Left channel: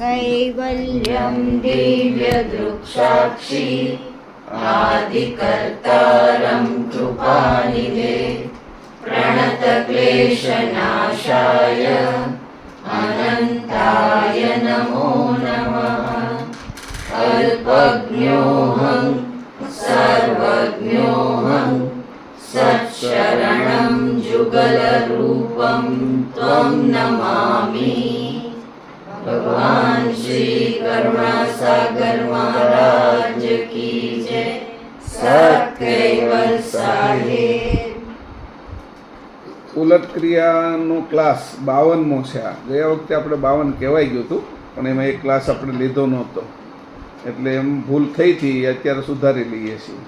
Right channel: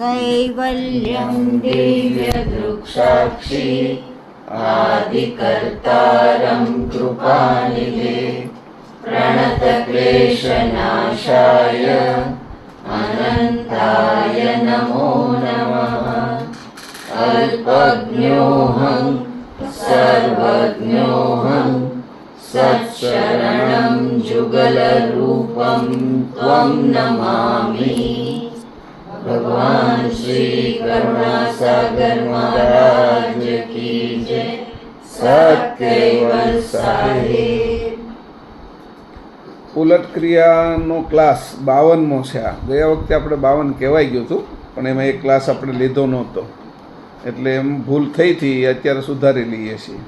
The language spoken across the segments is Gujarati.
कैवल्यं दिव्यदृक्साक्षी आदिकर्तारं कृपानिधे प्रणतक्लेशनाशाय अनन्ताय नमो नमः। अल्पज्ञोऽहं सर्वज्ञोऽहं सत्शरणं जुगलरूपं त्वं नमामि। भगवान श्री करुणासागर महाराज की जय। सत्कैवल साहेब। ઉલટ ક્રિયાનો ક્લાસ 52મો છે. આ ગયા વખતે આપણે 52 કહેવાઈ ગયું હતું, પણ એમાં એક ક્લાસ આપણે લીધો નહોતો, એટલે એમ ભૂલ થઈ હતી. અત્યારે સુધારી લઈએ છીએ.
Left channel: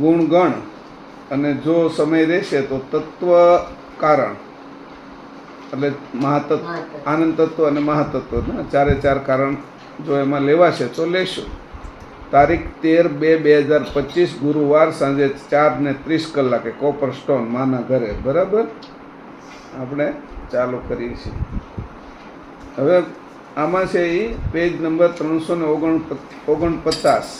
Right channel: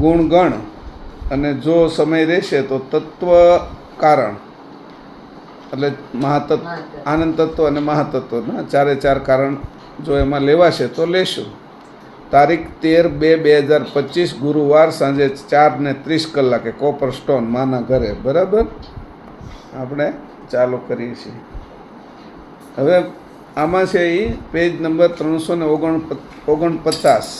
ગુણ ગણ અને જો સમય રહેશે તો તત્વ કારણ, એટલે મહાતત્વ, આનંદ તત્વ અને મહાતત્વના ચારે ચાર કારણ જો એમાં લેવાશે તો લેશું. તારીખ 13/2/2025 ગુરુવાર સાંજે 4:30 કોપર સ્ટોન માના ઘરે. બરાબર, આપણે ચાલુ કરીએ છીએ. હવે આમાં છે એ પેજ નંબર 349,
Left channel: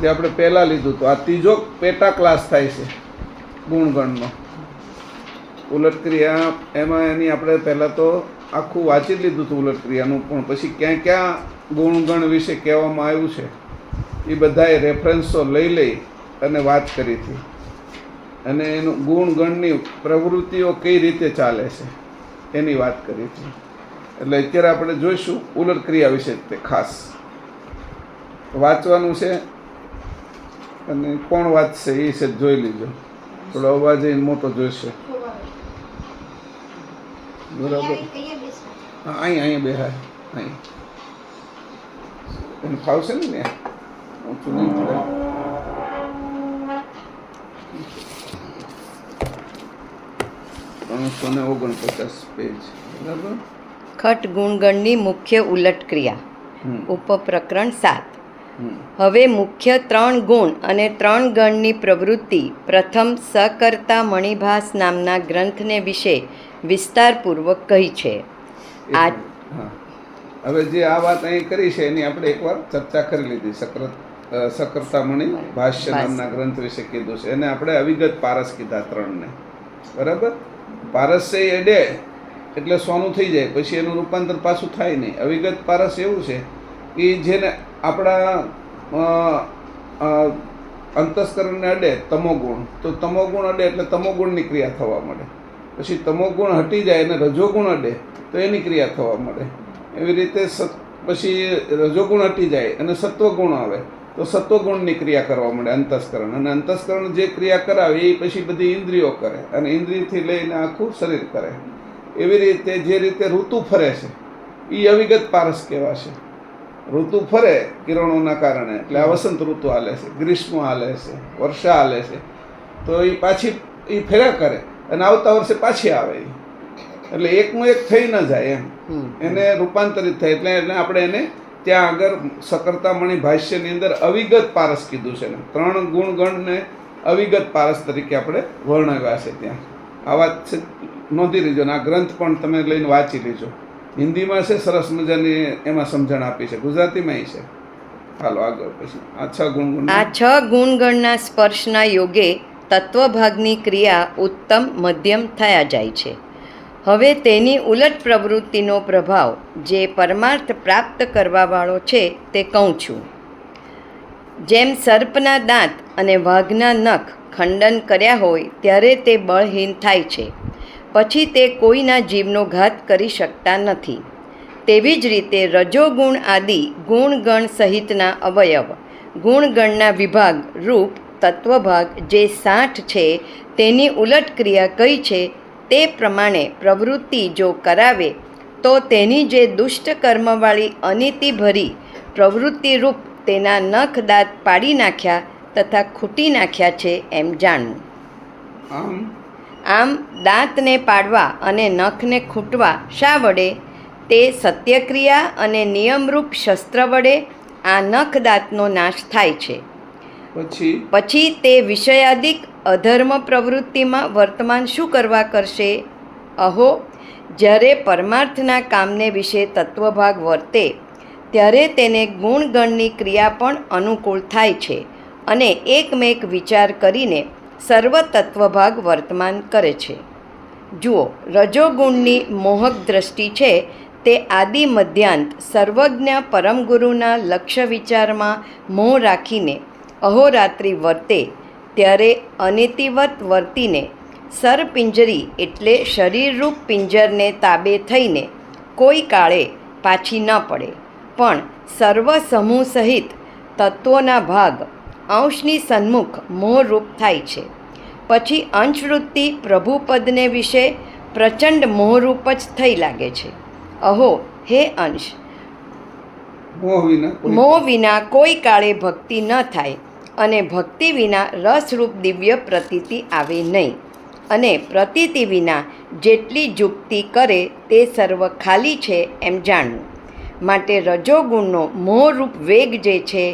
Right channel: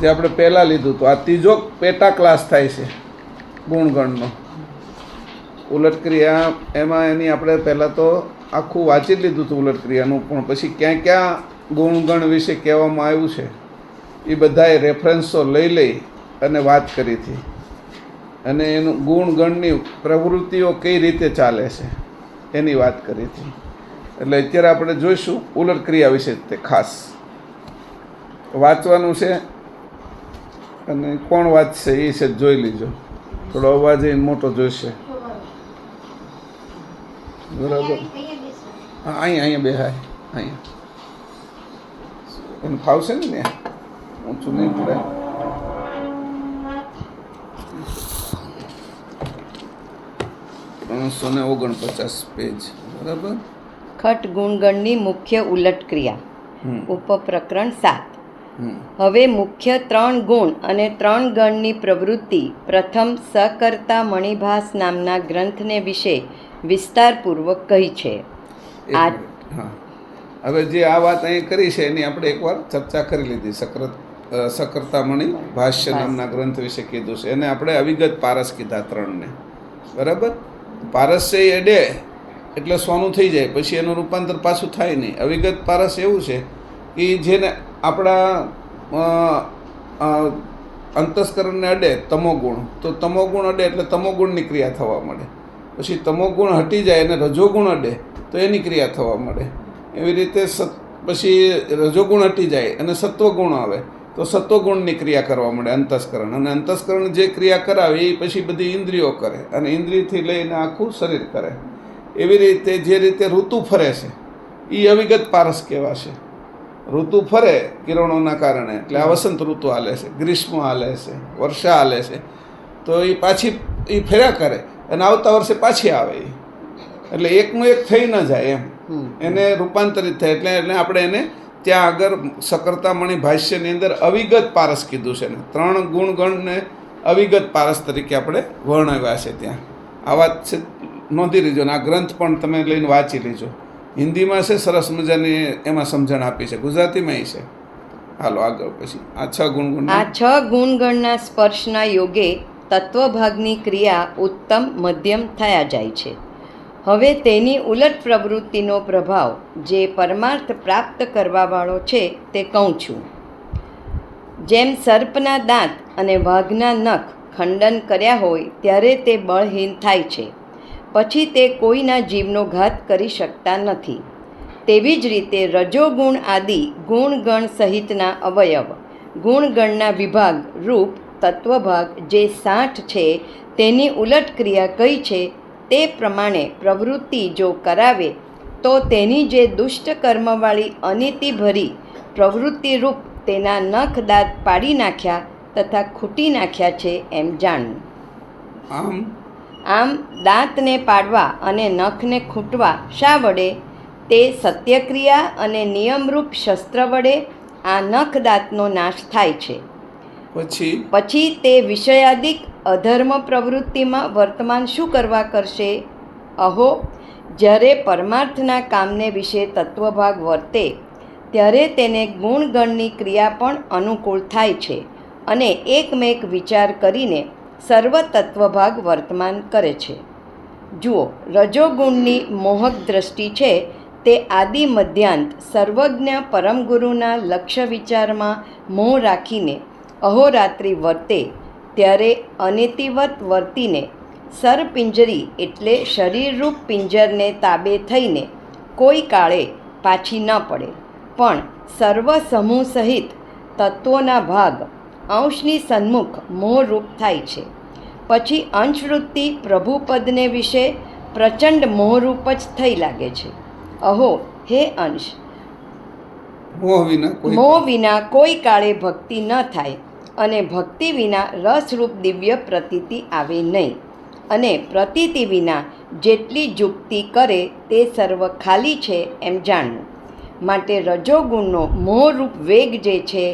જે આપણે પહેલાં લીધું હતું. આ ત્રીજો પેટા ક્લાસ થાય છે ગુણગણનો. ઉલટ ક્રિયા એમાં એની આપણે પહેલાં તો આખું વાંચી લીધું હતું ઉલટ ક્રિયાનું, પણ પછી ક્યાં ક્યાં ગુણગણ વિશે કહેવામાં આવ્યું છે એ બધાએ રેફરન્સો લઈ અને વાત કરી હતી, અને એનું ગુણગણની પ્રવૃત્તિઓ કઈ રીતે ચાલે છે એની વાત કરી હતી. એટલે અત્યારે આપણે જોઈશું ઉલટ ક્રિયા વિશે તે ખાસ વાંચવાનું છે, અને કોણ વાંચશે એ છે જોઈ લીજો. થોડો અવાજ એ મોટો જોઈશે. બરાબર, હા, અહીંયા બેહાય, અહીંયા એને ફાવશે ને ત્યાં ઊંચું નહીં પડે. 349 પેજ. બરાબર. ખટ ગુણગણની મુખ્ય ઉલટ ક્રિયા. ઉપપ્રકરણ 7. હવે મુખ્ય 3 ગુણ અને 3 ગણની પ્રવૃત્તિ પ્રથમ સકર્તા મણિભાસ નામના ગ્રંથને વિશે વિસ્તારપૂર્વક કહી છે. હવે જે આ વાત અહીં કરી છે એની આપણે એકવાર ચર્ચા કરી લીધી. સકર્તામણી ભાષ્ય નામના ગ્રંથ વિશે કીધું છે. એને આપણે અવિગત પારસ કીધા 3ને. બરાબર. પારસ છે એ અડે એટલે સોનું થઈ જાય, પછી એનું રૂપાંતર પાછું થાય નહીં. અવિગત પારસ એવું છે કે જેને આપણા અંતસ્કરણને અડે તમોગુણ, તો તમોગુણ અડે એટલે તમોગુણની ક્રિયા થવા મળે. પછી તમોગુણ હટી જાય અને રજોગુણ અડે તો એની ક્રિયા થવા મળે. એવી રીતે પછી રજોગુણ હટી જાય અને સત્વગુણ આવે તો સત્વગુણની ક્રિયા કરવા મળે અંતસ્કરણ. અને અંતસ્કરણ જે ક્રિયા કરાવે એ પછી બધી ઇન્દ્રિયો કરે, અને ઇન્દ્રિયથી લઈને આખું શરીર કરે. એવી રીતે જે રીતે ઋતુ ફરે છે એ અવિગત પારસ કહેવાશે. ઋતુ ફરે કિરણોના કારણે, એટલે આ વસંત ઋતુ હાલે છે, ગ્રીષ્મ હાલે છે, વર્ષા હાલે છે, તો એ પાછી એ ફર્યા કરે અને આવતા વર્ષે પાછી આવે. એટલે એકનું એક થઈ ન જાય એમ, એને રૂપાંતરિત થાય. એટલે આપણે એને ત્યાં આગળ સકર્તામણી ભાષ્યની અંદર અવિગત પારસ કીધું છે. 3 ગુણગણને અવિગત પારસ તરીકે આપણે વર્ણવ્યા છે ત્યાં. આ વાત છે, નોંધી લીજો. ને આ ગ્રંથ પણ તમે લઈને વાંચી લીજો. હિન્દીમાં છે, સરસ મજાની એમાં સમજણ આપી છે, ગુજરાતીમાં છે. હાલો આગળ. પછી આ 6 ગુણગણ. આ 6 ગુણગણના સ્પર્શના યોગે તત્વભાગની ક્રિયા ઉત્તમ મધ્યમ થયા જાય છે. હવે તેની ઉલટ પ્રવૃત્તિનો પ્રભાવ જે પરમાર્થ પ્રાપ્ત કરવાવાળો છે તે કહું છું. જેમ સર્પના દાંત અને વાઘના નખ ખંડન કર્યા હોય ત્યારે તે બળહીન થાય છે, પછી તે કોઈના જીવનો ઘાત કરી શકતા નથી. તેવી જ રીતે રજોગુણ આદિ ગુણગણ સહિતના અવયવ, ગુણગણના વિભાગ રૂપ તત્વભાગ જે 60 છે તેની ઉલટ ક્રિયા કઈ છે તે પ્રમાણે પ્રવૃત્તિ જો કરાવે તો તેની જે દુષ્ટ કર્મવાળી અનીતિભરી પ્રવૃત્તિરૂપ તેના નખ દાંત પાડી નાખ્યા તથા ખૂટી નાખ્યા છે એમ જાણવું. આમ દાંતને પાડવા અને નખને ખૂટવા શા વડે? તે સત્યક્રિયા અને નિયમરૂપ શસ્ત્ર વડે આ નખ દાંતનો નાશ થાય છે. પછી તે વિષયાદિક અધર્મ પ્રવૃત્તિમાં વર્તમાન શું કરવા કરશે? અહો, જ્યારે પરમાર્થના કામને વિશે તત્વભાગ વર્તે ત્યારે તેને ગુણગણની ક્રિયા પણ અનુકૂળ થાય છે અને એકમેક વિચાર કરીને સર્વ તત્વભાગ વર્તમાન કરે છે. જુઓ, રજોગુણની મોહક દ્રષ્ટિ છે તે આદિ મધ્યાંત સર્વજ્ઞ પરમગુરુના લક્ષ્ય વિચારમાં મોહ રાખીને અહોરાત્રિ વર્તે ત્યારે અનિતિવત વર્તીને સરપિંજરી એટલે શરીરરૂપ પિંજરને તાબે થઈને કોઈ કાળે પાછી ન પડે, પણ સર્વ સમૂહ સહિત તત્વોના ભાગ અંશની સન્મુખ મોહરૂપ થાય છે. પછી અંશવૃત્તિ પ્રભુપદને વિશે પ્રચંડ મોહરૂપ જ થઈ લાગે છે. અહો હે અંશ, મોહ વિના કોઈ કાળે ભક્તિ ન થાય અને ભક્તિ વિના રસરૂપ દિવ્ય પ્રતીતિ આવે નહીં, અને પ્રતીતિ વિના જેટલી જુક્તિ કરે તે સર્વ ખાલી છે એમ જાણવું. માટે રજોગુણનો મોહરૂપ વેગ જે છે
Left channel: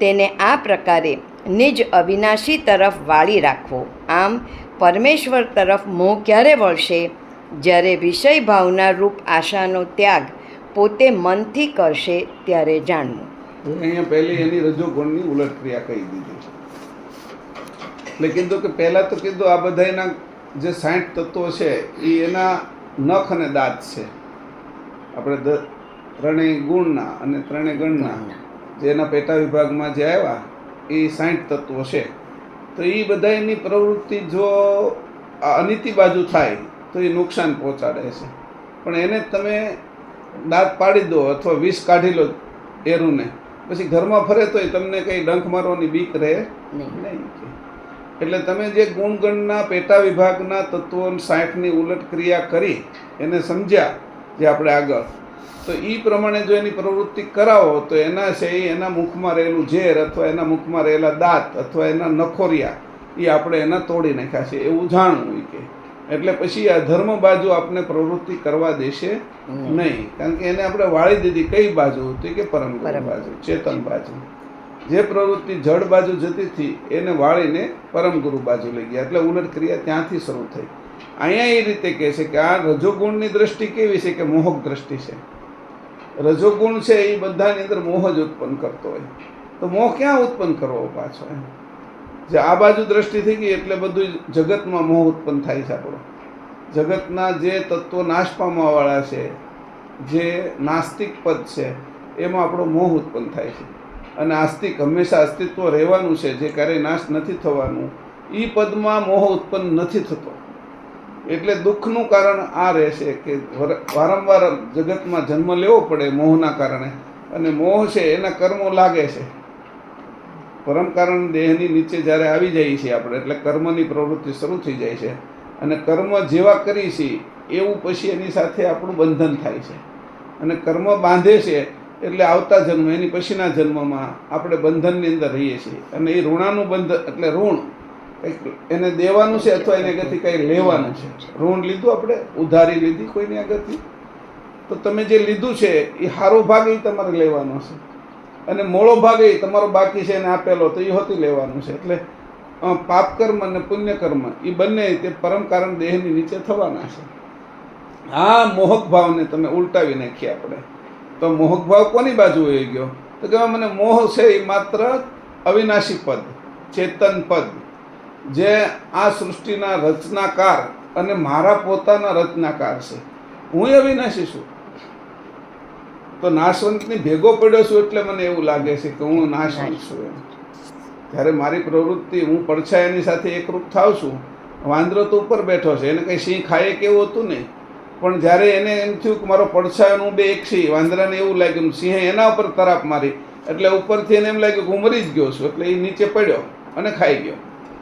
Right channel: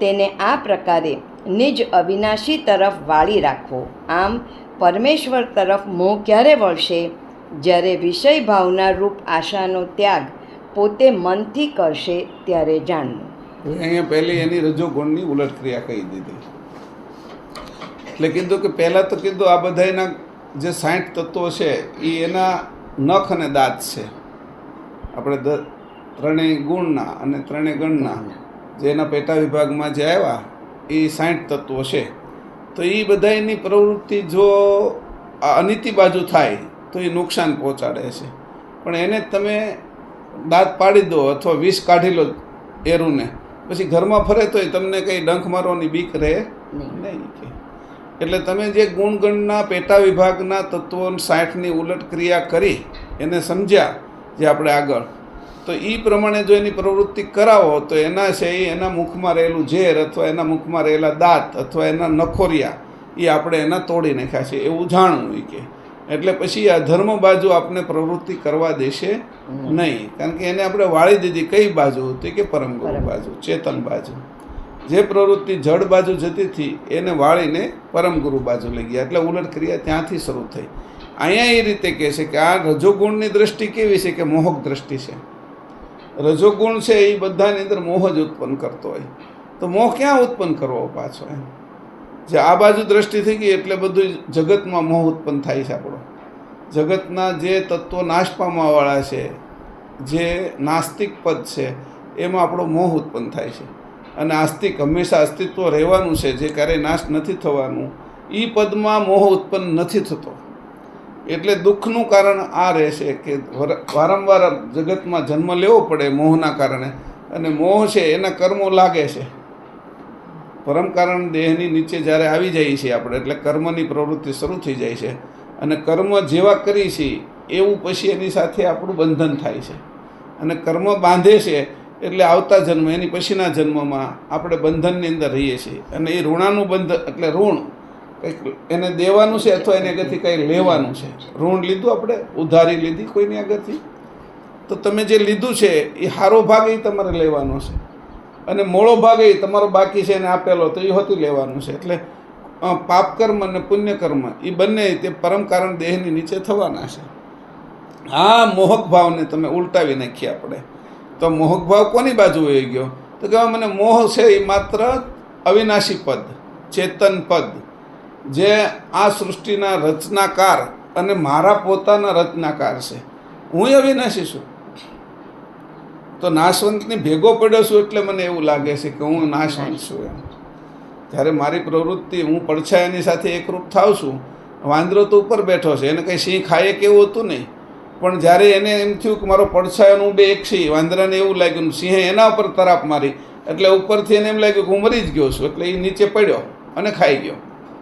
તેને આ પ્રકારે નિજ અવિનાશી તરફ વાળી રાખવો. આમ પરમેશ્વર તરફ મોહ ક્યારે વળશે? જ્યારે વિષય ભાવના રૂપ આશાનો ત્યાગ પોતે મનથી કરશે ત્યારે જાણવું. અહીંયા પહેલી એની રજોગુણની ઉલટ ક્રિયા કહી દીધી. એટલે કીધું કે પહેલાં તો કીધું આ બધાના જે 60 તત્વો છે એ એના નખ અને દાંત છે. આપણે ત્રણેય ગુણના અને ત્રણેય ગણના જે એના પેટા વિભાગમાં જે આવ્યા એ 60 તત્વો છે. તો એ બધાની પ્રવૃત્તિ જો અનિતિ બાજુ થાય તો એ નુકસાન પહોંચાડે છે. પણ એને તમે દાંત પાડી દો અથવા વિષ કાઢી લો એરુને, પછી ઘરમાં ફરે તોય તમને કંઈ ડંખ મારવાની બીક રહે નહીં. એટલે તમે જે ગુણગણના પેટા વિભાગના તત્વો 60ની ઉલટ ક્રિયા કરી એને સમજ્યા જે આપણે આગળ, તો એ પ્રમાણે જો એની પ્રવૃત્તિ કરાવો તો એના છે એના મુખમાં રહેલું ઝેર અથવા એના મુખમાં રહેલા દાંત અથવા એના નખોરિયા એ આપણે એના તોડી નાખ્યા છે એવું જાણવું કે. એટલે પછી આ ધર્મ બાજુ આપણે પ્રવૃત્તિ કરવા દેશે નહીં, કારણ કે એને આપણે વાળી દીધી. કઈ બાજુ? તો કે પરમ બાજુ, ચેતન બાજુ. જે પ્રવૃત્તિ જડ બાજુ જતી હતી એને વાળીને પરમ ગુરુ બાજુ લઈ ગયા. એટલે ઉલટ ક્રિયા ત્યાંથી શરૂ થઈ. અહીંયા એ રીતે કહે છે કે આ રજોગુણની દ્રષ્ટિ કેવી છે કે મોહક દ્રષ્ટિ છે. રજોગુણ છે એ બધાની અંદર મોહ જ ઉત્પન્ન કરતો હોય. તો મોહ ક્યાં ઉત્પન્ન કરવો પાછો? જે આ બાજુ દ્રષ્ટિ થઈ ગઈ એટલે બધું જગતમાં મોહ ઉત્પન્ન થાય છે. આપણો જગતના જે તત્વો નાશ પામવાવાળા છે, જે નાસ્તિક પદ છે, એમાં આપણો મોહ ઉત્પન્ન થાય છે. અને આસ્તિક હંમેશા અસ્તિત્વ રહેવાનું છે, જે ક્યારેય નાશ નથી થવાનું, એ પદમાં મોહ ઉત્પન્ન નથી થતો. એટલે દુઃખનું કારણ આ રહેશે કે વારંવાર જગતમાં જન્મ લેવો પડે મોહના કારણે. અને મોહ છે એના કર્મો લાગે છે. પરમ કારણ દેહની નીચે જ્યારે આવી જાય છે આપણે, એટલે કર્મની પ્રવૃત્તિ શરૂ થઈ જાય છે. અને કર્મ જેવા કરી છે એવું પછી એની સાથે આપણું બંધન થાય છે. અને કર્મ બાંધે છે એટલે આવતા જન્મ, એની પછીના જન્મમાં આપણે બંધનની અંદર રહીએ છીએ. અને એ ઋણાનું બંધન એટલે ઋણ કંઈક એને દેવાનું છે અથવા એને આગળથી કંઈ લેવાનું છે. ઋણ લીધું, આપણે ઉધારી લીધી કોઈની આગળથી, તો તમે જે લીધું છે એ સારો ભાગ એ તમારે લેવાનો છે, અને મોળો ભાગ એ તમારો બાકી છે એને આપેલો તો એ હોતું લેવાનું છે. એટલે પાપ કર્મ અને પુણ્ય કર્મ એ બંને તે પરમ કારણ દેહની નીચે થવાના છે. આ મોહક ભાવને તમે ઉલટાવી નાખીએ આપણે. તો મોહક ભાવ કોની બાજુ હોઈ ગયો? તો કે મને મોહ છે એ માત્ર અવિનાશી પદ, ચેતન પદ, જે આ સૃષ્ટિના રચનાકાર અને મારા પોતાના રચનાકાર છે. હું અવિનાશી છું. તો નાશવંતની ભેગો પડ્યો છું એટલે મને એવું લાગે છે કે હું નાશવંત છું. ત્યારે મારી પ્રવૃત્તિ હું પડછાયાની સાથે એકરૂપ થાવ છું. વાંદરો તો ઉપર બેઠો છે, એને કંઈ સિંહ ખાય કેવું હતું નહીં, પણ જ્યારે એને એમ થયું કે મારો પડછાયાનું બે એક છે, વાંદરાને એવું લાગ્યું, સિંહે એના ઉપર તરાપ મારી એટલે ઉપરથી એને એમ લાગ્યું કે હું મરી જ ગયો છું, એટલે એ નીચે પડ્યો અને ખાઈ ગયો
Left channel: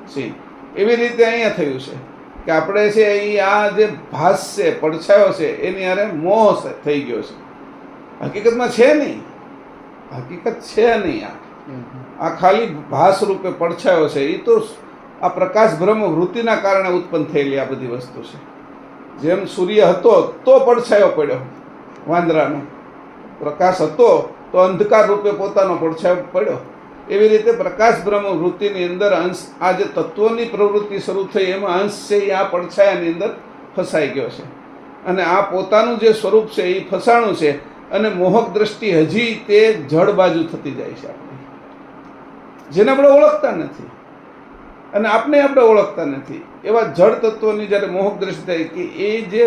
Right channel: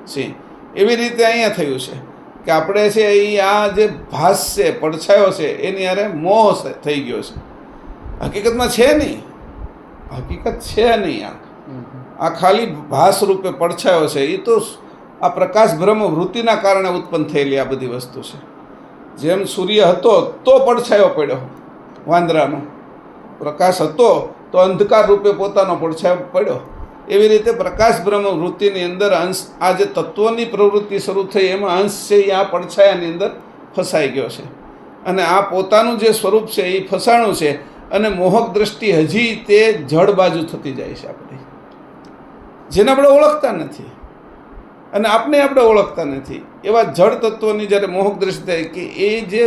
સિંહ. એવી રીતે અહીંયા થયું છે કે આપણે છે એ આ જે ભાસ છે, પડછાયો છે, એની હારે મોહ થઈ ગયો છે. હકીકતમાં છે નહીં, હકીકત છે નહીં. આ ખાલી ભાસ રૂપે પડછાયો છે. એ તો આ પ્રકાશ બ્રહ્મ વૃત્તિના કારણે ઉત્પન્ન થયેલી આ બધી વસ્તુ છે. જેમ સૂર્ય હતો તો પડછાયો પડ્યો વાંદરાનો, પ્રકાશ હતો તો અંધકાર રૂપે પોતાનો પડછાયો પડ્યો. એવી રીતે પ્રકાશ બ્રહ્મ વૃત્તિની અંદર અંશ, આ જે તત્વોની પ્રવૃત્તિ શરૂ થઈ એમાં અંશ છે એ આ પડછાયાની અંદર ફસાઈ ગયો છે. અને આ પોતાનું જે સ્વરૂપ છે એ ફસાણું છે, અને મોહક દ્રષ્ટિ હજી તે જડ બાજુ થતી જાય છે આપણી, જેને આપણે ઓળખતા નથી અને આપણે ઓળખતા નથી. એવા જડ તત્વોની જ્યારે મોહક દ્રષ્ટિ થાય કે એ જે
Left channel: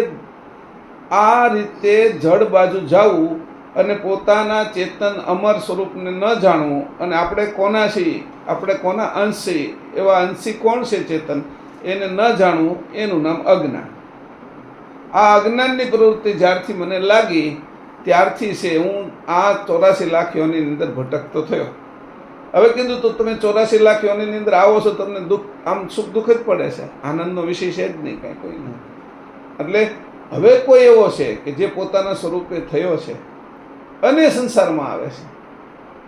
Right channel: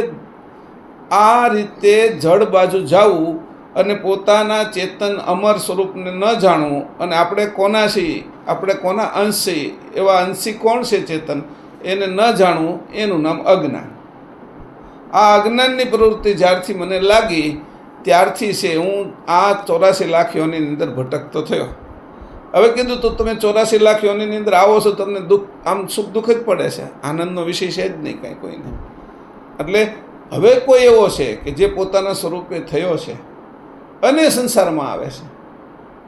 આ રીતે જડ બાજુ જવું અને પોતાના ચેતન અમર સ્વરૂપને ન જાણવું, અને આપણે કોના છીએ, આપણે કોના અંશ છીએ, એવા અંશી કોણ છે ચેતન, એને ન જાણવું, એનું નામ અજ્ઞાન. આ અજ્ઞાનની પ્રવૃત્તિ જ્યારથી મને લાગી ત્યારથી છે હું આ 84 લાખ યોનિની અંદર ભટકતો થયો. હવે કીધું તો તમે 84 લાખ યોનિની અંદર આવો છો, તમને દુઃખ, આમ સુખ દુઃખ જ પડે છે, આનંદનો વિષય છે જ નહીં કાંઈ કોઈને. એટલે હવે કોઈ એવો છે કે જે પોતાના સ્વરૂપે થયો છે અને સંસારમાં આવે છે,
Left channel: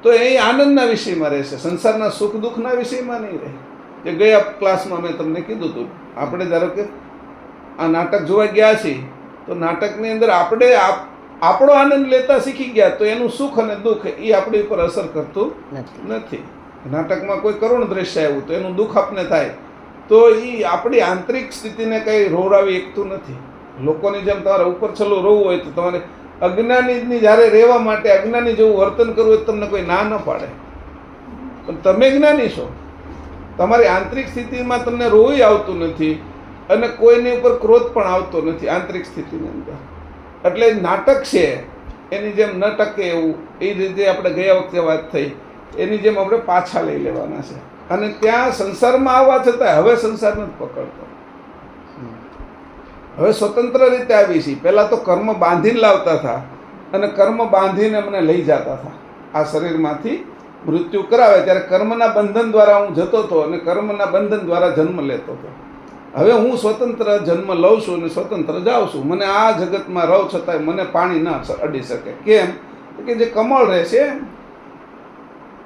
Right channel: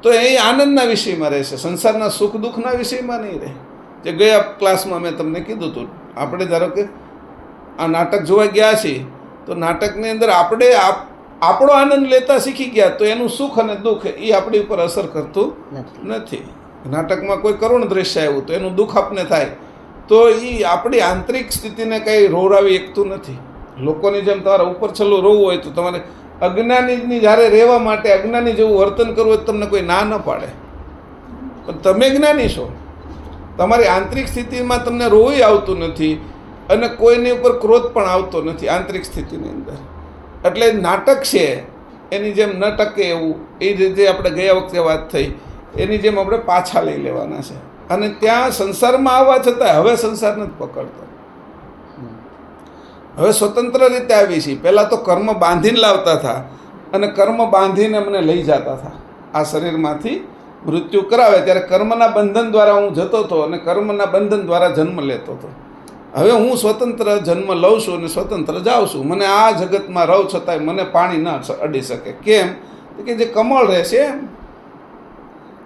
તો એ આનંદના વિષયમાં રહેશે, સંસારના સુખ દુઃખના વિષયમાં નહીં રહે. જે ગયા ક્લાસમાં મેં તમને કીધું હતું, આપણે ધારો કે આ નાટક જોવા ગયા છીએ, તો નાટકની અંદર આપણે આપણો આનંદ લેતા શીખી ગયા, તો એનું સુખ અને દુઃખ એ આપણી ઉપર અસર કરતું નથી. નાટકમાં કોઈ કરુણ દ્રશ્ય આવ્યું તો એનું દુઃખ આપને થાય, તો એ આપણી આંતરિક સ્થિતિને કંઈ રોવડાવી શકતું નથી. લોકોની જેમ તમારે ઉપર છેલ્લું રોવું હોય તો તમારે અજ્ઞાનીની જ્યારે રહેવા માટે અજ્ઞાની જેવું વર્તન કરવું હોય તમને કોઈ ના ન પાડે, પણ તમે જ્ઞાની છો, તમારી આંતરિક સ્થિતિમાં તમને રોવું આવતું નથી અને કોઈની ઉપર ક્રોધ પણ આવતો નથી આંતરિક સ્થિતિની અંદર. એટલે નાટક છે એની જેમ ન ટકે એવું, એ રીતે આપણે ગયા વખતે વાત થઈ એની જેમ આપણે પાછા લઈ લેવાના છે. અને ત્યાં સંસારમાં આવવા છતાં હવે સંસાર નથી પકડતો, હવે સ્વતંત્ર રીતે આવી છીએ. પહેલાં તો કર્મ બાંધીને લાવતા હતા અને કર્મ બાંધીને મને લઈ જતા હતા. આ શરીરમાંથી મૃત્યુ કરાવે ત્યારે કર્મના બંધન દ્વારા હું જતો હતો અને કર્મના બંધન દ્વારા જન્મ લેતો હતો. હવે હું સ્વતંત્ર જન્મ લઉં છું અને સ્વતંત્ર જાઉં છું. મને આ જગતમાં રહું છતાંય મને પાણી ન અડી શકે. કેમ કે જે કમળ રહેશે,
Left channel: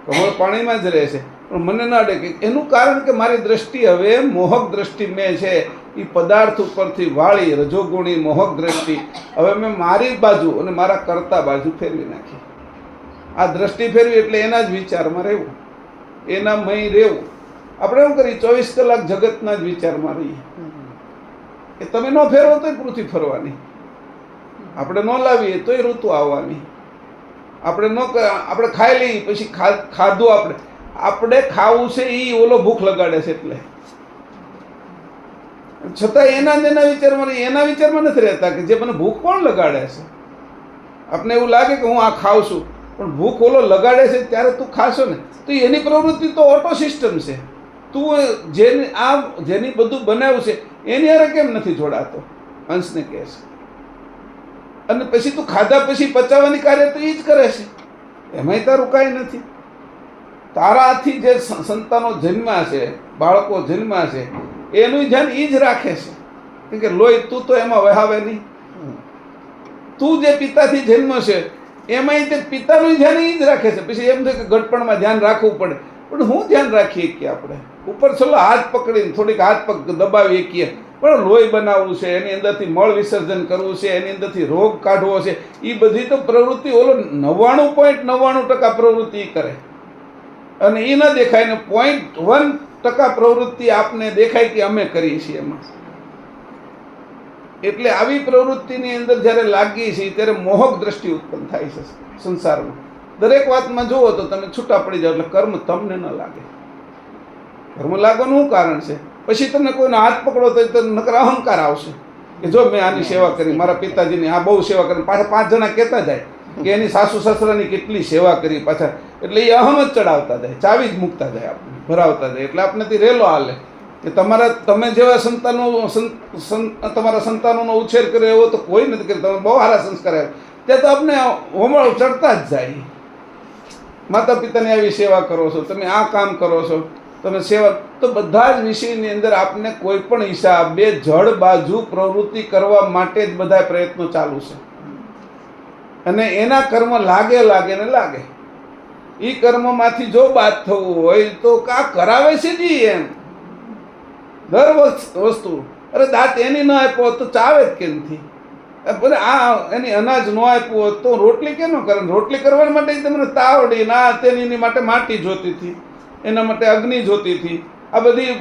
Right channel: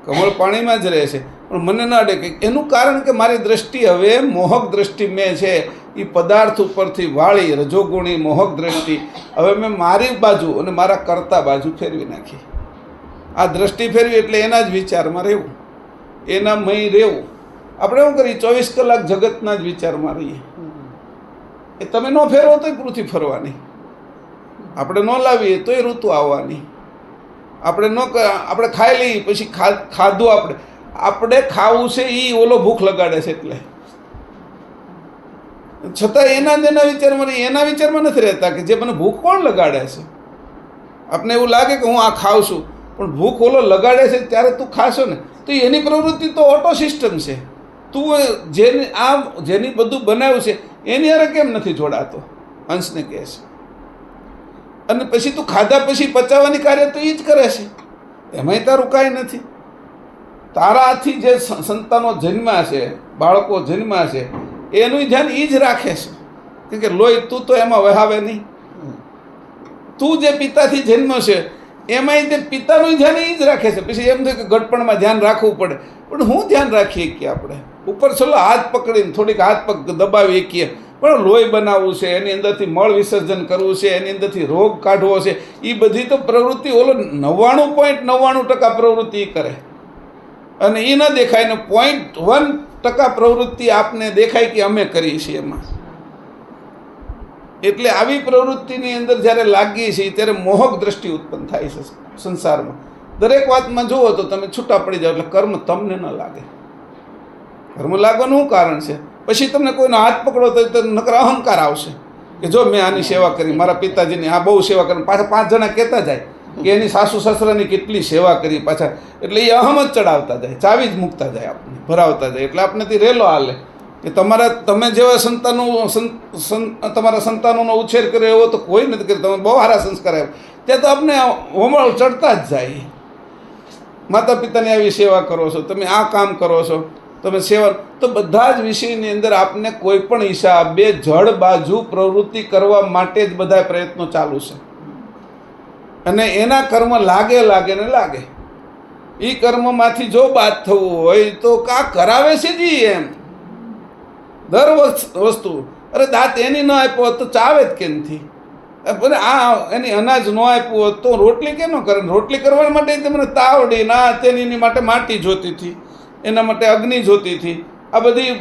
કમળ પાણીમાં જ રહેશે પણ મને ન અડે. કે એનું કારણ કે મારી દ્રષ્ટિ હવે મોહક દ્રષ્ટિ મેં છે એ પદાર્થ ઉપરથી વાળી, રજોગુણી મોહક દ્રષ્ટિ હવે મેં મારી બાજુ અને મારા કર્તા બાજુ ફેરવી નાખી. આ દ્રષ્ટિ ફેરવી એટલે એના જ વિચારમાં રહેવું, એના મય રહેવું. આપણે શું કરીએ 24 કલાક જગતના જ વિચારમાં રહીએ. એ તમે ન ફેરવો તોય પૃથ્વી ફરવાની, આપણે ન લાવીએ તોય ઋતુ આવવાની, આપણે ખાઈ લઈએ પછી ખાધું આપણે ખાવું છે એ ઓલો ભૂખ લગાડે છે એટલે છતાં એના વિચારમાં નહીં, એના વિચારમાં નથી રહેતા કે જે મને ભૂખ કોણ લગાડે છે. આપને એવું લાગે કે હું આ ખાઉં છું પણ ભૂખ ઓલો લગાડે છે ત્યારે તું ખાશો ને તો એની પ્રવૃત્તિ તો ઓટો સિસ્ટમ છે. તું જેની બધું બનાવ્યું છે એની હારે કેમ નથી જોડાતો, અંશને કહે છે. અને પછી તું ખાધા પછી પચાવવાની કાર્ય તો એ જ કરે છે, એમાંય તારું કાંઈ નથી. તારાથી જે સંતાનો જન્મ્યા છે, બાળકો જન્મ્યા છે, એનું ધ્યાન એ જ રાખે છે. કેમ કે લોહી તું તો એમાં વહાવે નહીં. તું જે પિતાથી જન્મ છે એમાંય તે પિતાનું ધ્યાન એ જ રાખે છે. પછી એમ થાય કે ગટપણમાં ધ્યાન રાખવું પડે, પણ હું ધ્યાન રાખીએ કે આપણે ઉપર છેલ્લો હાથ પકડીને થોડીક હાથ પગ દબાવી શકીએ, પણ લોહી બનાવવું છે, એની અંદરથી મળ વિસર્જન કરવું છે, એની અંદરથી રોગ કાઢવો છે, એ બધી તો પ્રવૃત્તિ ઓલો 99.99% પ્રવૃત્તિ કરે અને એ ન દેખાય ને 0.1% પ્રવૃત્તિ આપને દેખાય કે અમે કરીએ છીએ એમાં. એટલે આવી પ્રવૃત્તિની અંદર જ્યારે લાગીએ છીએ ત્યારે મોહક દ્રષ્ટિ ઉત્પન્ન થાય છે સંસારમાં. દરેક વાતમાં જુઓ તો તમે છૂટા પડી જાઓ એટલે કર્મ તમને ન લાગે. કર્મ લાગવાનું શું કારણ છે? પછી તમને કોઈનો હાથ પકડો તો નકર અહંકાર આવશે કે જો મેં આની સેવા કરી, મારા પિતાજીની આ બહુ સેવા કરી. પાછા 5 જણા કહેતા જાય કે એની સાસુ સસરાની કેટલી સેવા કરી પાછા, એટલે એ અહમ જ ચડાવતા જાય, ચાવી જ મૂકતા જાય, આપણે ભરાવતા જાય. એટલે આપણેથી રેલો હાલે કે તમે જેવા તમારા સંતાનોનો ઉછેર કર્યો એવો તો કોઈ નથી કર્યો, તમે બહુ સારા સંસ્કાર આવ્યા, ત્યાં તો આપણે હોમળ ચડતા જ જાય. માતા પિતાની આવી સેવા કરો છો, તમે આ કામ કરો છો, તમે સેવા, તો બધા જ વિષયની અંદર આપને કોઈ પણ હિસાબે જડ બાજુ પ્રવૃત્તિ કરવા માટે જ બધા પ્રયત્નો ચાલુ છે. અને એના કર્મ લાગે ને લાગે. એ કર્મમાંથી જો બાદ થવું હોય તો કા કરાવે છે જી એમ દર વસ્તુ. અરે દાંત એની ન આપ્યો તો ચાવે જ કેમથી? ભલે આ એની અનાજ ન આપ્યું હોત તો રોટલી કેમ ન કરે? રોટલી કરવા માટે તમને તાવડી ના તેની માટે માટી જોતી હતી, એના માટે અગ્નિ જોતી હતી, આ બધી.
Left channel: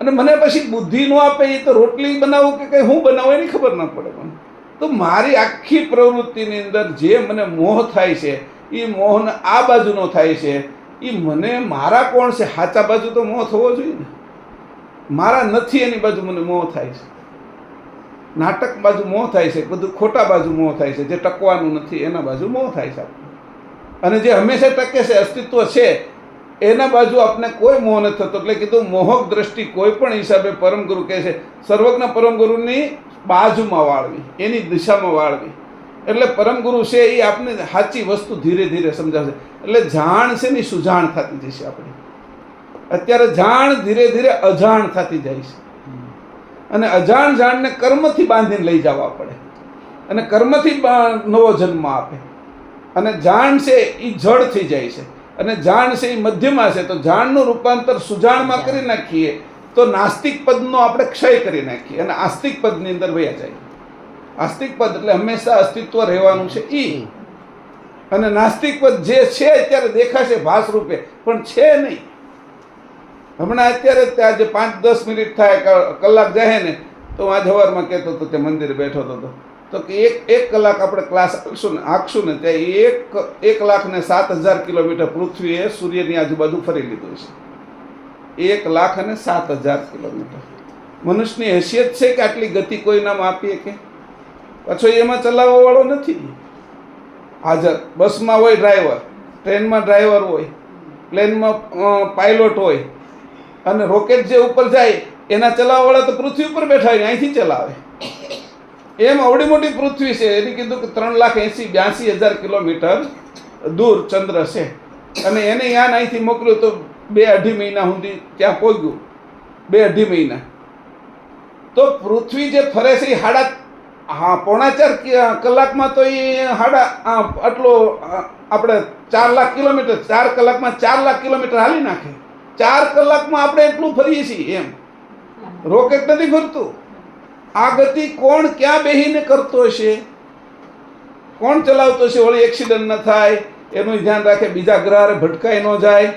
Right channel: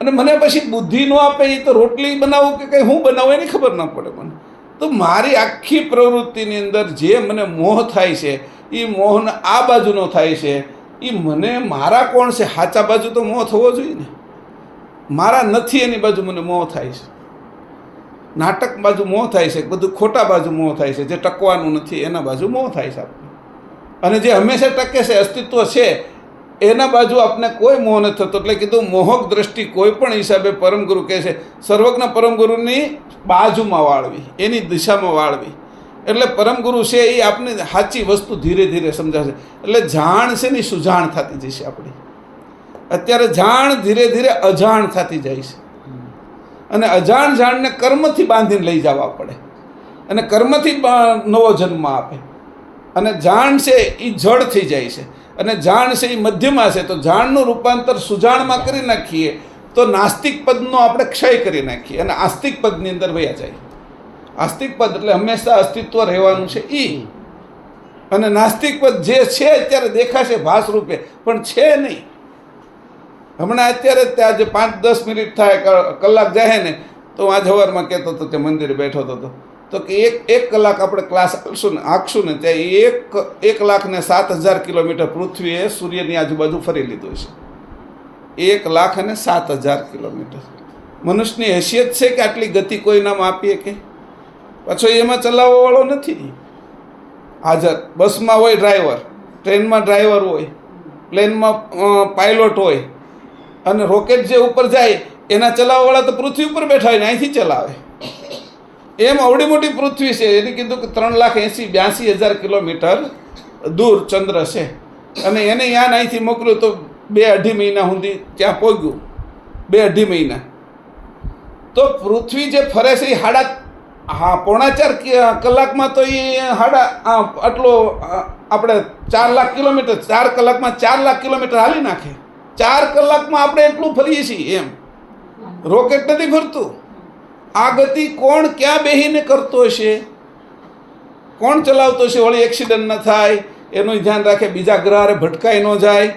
અને મને પછી બુદ્ધિ ન આપે એ તો રોટલી બનાવું કે કંઈ હું બનાવું એની ખબર ન પડે મને. તો મારી આખી પ્રવૃત્તિની અંદર જે મને મોહ થાય છે એ મોહને આ બાજુનો થાય છે, એ મને મારા કોણ છે સાચા બાજુ તો મોહ થવો જોઈએ ને. મારા નથી એની બાજુ મને મોહ થાય છે, નાટક બાજુ મોહ થાય છે, બધું ખોટા બાજુ મોહ થાય છે, જે ટકવાનું નથી એના બાજુ મોહ થાય છે આપણને. અને જે હંમેશા ટકે છે, અસ્તિત્વ છે, એના બાજુ આપણે કોઈ મોહ નથી થતો. એટલે કીધું મોહક દ્રષ્ટિ કોઈ પણ હિસાબે પરમગુરુ કહે છે સર્વજ્ઞ પરમગુરુની બાજુમાં વાળવી, એની દિશામાં વાળવી. એટલે પરમગુરુ છે એ આપણે સાચી વસ્તુ ધીરે ધીરે સમજાવશે. એટલે જાણ છે ને સુજાણ થતી જશે આપણી. અત્યારે જાણ ધીરે ધીરે અજાણ થતી જાય છે, અને અજાણ જાણને કર્મથી બાંધીને લઈ જવા પડે, અને કર્મથી નવો જન્મ આપે. અને જાણ છે એ જડ થઈ જાય છે, અને જાણ છે એ મધ્યમાં છે. તો જાણનું રૂપાંતર સુજાણમાં કરી નાખીએ તો નાસ્તિક પદનો આપણે ક્ષય કરી નાખીએ અને આસ્તિક પદની અંદર વયા જાય. આસ્તિક પદ એટલે હંમેશા અસ્તિત્વ રહેવાનું છે એ, અને નાસ્તિક પદ જે છે અત્યારે દેખાશે ભાસ રૂપે પણ છે નહીં. હમણાં અત્યારે ત્યાં જે 5-10 મિનિટ થાય કલાક જાય ને, તો હું આજ સવારમાં કહેતો હતો તે મંદિરે બેઠો હતો તો કે એક કલાક આપણે ક્લાસ આંકશું ને ત્યાં 1,07,000 કિલોમીટર પૃથ્વીએ સૂર્યની આજુબાજુ ફરી લીધું છે. 1,07,000 કિલોમીટર. મનુષ્યની હેસિયત છે કે આટલી ગતિ કોઈનામાં આપીએ કે? પાછો એમાં ચલાવવાવાળો નથી હાજર. બસમાં હોય ડ્રાઈવર, ટ્રેનમાં ડ્રાઈવર હોય, પ્લેનમાં પાયલોટ હોય, અને રોકેટ જે ઉપર જાય એના ચલાવવાવાળા તો પૃથ્વી ઉપર બેઠા હોય ને અહીંથી ચલાવે. એમ અવડી મોટી પૃથ્વી છે, એને કીધું કે 3,82,000 કિલોમીટર દૂર ચંદ્ર છે, અને એને યાન અહીંથી મોકલ્યું તો 2-2.5 મહિના સુધી ત્યાં પહોંચ્યું. 2-2.5 મહિના. તો પૃથ્વી જે ફરે છે એ 4.5 કલાકમાં તો એ આટલો આપણે 4 લાખ કિલોમીટર 4 કલાકમાં 4 લાખ કિલોમીટર હાલી નાખે. 4 કલાકમાં આપણે એટલું ફરીએ છીએ. એમ રોકેટ નથી ફરતું. આ ગતિ કોણ ક્યાં બેહીને કરતો હશે? કોણ ચલાવતો હશે? વળી એક્સિડન્ટ ન થાય એનું ધ્યાન રાખે, બીજા ગ્રહારે ભટકાઈ ન જાય.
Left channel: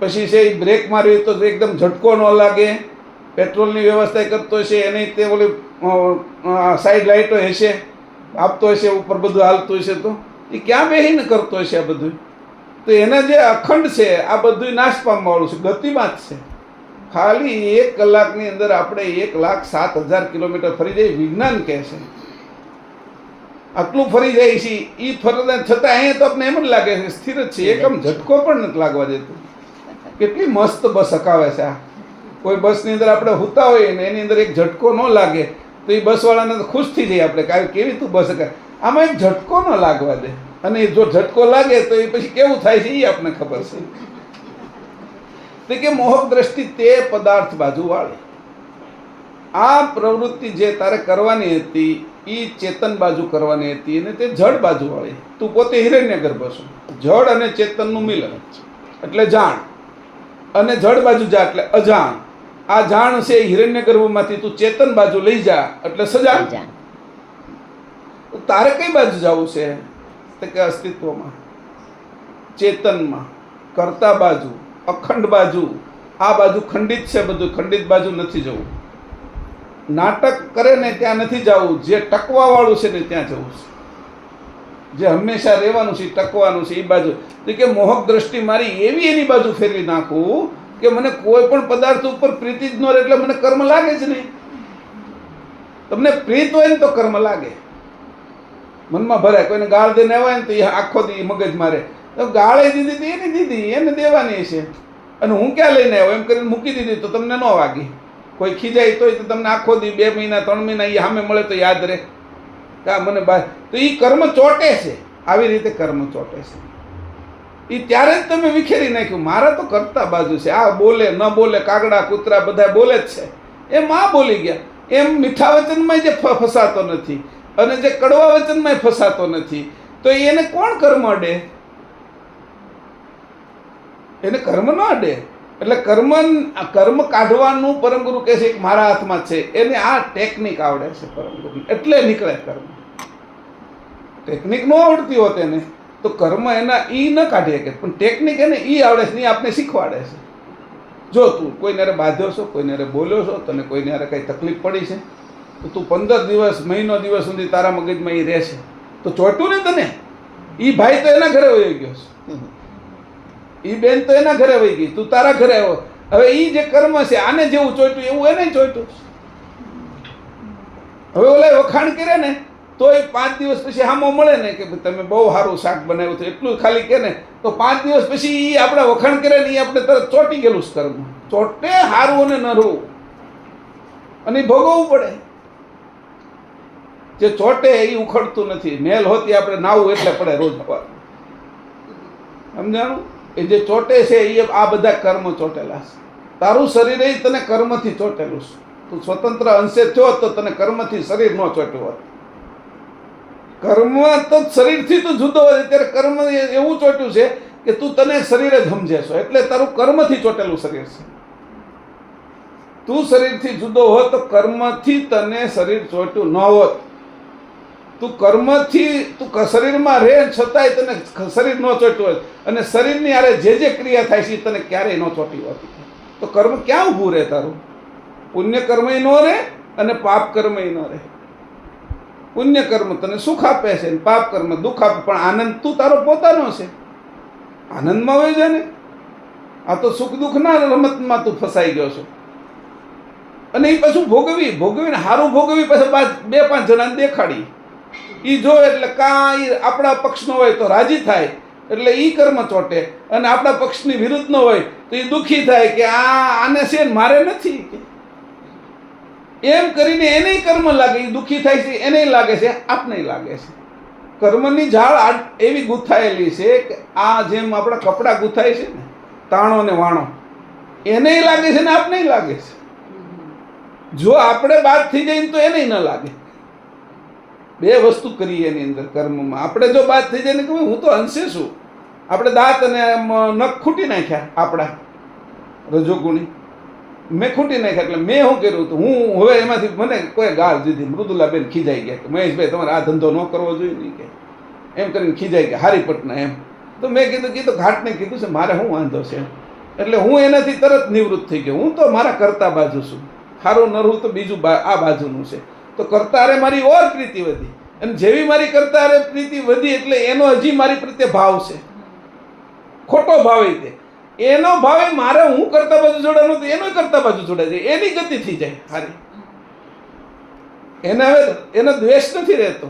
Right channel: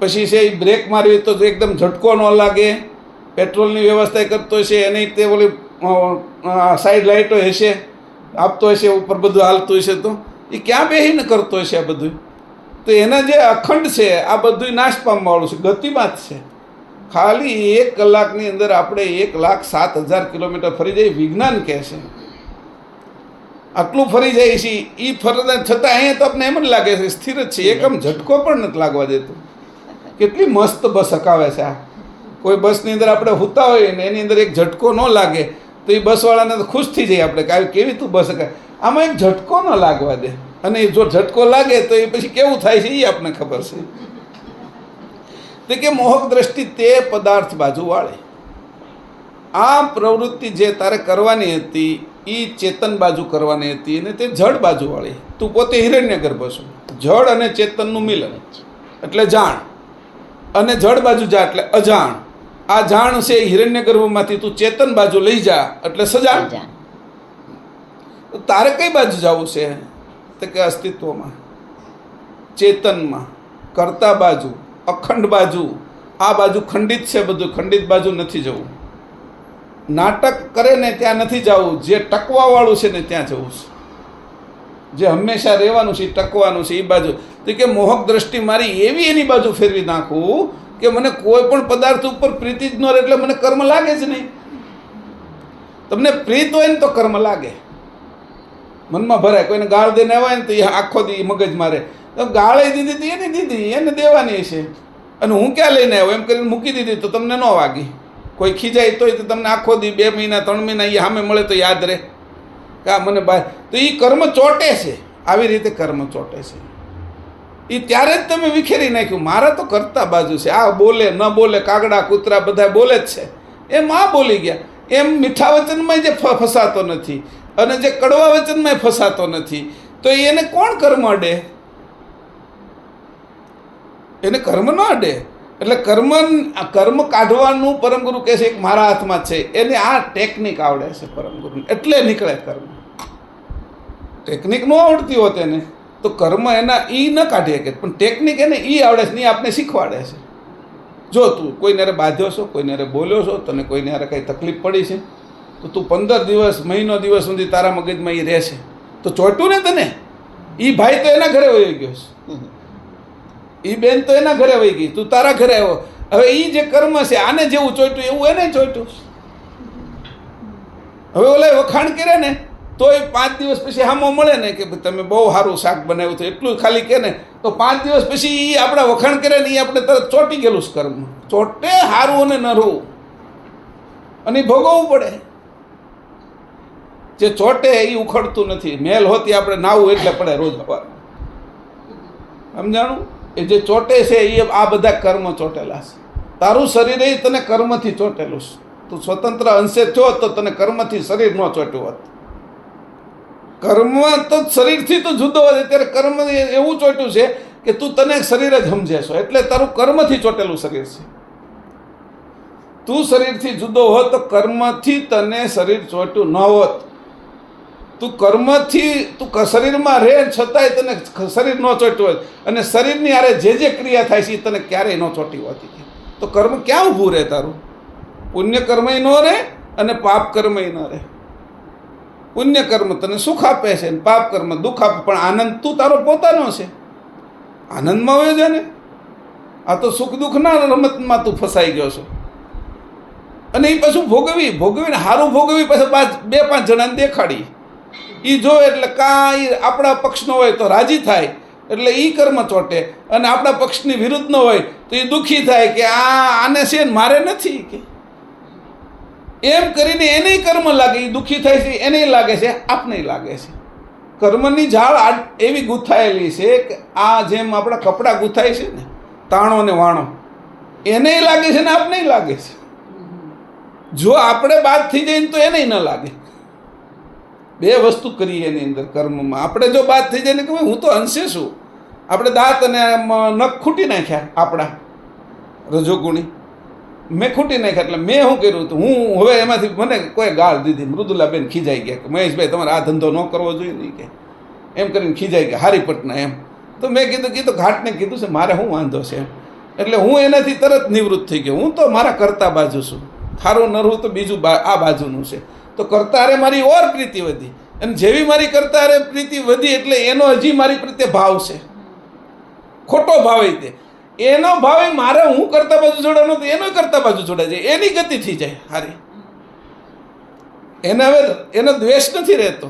પછી છે બ્રેક મારવી તો એકદમ ઝટકો ન લાગે, પેટ્રોલની વ્યવસ્થા કરતો હશે, એની તે ઓલી સાઈડ લાઇટો હશે, આપતો હશે, ઉપર બધું હાલતું હશે. તો એ ક્યાં બેહીને કરતો હશે આ બધું? તો એના જે અખંડ છે આ બધું નાશ પામવાળું છે, ગતિમાં જ છે. ખાલી 1 કલાકની અંદર આપણે 1,07,000 કિલોમીટર ફરી જાય. વિજ્ઞાન કહે છે આટલું ફરી જાય છે. એ ફરતા છતાં અહીંયા તો આપણે એમ જ લાગે છે સ્થિર જ છે, એકમ ઝટકો પણ નથી લાગવા દેતું. કેટલી મસ્ત બસ હકાવે છે આ. કોઈ બસની અંદર આપણે સૂતા હોઈએ ને એની અંદર એક ઝટકો ન લાગે તો એ બસવાળાને તો ખુશ થઈ જાય આપણે કે કેવી તું બસ હકાવે. આમાં એક ઝટકો ન લાગવા દે, અને જો ઝટકો લાગે તો એ પછી કેવું થાય છે એ આપણને ખબર છે. તો કે મોહક દ્રષ્ટિ તે પદાર્થ બાજુ વાળી. આ પ્રવૃત્તિ જે તારે કરવાની હતી એ ચેતન બાજુ કરવાની હતી, અને તે જડ બાજુ વાળી. તું પોતે હિરણ્યગર્ભ છું. જડ અને ચેતનનું મિલન એટલે જાણ, અને જડ બાજુ જા એટલે અજાણ. આ જાણ છે હિરણ્યગર્ભમાંથી તું ચેતન બાજુ લઈ જા એટલે સજાણ. તારે કઈ બાજુ જવું છે? તો કે અસ્તિત્વમાં, ચેતનમાં, કરતા બાજુ, અખંડ બાજુ. આ બાજુ ખંડિત છે બધું, ખંડિત બાજુ નથી જવું. નાટક કરે ને ત્યાં નથી જવું, જે ટકવાવાળું છે ને ત્યાં જવું છે. જે હંમેશા રહેવાનું છે, ટકવાનું છે એ બાજુ. તો કે મોહક દ્રષ્ટિ મારી એવી એની બાજુ ફેરવી નાખું કે મને કોઈ પણ પદાર્થ ઉપર પ્રીતિ જ ન રહે, એટલે મને કર્મ લાગે જ નહીં. તમને પ્રીત હોય ને તો કર્મ લાગે, મનમાં ભરાય. કોઈને ગાળ દઈને આવ્યા ને તો એ આખો દી મગજ મારે, તો ગાળે દીધી તો એને દીધી, એને દેવાની છે, અને હું ક્યાં લઈને આવ્યો એમ કરીને મૂકી દીધી તો તમને ન વાગી. કોઈ ખીજાય તોય તો તમને આખો દી 2 મહિના 3 મહિના એ સામે મળે તો યાદ રહે કે આ મને તો એ કર્મ ચોટે છે. આવી રીતે કર્મ ચોટે છે. એ ત્યારે જ તમે વિખેરી નાખ્યું. મારા તો કરતા બાજુ છે. આ બોલે ન બોલે, કાગડા કૂતરા બધા બોલે જ છે, એમ આ બોલી ગયા. એમ મીઠા વચનમાં જે ફસાતો નથી અને જે કડવા વચનમાં ફસાતો નથી, તો એને કોણ કર્મ અડે? એને કર્મ ન અડે. એટલે કર્મ કાઢવાનું પરમગુરુ કહે છે મારા હાથમાં છે. એને આ ટેકનિક આવડે છે પરમગુરુ, એટલે નીકળે કર્મ. ટેકનિક ન આવડતી હોત એને તો કર્મ એના ઈ ન કાઢી શકે, પણ ટેકનિક એને ઈ આવડે છે, એ આપને શીખવાડે છે. જો તું કોઈને બાંધ્યો છો, કોઈને બોલ્યો છો, તને કોઈને કંઈ તકલીફ પડી છે, તો તું 15 દિવસ મહિનો દિવસ સુધી તારા મગજમાં એ રહેશે. તો ચોટ્યું ને તને. એ ભાઈ તો એના ઘરે વહી ગયો છે, એ બેન તો એના ઘરે વહી ગઈ, તું તારા ઘરે આવ્યો. હવે એ જે કર્મ છે આને જેવું ચોટ્યું એવું એને ચોટ્યું. હવે ઓલા વખાણ કરે ને તો એ 5 દિવસ પછી હામો મળે ને કે તમે બહુ સારું શાક બનાવ્યું હતું, એટલું ખાલી કે ને તો 5 દિવસ પછી એ આપણા વખાણ કરે ને એ આપણે તરત ચોંટી ગયેલું જ કર્મ. ચોટે સારું અને નરવું, અને એ ભોગવવું પડે. જે ચોટે એ ઉખડતું નથી. મેલ હોતી આપણે નાવું એટલે પડે રોજ સવાર. સમજાણું? એ જે ચોટે છે એ આ બધા કર્મ ચોટેલા છે. તારું શરીર એ તને કર્મથી ચોટેલું છે. તું સ્વતંત્ર અંશે થયો તો તને કર્મથી શરીર ન ચોટ્યું હોત. કર્મ તો શરીરથી તું જુદો હોય ત્યારે કર્મ એવું ચોટ્યું છે કે તું તને શરીર જ સમજે છો, એટલે તારું કર્મથી ચોટેલું શરીર છે. તું શરીરથી જુદો હોત તો કર્મથી તને શરીર ચોટ્યું ન હોત. તું કર્મથી તું શરીરમાં રહે છતાંય તને શરીર ન ચોટ્યું હોત, અને શરીરની આરે જે ક્રિયા થાય છે એ તને ક્યારેય ન ચોટી હોતી. તો કર્મ ક્યાં ઊભું રહે તારું? પુણ્ય કર્મય ન રહે અને પાપ કર્મય ન રહે. પુણ્ય કર્મ તને સુખ આપે છે, પાપ કર્મ દુઃખ આપે, પણ આનંદ તું તારો પોતાનો છે. આનંદમાં હોય છે ને. આ તો સુખ દુઃખના રમતમાં તું ફસાઈ ગયો છો. અને એ પાછું ભોગવીને સારું ભોગવી પછી 2-5 જણાને દેખાડી. એ જો એટલે કાંઈ આપણા પક્ષનો હોય તો રાજી થાય, એટલે એ કર્મ ચોટે, અને આપણા પક્ષની વિરુદ્ધનો હોય તો એ દુઃખી થાય કે આને છે મારે નથી કે એમ કરીને એને કર્મ લાગે. એ દુઃખી થાય છે, એને લાગે છે, આપને લાગે છે. કર્મની ઝાડ એવી ગૂંથાયેલી છે કે આ જેમ આપણા કપડાં ગૂંથાય છે ને તાણો ને વાણો, એને લાગે છે ને આપને લાગે છે. જો આપણે બાદ થઈ જઈએ તો એને ન લાગે. 2 વસ્તુ કરીએ એની અંદર કર્મમાં. આપણે જો બાદ થઈ જાય ને કે હું તો અંશે છું, આપણે દાંત અને નખ ખૂટી નાખ્યા આપણા રજોગુણી, મેં ખૂટી નાખ્યા. એટલે મેં શું કર્યું હતું, હું હવે એમાંથી મને કોઈ ગાળ દીધી. મૃદુલાબેન ખીજાઈ ગયા કે મહેશભાઈ તમારે આ ધંધો ન કરવો જોઈએ નહીં કે એમ કરીને ખીજાઈ ગયા હારી પટના એમ. તો મેં કીધું ઘાટને કીધું છે મારે શું વાંધો છે એમ. એટલે હું એનાથી તરત નિવૃત્ત થઈ ગયો. હું તો મારા કરતા બાજુ છું, ખારું નરવું તો બીજું આ બાજુનું છે. તો કરતા અરે મારી ઓર પ્રીતિ વધી, અને જેવી મારી કરતા અરે પ્રીતિ વધી એટલે એનો હજી મારી પ્રત્યે ભાવ છે, ખોટો ભાવ. તે એનો ભાવે મારે હું કરતા બાજુ જોડાનો તો એનો કરતા બાજુ જોડાય જાય, એની ગતિ થઈ જાય હારી. એને હવે એનો દ્વેષ નથી રહેતો.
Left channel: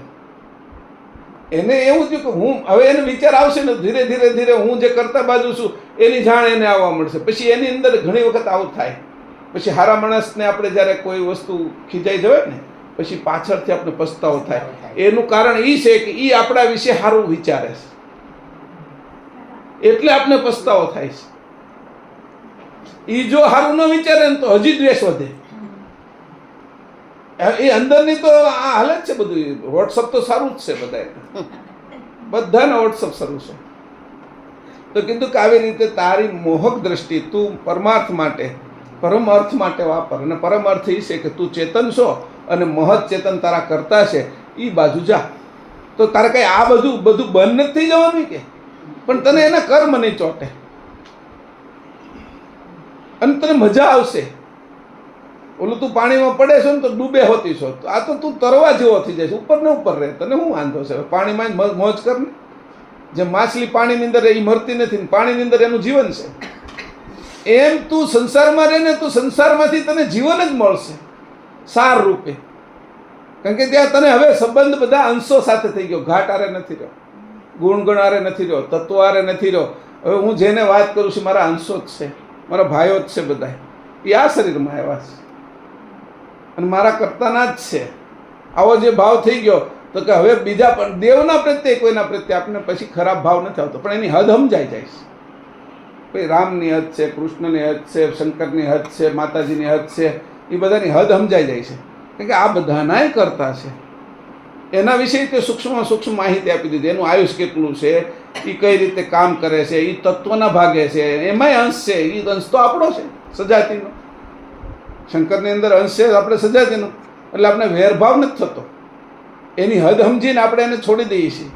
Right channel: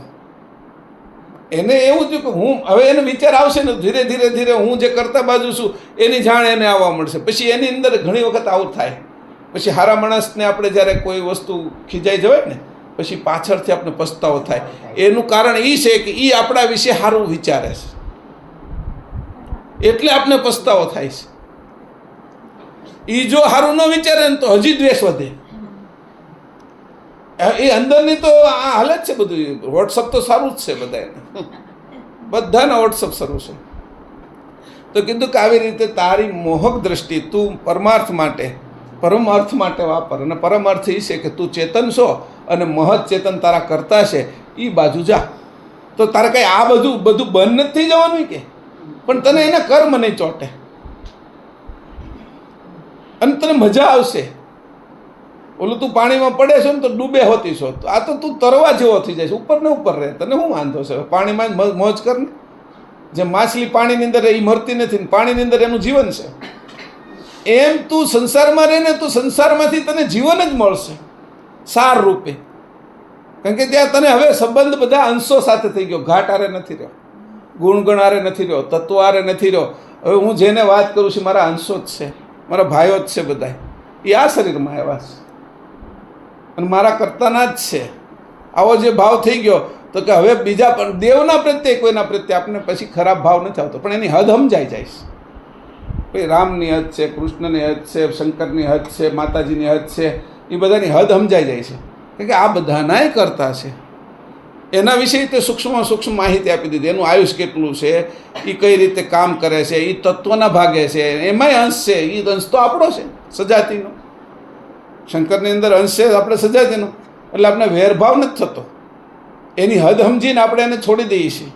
એને એવું થયું કે હું હવે એને વિચાર આવશે ને ધીરે ધીરે હું જે કરતા બાજુ છું એની જાણ એને આવવા મળશે. પછી એની અંદર ઘણી વખત આવું થાય. પછી હારા માણસને આપણે જ્યારે કોઈ વસ્તુ ખીજાઈ જવાય ને પછી પાછળથી આપણે પસ્તાવો થાય. એનું કારણ એ છે કે એ આપણા વિશે સારું વિચારે છે, એટલે આપણે પસ્તાવો થાય છે. એ જો સારું ન વિચારે ને તો હજી દ્વેષ વધે. એ અંદરની તો આ હાલત છે બધું. વોટ્સઅપ તો સારું જ છે બધાના વોટ્સઅપ સારું છે. તો કીધું કે આવી રીતે તારી મોહક દ્રષ્ટિ તું પરમાર્થ માટે પરમ અર્થ માટે વાપર. અને પરમ અર્થ એ છે કે તું ચેતન છો અને મહત ચેતન તારા કરતા છે, એ બાજુ જા. તો તારે કંઈ આ બધું બંધ નથી થઈ જવાનું કે, પણ તને એના કર્મ નહીં ચોટે અને તને મજા આવશે. ઓલું તું પાણીમાં પડે છે ને તો ડૂબે હોતી છો, તો આ તો તું તરવા જેવો થઈ જાય છે, ઉપર ને ઉપર રહે. તને શું વાંધો છે? પાણીમાં જ મોજ કર ને. જે માછલી પાણીની અંદર એ મરતી નથી ને પાણીની અંદર એનું જીવન છે, એમ તું સંસારમાં રહે ને તું સંસારમાંથી તને જીવન જ મળશે સાર રૂપે. કારણ કે ત્યાં તને હવે સંબંધ બધા અંશો સાથે થઈ ગયો. ઘાટ આરે નથી રહ્યો, ગુણગણ આરે નથી રહ્યો, તત્વ આરે નથી રહ્યો. હવે હું જેને વાત કરું છું મારા અંશો જ છે, મારા ભાઈઓ જ છે બધા. એ આ શરીરમાં આવ્યા છે અને મારા કરતાના જ છે. આવો જે ભાવ થઈ ગયો તો કે હવે બીજા પણ દેવના પ્રત્યે કોઈના પ્રત્યે આપણને પછી ખરાબ ભાવ નથી આવતો, પણ એની હદ સમજાઈ જાય છે. ભાઈ રામની હદ છે, કૃષ્ણની હદ છે, શંકરની હદ છે, માતાજીની હદ છે, એ બધાની હદ સમજાઈ જાય છે. કારણ કે આ બધાનાય કરતા છે. એના વિશે તે સૂક્ષ્મ માહિતી આપી દીધી. એનું આયુષ કેટલું છે, એ કઈ રીતે કામ કરે છે, એ તત્વના ભાગે છે, એમાંય અંશ છે. એ અંશ તો આપણો છે સજાતિનો. શંકરની અંદર અંશ છે આપણે સજાતિનો, એટલે આપણે વેરભાવ નથી થતો. એની હદ સમજીને આપણે એને છોડી દઈએ છીએ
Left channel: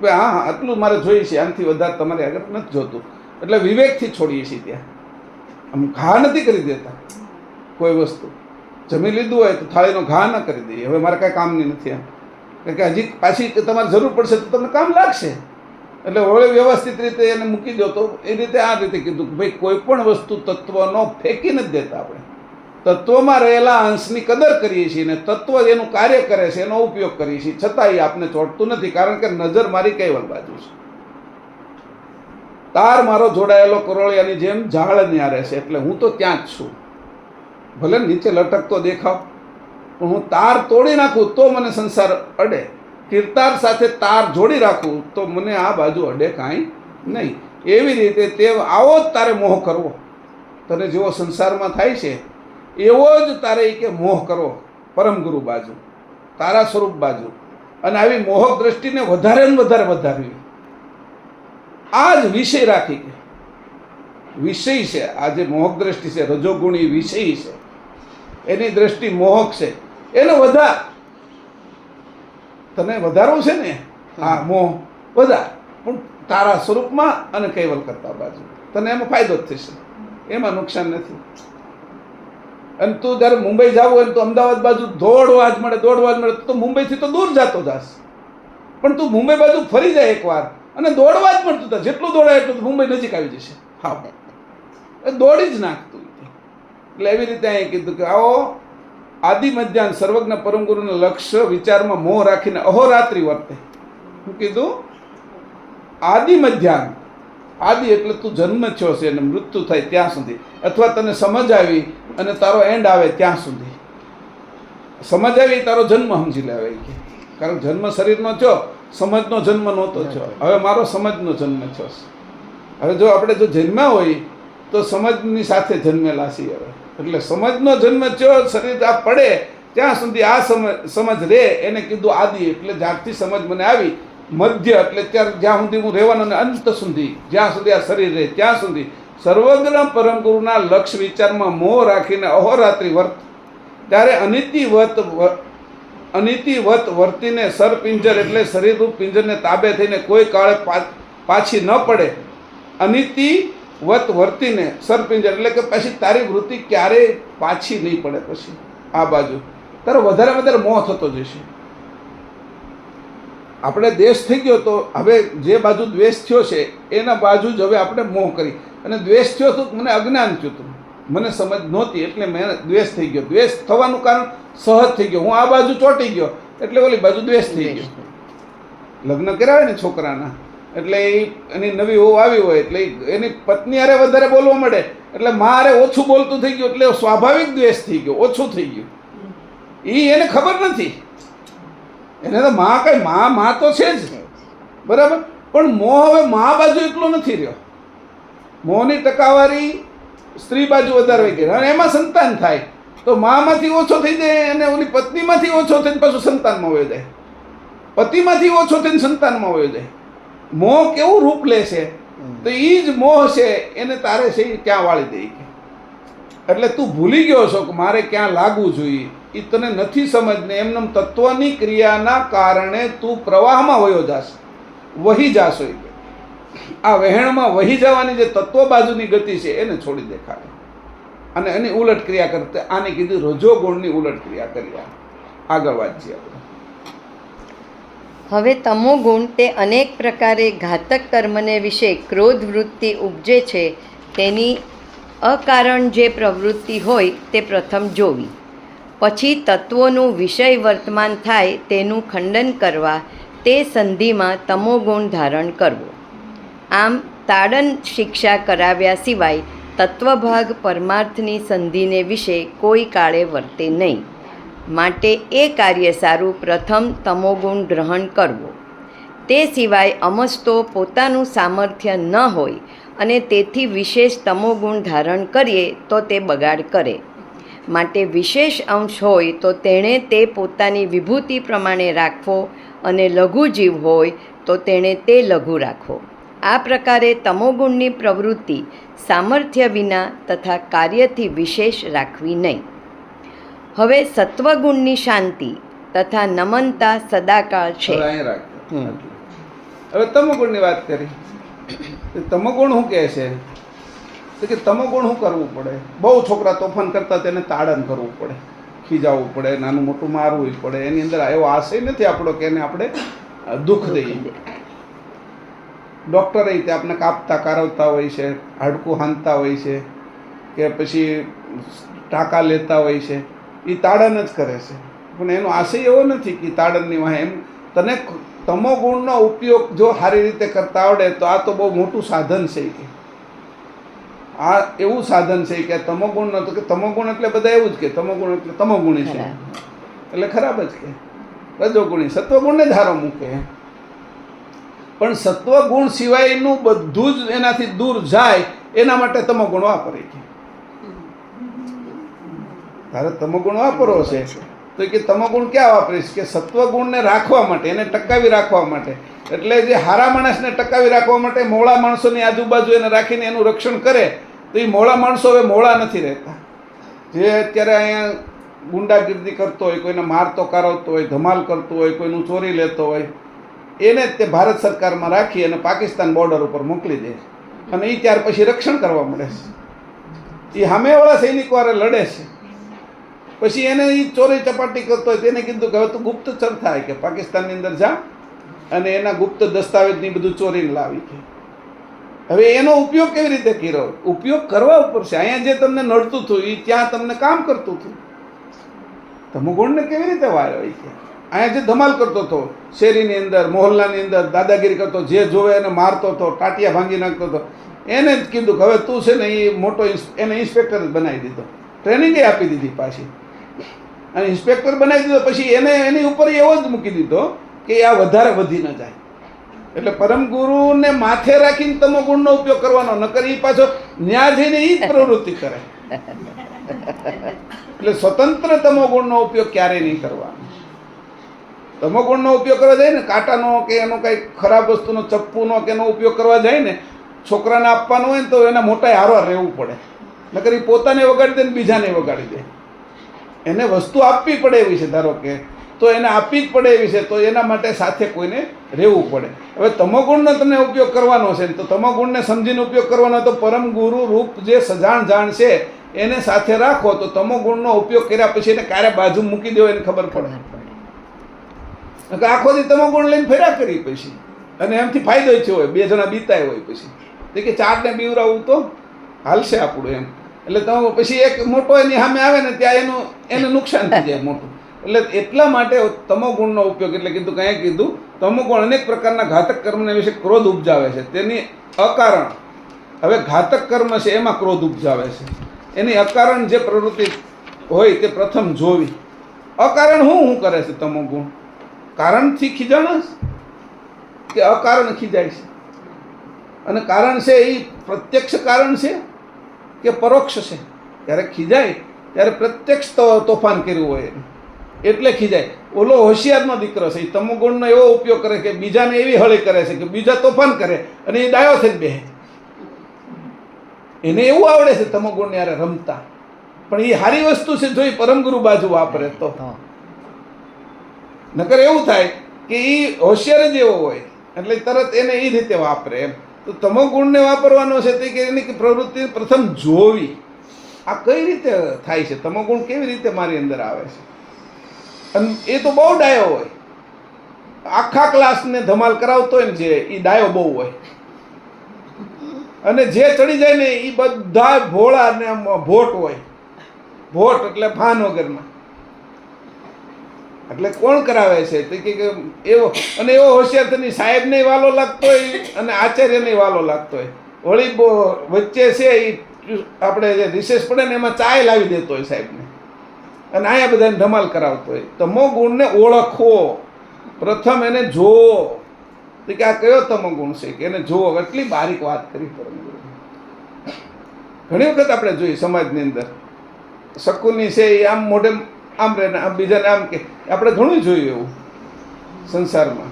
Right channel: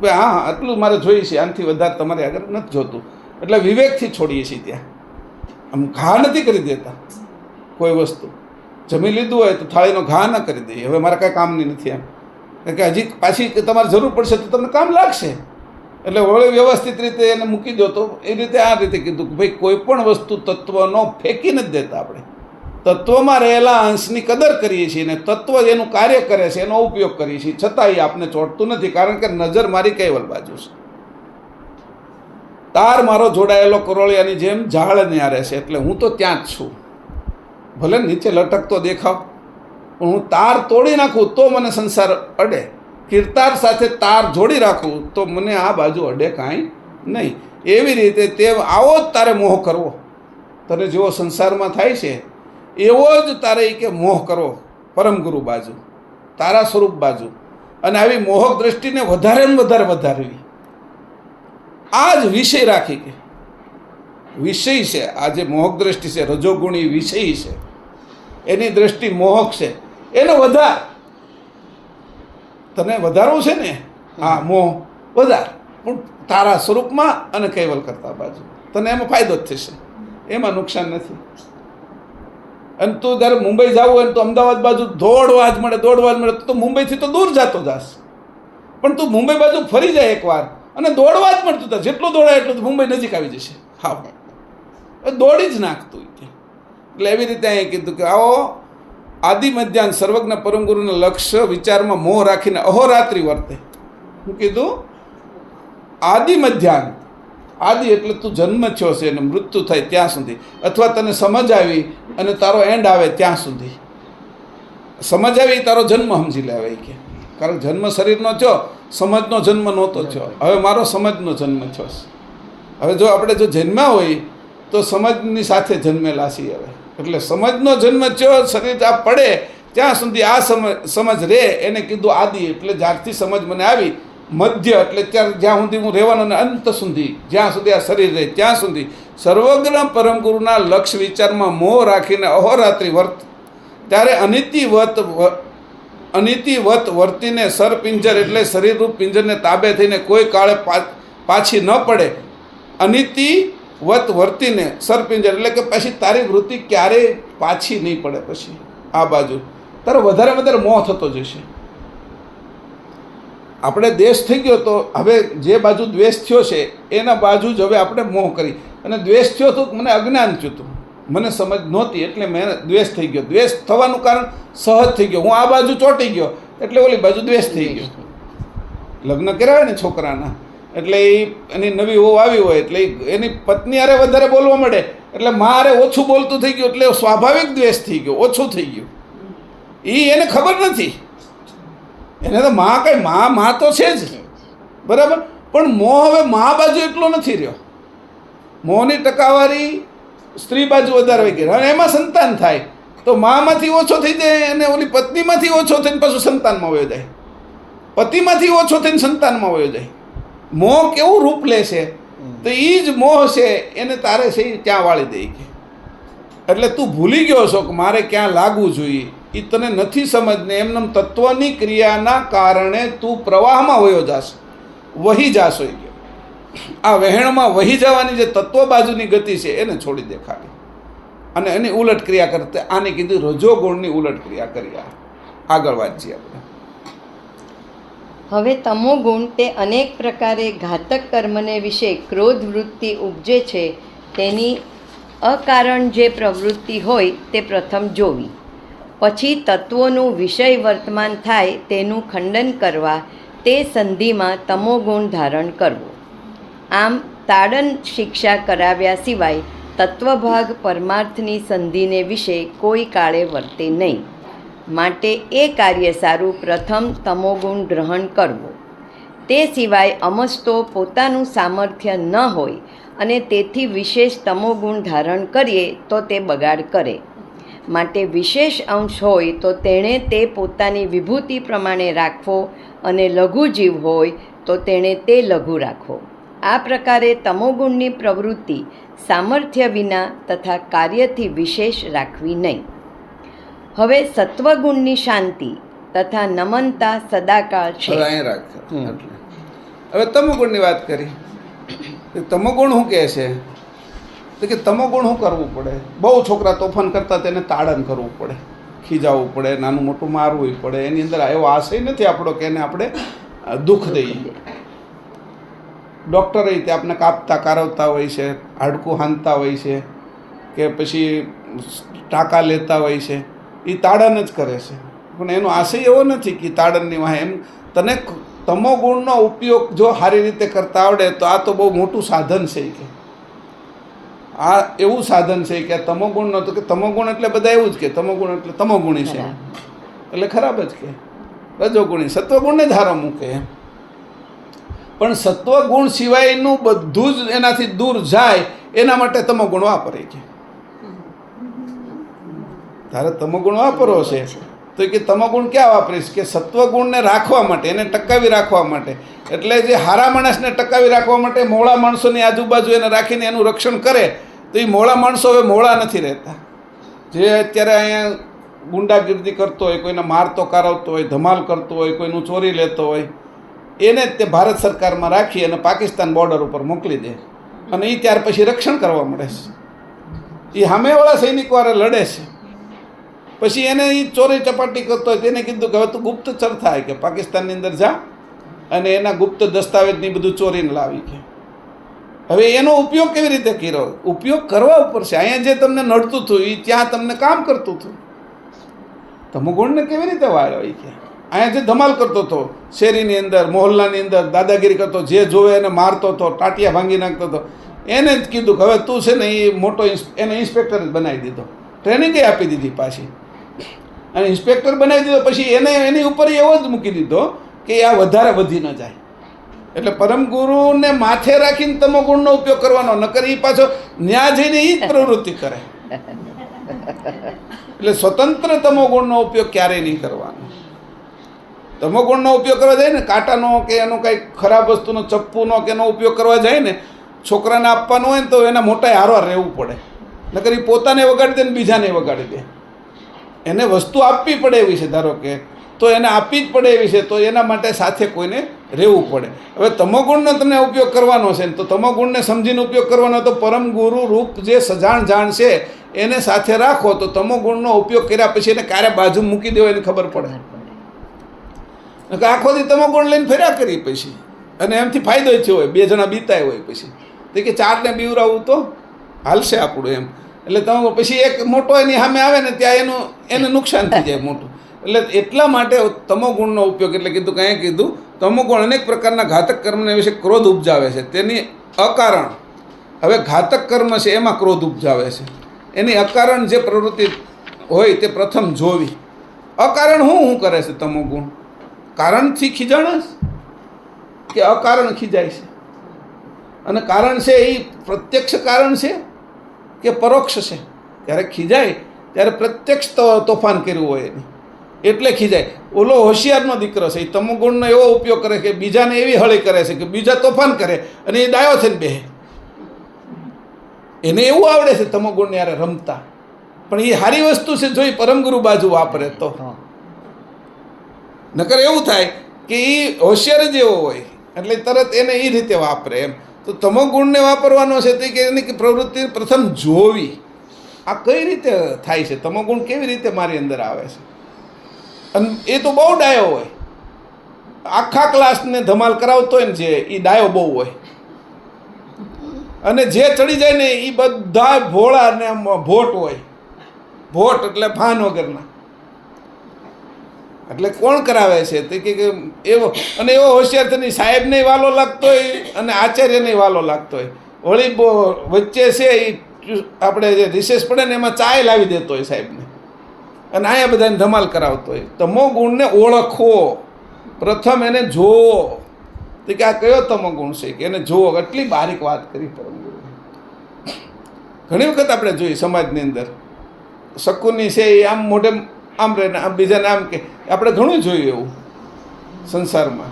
કે હા આટલું મારે જોઈએ છે, આનાથી વધારે તમારે આગળ નથી જોતું. એટલે વિવેકથી છોડીએ છીએ. ત્યાં આમ ઘા નથી કરી દેતા કોઈ વસ્તુ. જમી લીધું હોય તો થાળીનો ઘા ન કરી દઈએ, હવે મારે કાંઈ કામની નથી એમ, કારણ કે હજી પાછી તમારે જરૂર પડશે તો તમને કામ લાગશે, એટલે વળી વ્યવસ્થિત રીતે એને મૂકી દો. તો એ રીતે આ રીતે કીધું કે ભાઈ કોઈ પણ વસ્તુ તત્વનો ફેંકી નથી દેતા. આપણે તત્વમાં રહેલા અંશની કદર કરીએ છીએ ને તત્વ એનું કાર્ય કરે છે એનો ઉપયોગ કરીએ છીએ, છતાં એ આપને ચોંટતું નથી, કારણ કે નજર મારી કૈવલ બાજુ છે. તાર મારો જોડાયેલો કરોળિયાની જેમ ઝાડ ન્યારે છે, એટલે હું તો ત્યાં જ છું. ભલે નીચે લટકતો દેખાવ, પણ હું તાર તોડી નાખું તો મને સંસાર અડે, કીર્તાર સાથે તાર જોડી રાખું તો મને આ બાજુ અડે કાંઈ નહીં. એવી રીતે તે આવો જ તારે મોહ કરવો, તને જેવો સંસારમાં થાય છે એવો જ તારે કે મોહ કરવો પરમગુરુ બાજુ, તારા સ્વરૂપ બાજુ. અને આવી મોહક દ્રષ્ટિને વધારે ને વધારે વધારવી. આ જ વિષય રાખી કે વિષય છે, આ જે મોહક દ્રષ્ટિ છે, રજોગુણી વિષય છે, એની દ્રષ્ટિ મોહક છે, એને વધાર. તને વધારવું છે ને, આ મોહ વધાર, પણ તારા સ્વરૂપમાં અને કૈવલ કરતા બાજુ. તને એમાં ફાયદો જ થશે, એમાં નુકસાન નથી. અને તું જ્યારે મુંબઈ જવું હોય તો અમદાવાદ બાજુ દોડવા જ મળે તો મુંબઈથી તો દૂર જતો જાસ, પણ તું મુંબઈ બાજુ ફરી જાય એકવાર અને દોડવા જ મળતું હતા, જેટલું દોડાય એટલું મુંબઈ નજીક આવી જશે. હા, એ દોડી જ નાખતું. એટલે એવી રીતે અહીં કીધું કે આવો આદિ મધ્યાન સર્વજ્ઞ પરમગુરુના લક્ષ્ય વિચારમાં મોહ રાખીને અહોરાત્રિ વર્તે. શું કીધું? આદિ મધ્યાન. આદિ એટલે તું જન્મ થયો છે અને મૃત્યુ થાય ત્યાં સુધી, અથવા તને સમજ આવી અને તારો એન્ડ આવે ત્યાં સુધી. સમજ આવી તારો જન્મ સમજી લેવાય કે, કારણ જન્મ શરીરનો થયો, સમજનો જન્મ નહોતો થયો. હવે મારો સમજનો જન્મ થયો છે. હવે જો આપણે જો જન્મ્યા હોય તો સમજની સાથે જન્મેલા છીએ. હવે એટલે સમજનો જન્મ થયો, શરીર આ પડે ત્યાં સુધી આ સમજ રહે, એને કીધું આદિ. એટલે જ્યારથી સમજ મને આવી, મધ્ય એટલે જ્યાં સુધી હું રહેવાનો, અને અંત સુધી જ્યાં સુધી આ શરીર રહે ત્યાં સુધી સર્વજ્ઞ પરમગુરુના લક્ષ્ય વિચારમાં મોહ રાખીને અહોરાત્રિ વર્ત. ત્યારે અનિતિવત વર્તીને સરપિંજર એટલે શરીરરૂપ પિંજરને તાબે થઈને કોઈ કાળે પાછી ન પડે. અનિતિવત વર્તીને સરપિંજર એટલે કે પછી તારી વૃત્તિ ક્યારેય પાછી નહીં પડે. પછી આ બાજુ તારો વધારે વધારે મોહ થતો જશે. આપણે દ્વેષ થઈ ગયો તો હવે જે બાજુ દ્વેષ થયો છે એના બાજુ જ હવે આપણે મોહ કરી. અને દ્વેષ થયો તો મને અજ્ઞાન થયું હતું, મને સમજ નહોતી, એટલે મેં દ્વેષ થઈ ગયો. દ્વેષ થવાનું કારણ સહજ થઈ ગયો. હું આ બાજુ ચોંટી ગયો એટલે ઓલી બાજુ દ્વેષ થઈ ગયો. લગ્ન કરાવે ને છોકરાના, એટલે એની નવી વહુ આવી હોય એટલે એની પત્ની હારે વધારે બોલવા મળે, એટલે મારે ઓછું બોલતું થઈ ગયું, એટલે સ્વાભાવિક દ્વેષ થઈ ગયો, ઓછું થઈ ગયું. એને ખબર નથી, એને તો માં તો છે જ, બરાબર. પણ મોહ હવે મા બાજુ એટલો નથી રહ્યો. મોહની ટકાવારી સ્ત્રી બાજુ વધારે હોય ગઈ, અને એમાં સંતાન થાય તો મામાંથી ઓછો થઈ જાય, અને ઓલી પત્નીમાંથી ઓછો થઈને પાછું સંતાનમાં વયો જાય, પતિમાંથી ઓછો થઈને સંતાનમાં વયો જાય. મોહ કેવું રૂપ લે છે, તો એ જ મોહ છે એને તારે છે ત્યાં વાળી દે કે. એટલે તું ભૂલી ગયો છો કે મારે ક્યાં લાગવું જોઈએ, એ તને નથી સમજને. એમને તત્વની ક્રિયાના કારણે તું પ્રવાહમાં વયો જાશ, વહી જાશો. આ વહેણમાં વહી જવાની જે તત્વ બાજુની ગતિ છે એને છોડી દેખાડે, અને એની ઉલટ ક્રિયા કરતા. આની કીધું રજોગુણની ઉલટ ક્રિયા કરી. આગળ વાંચીએ આપણે. હવે તમોગુણ તે અનેક પ્રકારે ઘાતક કર્મને વિશે ક્રોધ વૃત્તિ ઉપજે છે, તેની અકારણ જે પ્રવૃત્તિ હોય તે પ્રથમ જોવી, પછી તત્વોનું વિષય વર્તમાન થાય તેનું ખંડન કરવા તે સંધિમાં તમોગુણ ધારણ કરવો. આમ તાડન શિક્ષા કરાવ્યા સિવાય તત્વભાગ પરમાર્થની સંધિને વિશે કોઈ કાળે વર્તે નહીં. માટે એ કાર્ય સારું પ્રથમ તમોગુણ ગ્રહણ કરવો. તે સિવાય અમસ્તો પોતાનું સામર્થ્ય ન હોય અને તેથી વિશેષ તમોગુણ ધારણ કરીએ તો તે બગાડ કરે. માટે વિશેષ અંશ હોય તો તેણે તે પોતાની વિભૂતિ પ્રમાણે રાખવો, અને લઘુ જીવ હોય તો તેણે તે લઘુ રાખવો. આ પ્રકારે તમોગુણની પ્રવૃત્તિ સામર્થ્ય વિના તથા કાર્યથી વિશેષ રાખવી નહીં. હવે સત્વગુણની શાંતિ તથા નમનતા સદાકાળ છે. હવે તમોગુણની વાત કરી. તમોગુણ શું કહે છે? તો કે તમોગુણ શું કરવું પડે? બહુ છોકરા તોફાન કરતા તેને તાડન કરવું પડે. ખીજાવવું પડે, નાનું મોટું મારવું પડે. એની અંદર એવો આશય નથી આપણો કે એને આપણે દુઃખ દઈએ. ડૉક્ટરે તે આપણે કાપતા કારવતા હોય છે, હાડકું હાંધતા હોય છે, કે પછી ટાંકા લેતા હોય છે, એ તાડન જ કરે છે. પણ એનો આશય એવો નથી કે તાડનની વાહ. એમ તને તમોગુણનો ઉપયોગ જો સારી રીતે કરતા આવડે તો આ તો બહુ મોટું સાધન છે. કે આ એવું સાધન છે કે તમોગુણનો, તો કે તમોગુણ એટલે બધા એવું જ કે તમોગુણ એટલે તમોગુણી છે એટલે ખરાબ જ કે. રજોગુણી સત્વગુણને જ હારો મૂકે. પણ સત્વગુણ સિવાયનું બધું જ એનાથી દૂર જાય એના માટે તમોગુણ વાપરે છે. તારે તમોગુણ વાપરવો છે તો કે તમોગુણ ક્યાં વાપરીશ? કે સત્વગુણને રાખવા માટે, એને ટકાવી રાખવા માટે. એટલે જે હારા માણસને ટકાવી રાખવા માટે મોળા માણસોની આજુબાજુ એને રાખીને એનું રક્ષણ કરે, તો એ મોળા માણસો હવે મોળા નથી રહેતા. જે અત્યારે અહીંયા ગુંડાગીર્દી કરતો હોય, કોઈને મારતો કારવતો હોય, ધમાલ કરતો હોય, કોઈનું ચોરી લેતો હોય, એને જ તે ભારત સરકારમાં રાખી અને પાકિસ્તાન બોર્ડર ઉપર મોકલી દે. અને એ ત્યાર પછી રક્ષણ કરવા મળે છે. એ સામેવાળા સૈનિકવાળા લડે છે. પછી એને એ ચોરી ચપાટી કરતો હોય તેને કીધું કે હવે તું ગુપ્તચર થાય, કે પાકિસ્તાનની અંદર જા અને એના ગુપ્ત દસ્તાવેજની બધું ચોરીને લાવી. કે હવે એનો ઉપયોગ કેવી રીતે કર્યો? ઉપયોગ કરવા ઉપર છે. અહીંયા જે તમને નડતું હતું એ ત્યાં તમને કામ કરતું હતું. તમોગુણને કેવી રીતે વાળ્યો? એ કે અહીંયા જે ધમાલ કરતો હતો શેરીની અંદર, મોહલ્લાની અંદર, દાદાગીરી કરતો, જે જોવે એને મારતો હતો, ટાટિયા ભાંગી નાખતો હતો, એને જ કીધું કે હવે તું છે ને એ મોટો એને ઇન્સ્પેક્ટર જ બનાવી દીધો. ટ્રેનિંગ આપી દીધી પાછી અને ઇન્સ્પેક્ટર બનાવી દીધો. પછી એને એની ઉપર એવો જ મૂકી દીધો કે આ વધારે વધી ન જાય. એટલે પરમ ગુરુને માથે રાખીને તમોગુણનો ઉપયોગ કરવાનો, નકર એ પાછો ન્યા જઈને એ જ પ્રવૃત્તિ કરે. એટલે સ્વતંત્ર તમોગુણનો ઉપયોગ ક્યારેય નહીં કરવાનો. તમોગુણનો ઉપયોગ કરવા જાય ને, કાંટાનો કે એનો કંઈ ખરાબ વસ્તુનો, ચપ્પુનો કે એનો ઉપયોગ કરવા જાય ને, છોકરાને આપવાનો હોય ને તો એના મોટા હારવાર રહેવું પડે. નકર એ પોતાને વગાડી દે ને બીજાને વગાડી દે. એને વસ્તુ આપવી પડે એવી છે, ધારો કે, તો એને આપવી જ પડે એવી છે, તો એના માટે સાથે કોઈને રહેવું પડે. હવે તમોગુણનો તમે ઉપયોગ કરવાનો છે ને, તો તમોગુણને સમજીને ઉપયોગ કરવાનો. તો પરમ ગુરુ રૂપ જે સજાણ જાણ છે એને સાથે રાખો, તો તમોગુણનો ઉપયોગ કર્યા પછી એને ક્યારે બાજુ મૂકી દેવો એને ખબર પડે. આખો દી તમોગુણ લઈને ફેર્યા કરી પછી, અને એમથી ફાયદો જ હોય, બે જણા બીતાય હોય પછી તો કે ચારને બીવરાવું તો હાલશે આપણું એમ. એટલે તમે પછી એક મોટો એની સામે આવે ને ત્યાં એને નુકસાન થઈ જાય મોટું. એટલે એટલા માટે તમોગુણનો ઉપયોગ, એટલે કીધું કાંઈ કીધું તમોગુણ અનેક પ્રકારના ઘાતક કર્મને વિશે ક્રોધ ઉપજાવે છે. તેની અકારણ, હવે ઘાતક કર્મ છે એમાં ક્રોધ ઉપજાવે છે. એની અકારણ જે પ્રવૃત્તિ હોય તે પ્રથમ જોવી. અકારણ શું કરે છે તમોગુણ? કારણથી ખીજાણસ કે અકારણ ખીજાય છે? અને કારણ છે એ પ્રત્યક્ષ કારણ છે કે પરોક્ષ છે? ત્યારે ખીજાય ત્યારે પ્રત્યક્ષ તોફાન કર્યું હોય એને એટલે ખીજાય. ઓલો હોશિયારનો દીકરો છે, એ તમોગુણનો એવો ઉપયોગ કરે કે બીજાને એવી હળી કરે છે કે બીજા તોફાન કરે અને એ ડાયો થઈને બેહે. એને એવું આવડે છે તમોગુણને યારે રમતા. પણ એ સારી વસ્તુ છે જો એ પરમગુરુ બાજુ વાપરે તો. નકર એવું થાય કે એ હોશિયાર જ એવો હોય એટલે તરત એને એ રીતે વાપરે એમ. તો તમોગુણને વાપરવાનો છે તે કે એની પ્રવૃત્તિ પ્રથમ જોવી. આ કઈ રીતે થાય છે? તમોગુણ કેવી રીતે મારી અંદર આવે છે? અને એ તો બહુ ડાયો હોય, આખા ક્લાસને ધમાલ કરાવતો હોય ને જે, એ ડાયો બહુ હોય. અને જે ચડી જાય ને એ બધા ભોળા ને ભોટ હોય. ભોટ એટલે ભાન વગરના. એટલે કોણ કરાવે છે તે કે એવો, અને એવો હોશિયાર થઈને સાહેબને વાલો લાગતો હોય અને આચાર્યને વાલો લાગતો હોય. વળી વચ્ચે છે એ આપણે જે રિસેસ પડે ને એમાં ચાય લાવી દેતો હોય સાહેબને, અને અહીંયા બધાને ધમાલ કરાવતો હોય. તમોગુણને ઓળખવો, પ્રથમ એને જોવો. તો કે આ કયો તમોગુણ છે કે એને જોવો. એટલી બારીક વાત કરી પરમગુરુ. ઘણી વખત આપણે જોઈએ સમાજની અંદર શકુની છે એ આમ મોઢે આમ રહે, આમ બીજાને આમ કે, આપણે ઘણું જોયું એવું સંસારમાં.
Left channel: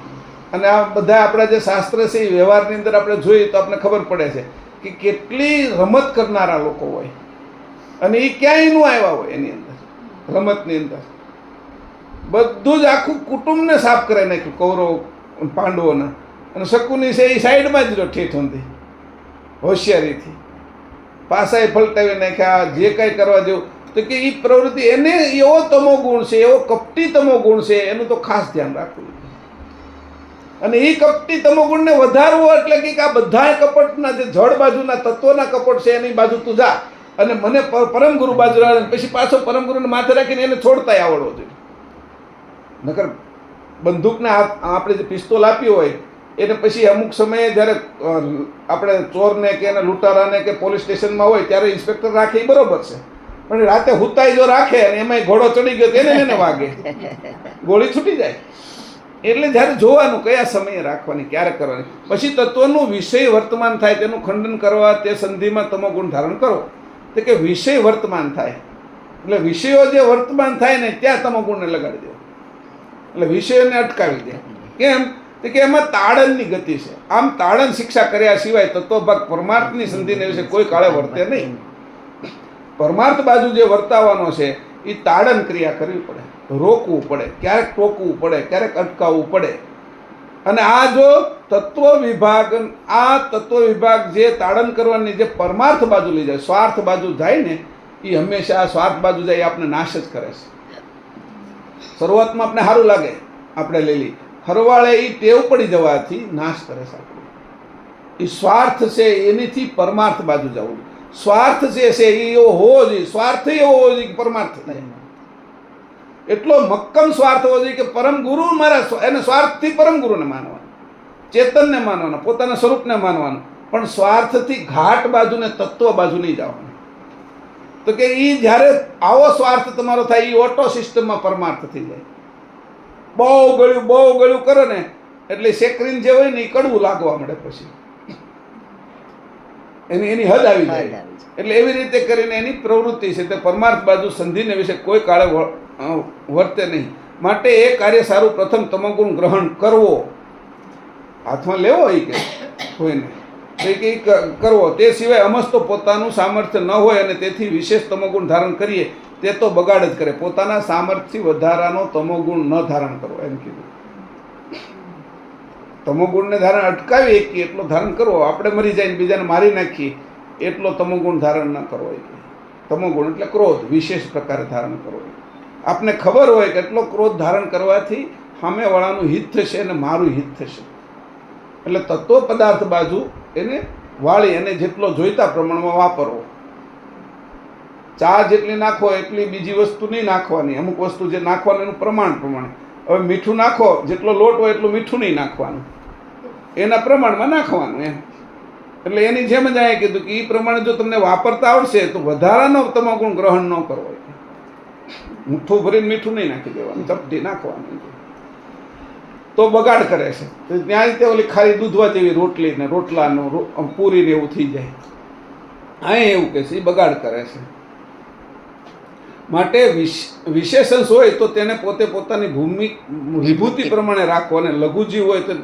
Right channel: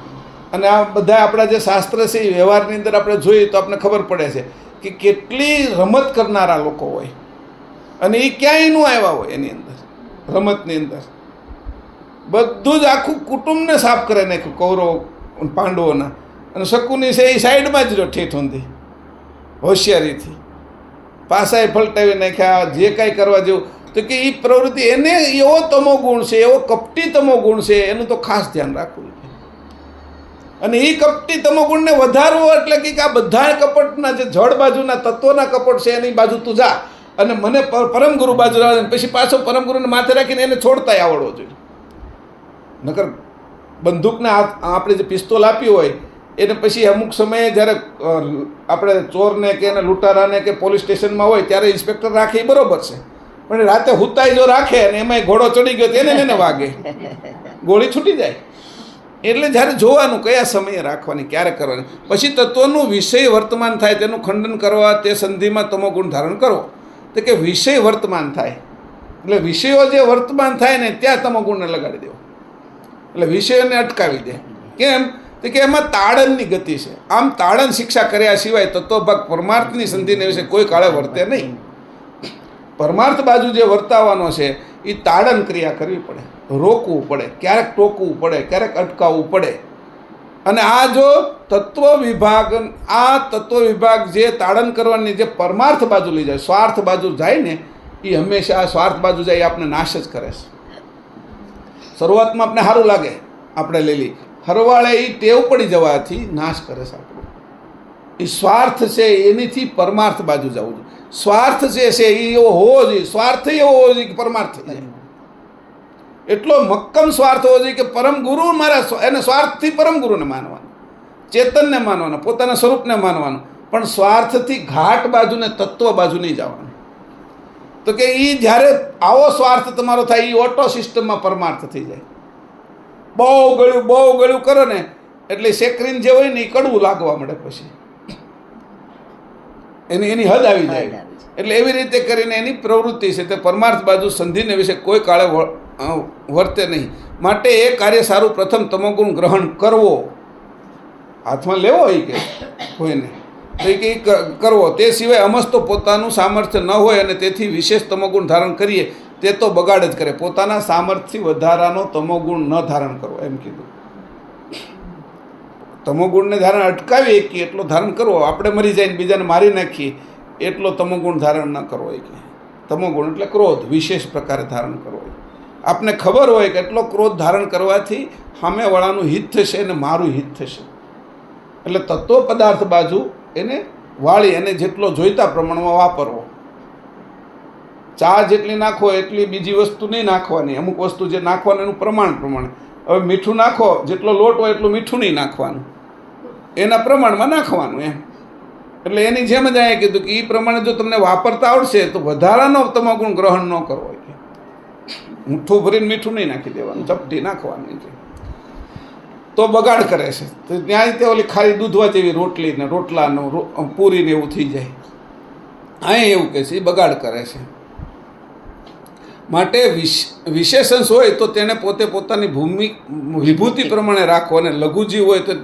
અને આ બધા આપણા જે શાસ્ત્ર છે એ વ્યવહારની અંદર આપણે જોઈએ તો આપણે ખબર પડે છે કે કેટલી રમત કરનારા લોકો હોય અને એ ક્યાંય નું આવ્યા હોય. એની અંદર રમતની અંદર બધું જ આખું કુટુંબને સાફ કરી નાખ્યું કૌરવ પાંડવોના. અને શકુની છે એ સાઈડમાં જ રહ્યો ઠેઠ ઊંધી હોશિયારીથી. પાસાએ પલટાવી નાખ્યા, જે કાંઈ કરવા જેવું. તો કે એ પ્રવૃત્તિ એને એવો તમો ગુણ છે, એવો કપટી તમો ગુણ છે, એનું તો ખાસ ધ્યાન રાખવું. અને એ કપટી તમો ગુણને વધારવો એટલે કે આ બધા કપટના જે જળ બાજુના તત્વોના કપટ છે એની બાજુ તું જા અને મને પરમ ગુરુ બાજુ આવે, પછી પાછો પરમ ગુરુને માથે રાખીને એને છોડતાય આવડવો જોઈએ. નકર બંદૂકને આપણે જે પિસ્તોલ આપી હોય એને પછી અમુક સમયે જ્યારે આપણે ચોરને કે એને લૂંટારાને કે પોલીસ સ્ટેશનમાં હોય ત્યારે ઇન્સ્પેક્ટર રાખે એ બરોબર છે, પણ રાતે હુતાઈ જો રાખે અને એમાંય ઘોડો ચડી ગયો તેને એને વાગે, ગોળી છૂટી જાય. એટલે જ્યારે જોવાનું કયા સમયે રાખવાની, ક્યારે કરવાની. પછી તત્વનું વિષય વર્તમાન થાય તેનું ખંડન કરવા તે સંધિમાં તમો ગુણ ધારણ કરો. તો કે વિષય વર્તમાન થાય એટલે વિષયો જે વર્તમાન થાય ને ત્યાં તમો ગુણને લગાડી દો, એટલે વિષયોને અટકાવી દે. કેમ? તો કે એમાં તાળનની ગતિ છે. આમ તાળન શિક્ષા કર્યા સિવાય તત્વભાગ પરમાર્થની સંધિને વિશે કોઈ કાળે વર્તે નહીં. પરમાર્થ બાજુ જે વર્તાવાનો છે એ તાળન ક્રિયા કરવી પડે, રોકવું પડે, ક્યારેક ટોકવું પડે, ક્યારેક અટકાવવું પડે. અને આ જો તત્વ વિભાગ જે તાળન કરવાની જે પરમાર્થ બાજુ લઈ જાય, સ્વાર્થ બાજુ જાય ને એ હંમેશા સ્વાર્થ બાજુ જાય એ આપણે નાશ જ કરે છે. શરૂઆતમાં આપણે સારું લાગે, આપણે લઈ લઈ, હરવાળે એ ટેવ પડી જવાથી નાશ કરે છે આપણું. એ સ્વાર્થ છે એનીથી પરમાર્થ બાજુ જવું જોઈએ. સ્વાર્થ જે છે એ એવો હોવો જોઈએ, સ્વાર્થ એવો હોવો જોઈએ કે પરમાર્થ થઈ જાય. એટલો મક્કમ સ્વાર્થ હોવો જોઈએ કે પરમ ગુરુ મારા, એને સ્વાર્થથી પરમ ગુરુને માનવાનું, ચેતનને માનવાનું, પોતાના સ્વરૂપને માનવાનું, પણ સ્વાર્થથી ઘાટ બાજુ ને તત્વ બાજુ નહીં જવાનું. તો કે એ જ્યારે આવો સ્વાર્થ તમારો થાય એ ઓટો સિસ્ટમમાં પરમાર્થ થઈ જાય. બહુ ગળ્યું કરો ને એટલે સેક્રીન જે હોય ને એ કડવું લાગવા મળે, પછી એની હદ આવી જાય. એટલે એવી રીતે કરીને એની પ્રવૃત્તિ છે તે પરમાર્થ બાજુ સંધિને વિશે કોઈ કાળે વર્તે નહીં. માટે એ કાર્ય સારું પ્રથમ તમોગુણ ગ્રહણ કરવો, હાથમાં લેવો હોય કે કોઈને તો કે કરવો. તે સિવાય અમસ્તો પોતાનું સામર્થ્ય ન હોય અને તેથી વિશેષ તમોગુણ ધારણ કરીએ તે તો બગાડ જ કરે. પોતાના સામર્થ્યથી વધારાનો તમોગુણ ન ધારણ કરવો એમ કીધું. તમોગુણને ધારણ અટકાવી શકીએ એટલો ધારણ કરવો. આપણે મરી જાય ને બીજાને મારી નાખીએ એટલો તમોગુણ ધારણ ન કરવો. તમોગુણ એટલે ક્રોધ વિશેષ પ્રકારે ધારણ કરવો. આપને ખબર હોય કે એટલો ક્રોધ ધારણ કરવાથી સામેવાળાનું હિત થશે અને મારું હિત થશે. એટલે તત્વ પદાર્થ બાજુ એને વાળી એને જેટલો જોઈતા પ્રમાણમાં વાપરવો. ચા જેટલી નાખો એટલી બીજી વસ્તુ નહીં નાખવાની. અમુક વસ્તુ જે નાખવાનું એનું પ્રમાણે. હવે મીઠું નાખો, જેટલો લોટ હોય એટલું મીઠું નહીં નાખવાનું, એના પ્રમાણમાં નાખવાનું એમ. એટલે એની જેમ જ આ કીધું કે એ પ્રમાણે જો તમને વાપરતા આવડશે તો વધારાનો તમોગુણ ગ્રહણ ન કરવો. મુઠ્ઠું ભરીને મીઠું નહીં નાખી દેવાનું, ચપટી નાખવાની તો બગાડ કરે છે. તો ત્યાં તે ઓલી ખાલી દૂધવા જેવી રોટલી ને રોટલાનું પૂરીને એવું થઈ જાય. અહીં એવું કહે છે એ બગાડ કરે છે. માટે વિશેષણ હોય તો તેને પોતે પોતાની વિભૂતિ પ્રમાણે રાખો, અને લઘુજીવ હોય તો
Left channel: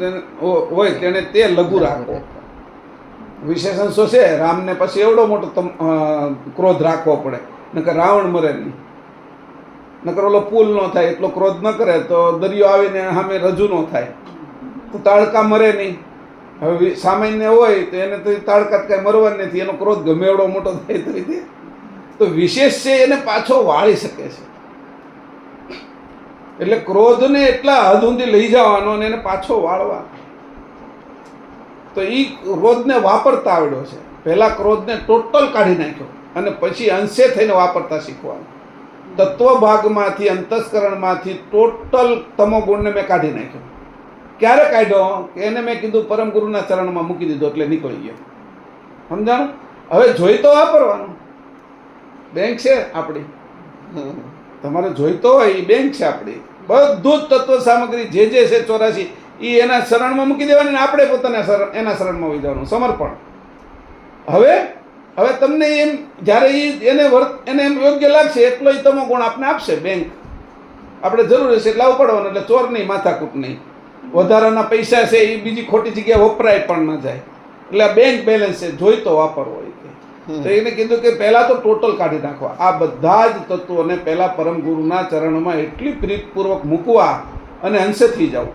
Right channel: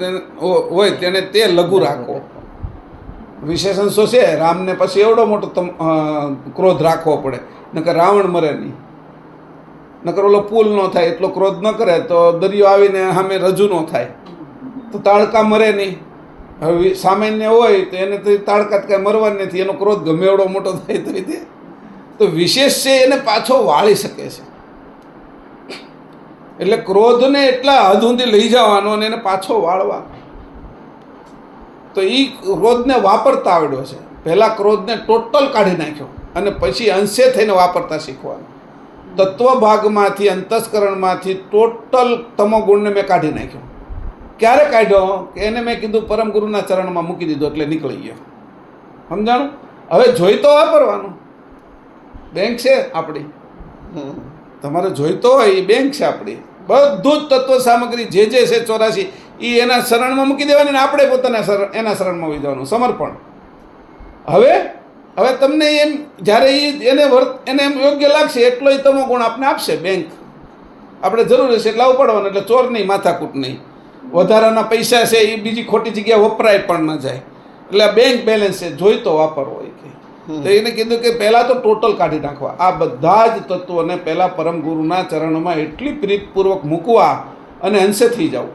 તેને તે લઘુ રાખો. વિશેષણ છે રામને પછી એવડો મોટો ક્રોધ રાખવો પડે, નકર રાવણ મરે નહીં, નકર ઓલો પુલ ન થાય એટલો ક્રોધ ન કરે તો દરિયો આવીને સામે રજૂ ન થાય તો તાડકા મરે નહીં. હવે સામાન્ય હોય તો એને તો તાડકા કાંઈ મરવાની નથી, એનો ક્રોધ ગમે એવડો મોટો થાય તો વિશેષ છે એને પાછો વાળી શકે છે. એટલે ક્રોધને એટલા હદ સુધી લઈ જવાનો અને એને પાછો વાળવાનો. તો એ ક્રોધને વાપરતા આવડ્યો છે. પહેલાં ક્રોધને ટોટલ કાઢી નાખ્યો અને પછી અંશે થઈને વાપરતા શીખવાનું. તત્વભાગમાંથી અંતસ્કરણમાંથી ટોટલ તમોગુણને મેં કાઢી નાખ્યો. ક્યારે કાઢ્યો કે એને મેં કીધું પરમ ગુરુના ચરણમાં મૂકી દીધો એટલે નીકળી ગયો. સમજાણું? હવે જોઈ તો વાપરવાનું. બેંક છે આપણી, તમારે જોઈતો હોય એ બેંક છે આપણી. બધું જ તત્વ સામગ્રી જે છે 84 એ એના શરણમાં મૂકી દેવાની ને આપણે પોતાના એના શરણમાં હોઈ જવાનું. સમર્પણ. હવે તમને એમ જ્યારે એને એમ યોગ્ય લાગશે એટલો એ તમો ગુણ આપને આપશે બેંક. આપણે જરૂર હશે એટલે આવું પડવાનું. એટલે ચોર નહીં, માથાકૂટ નહીં, વધારાના પૈસા છે એ બીજી ખોટી જગ્યાએ વપરાય પણ ન જાય. એટલે આ બેંક બેલેન્સ છે, જોઈતો વાપરવો હોય કે. તો એને કીધું કે પહેલાં તો ટોટલ કાઢી નાખવા. આ બધા જ તત્વોને પહેલાં પરમ ગુરુના ચરણમાં એટલી પ્રીતપૂર્વક મૂકવા અને અંશે થઈ જાવ,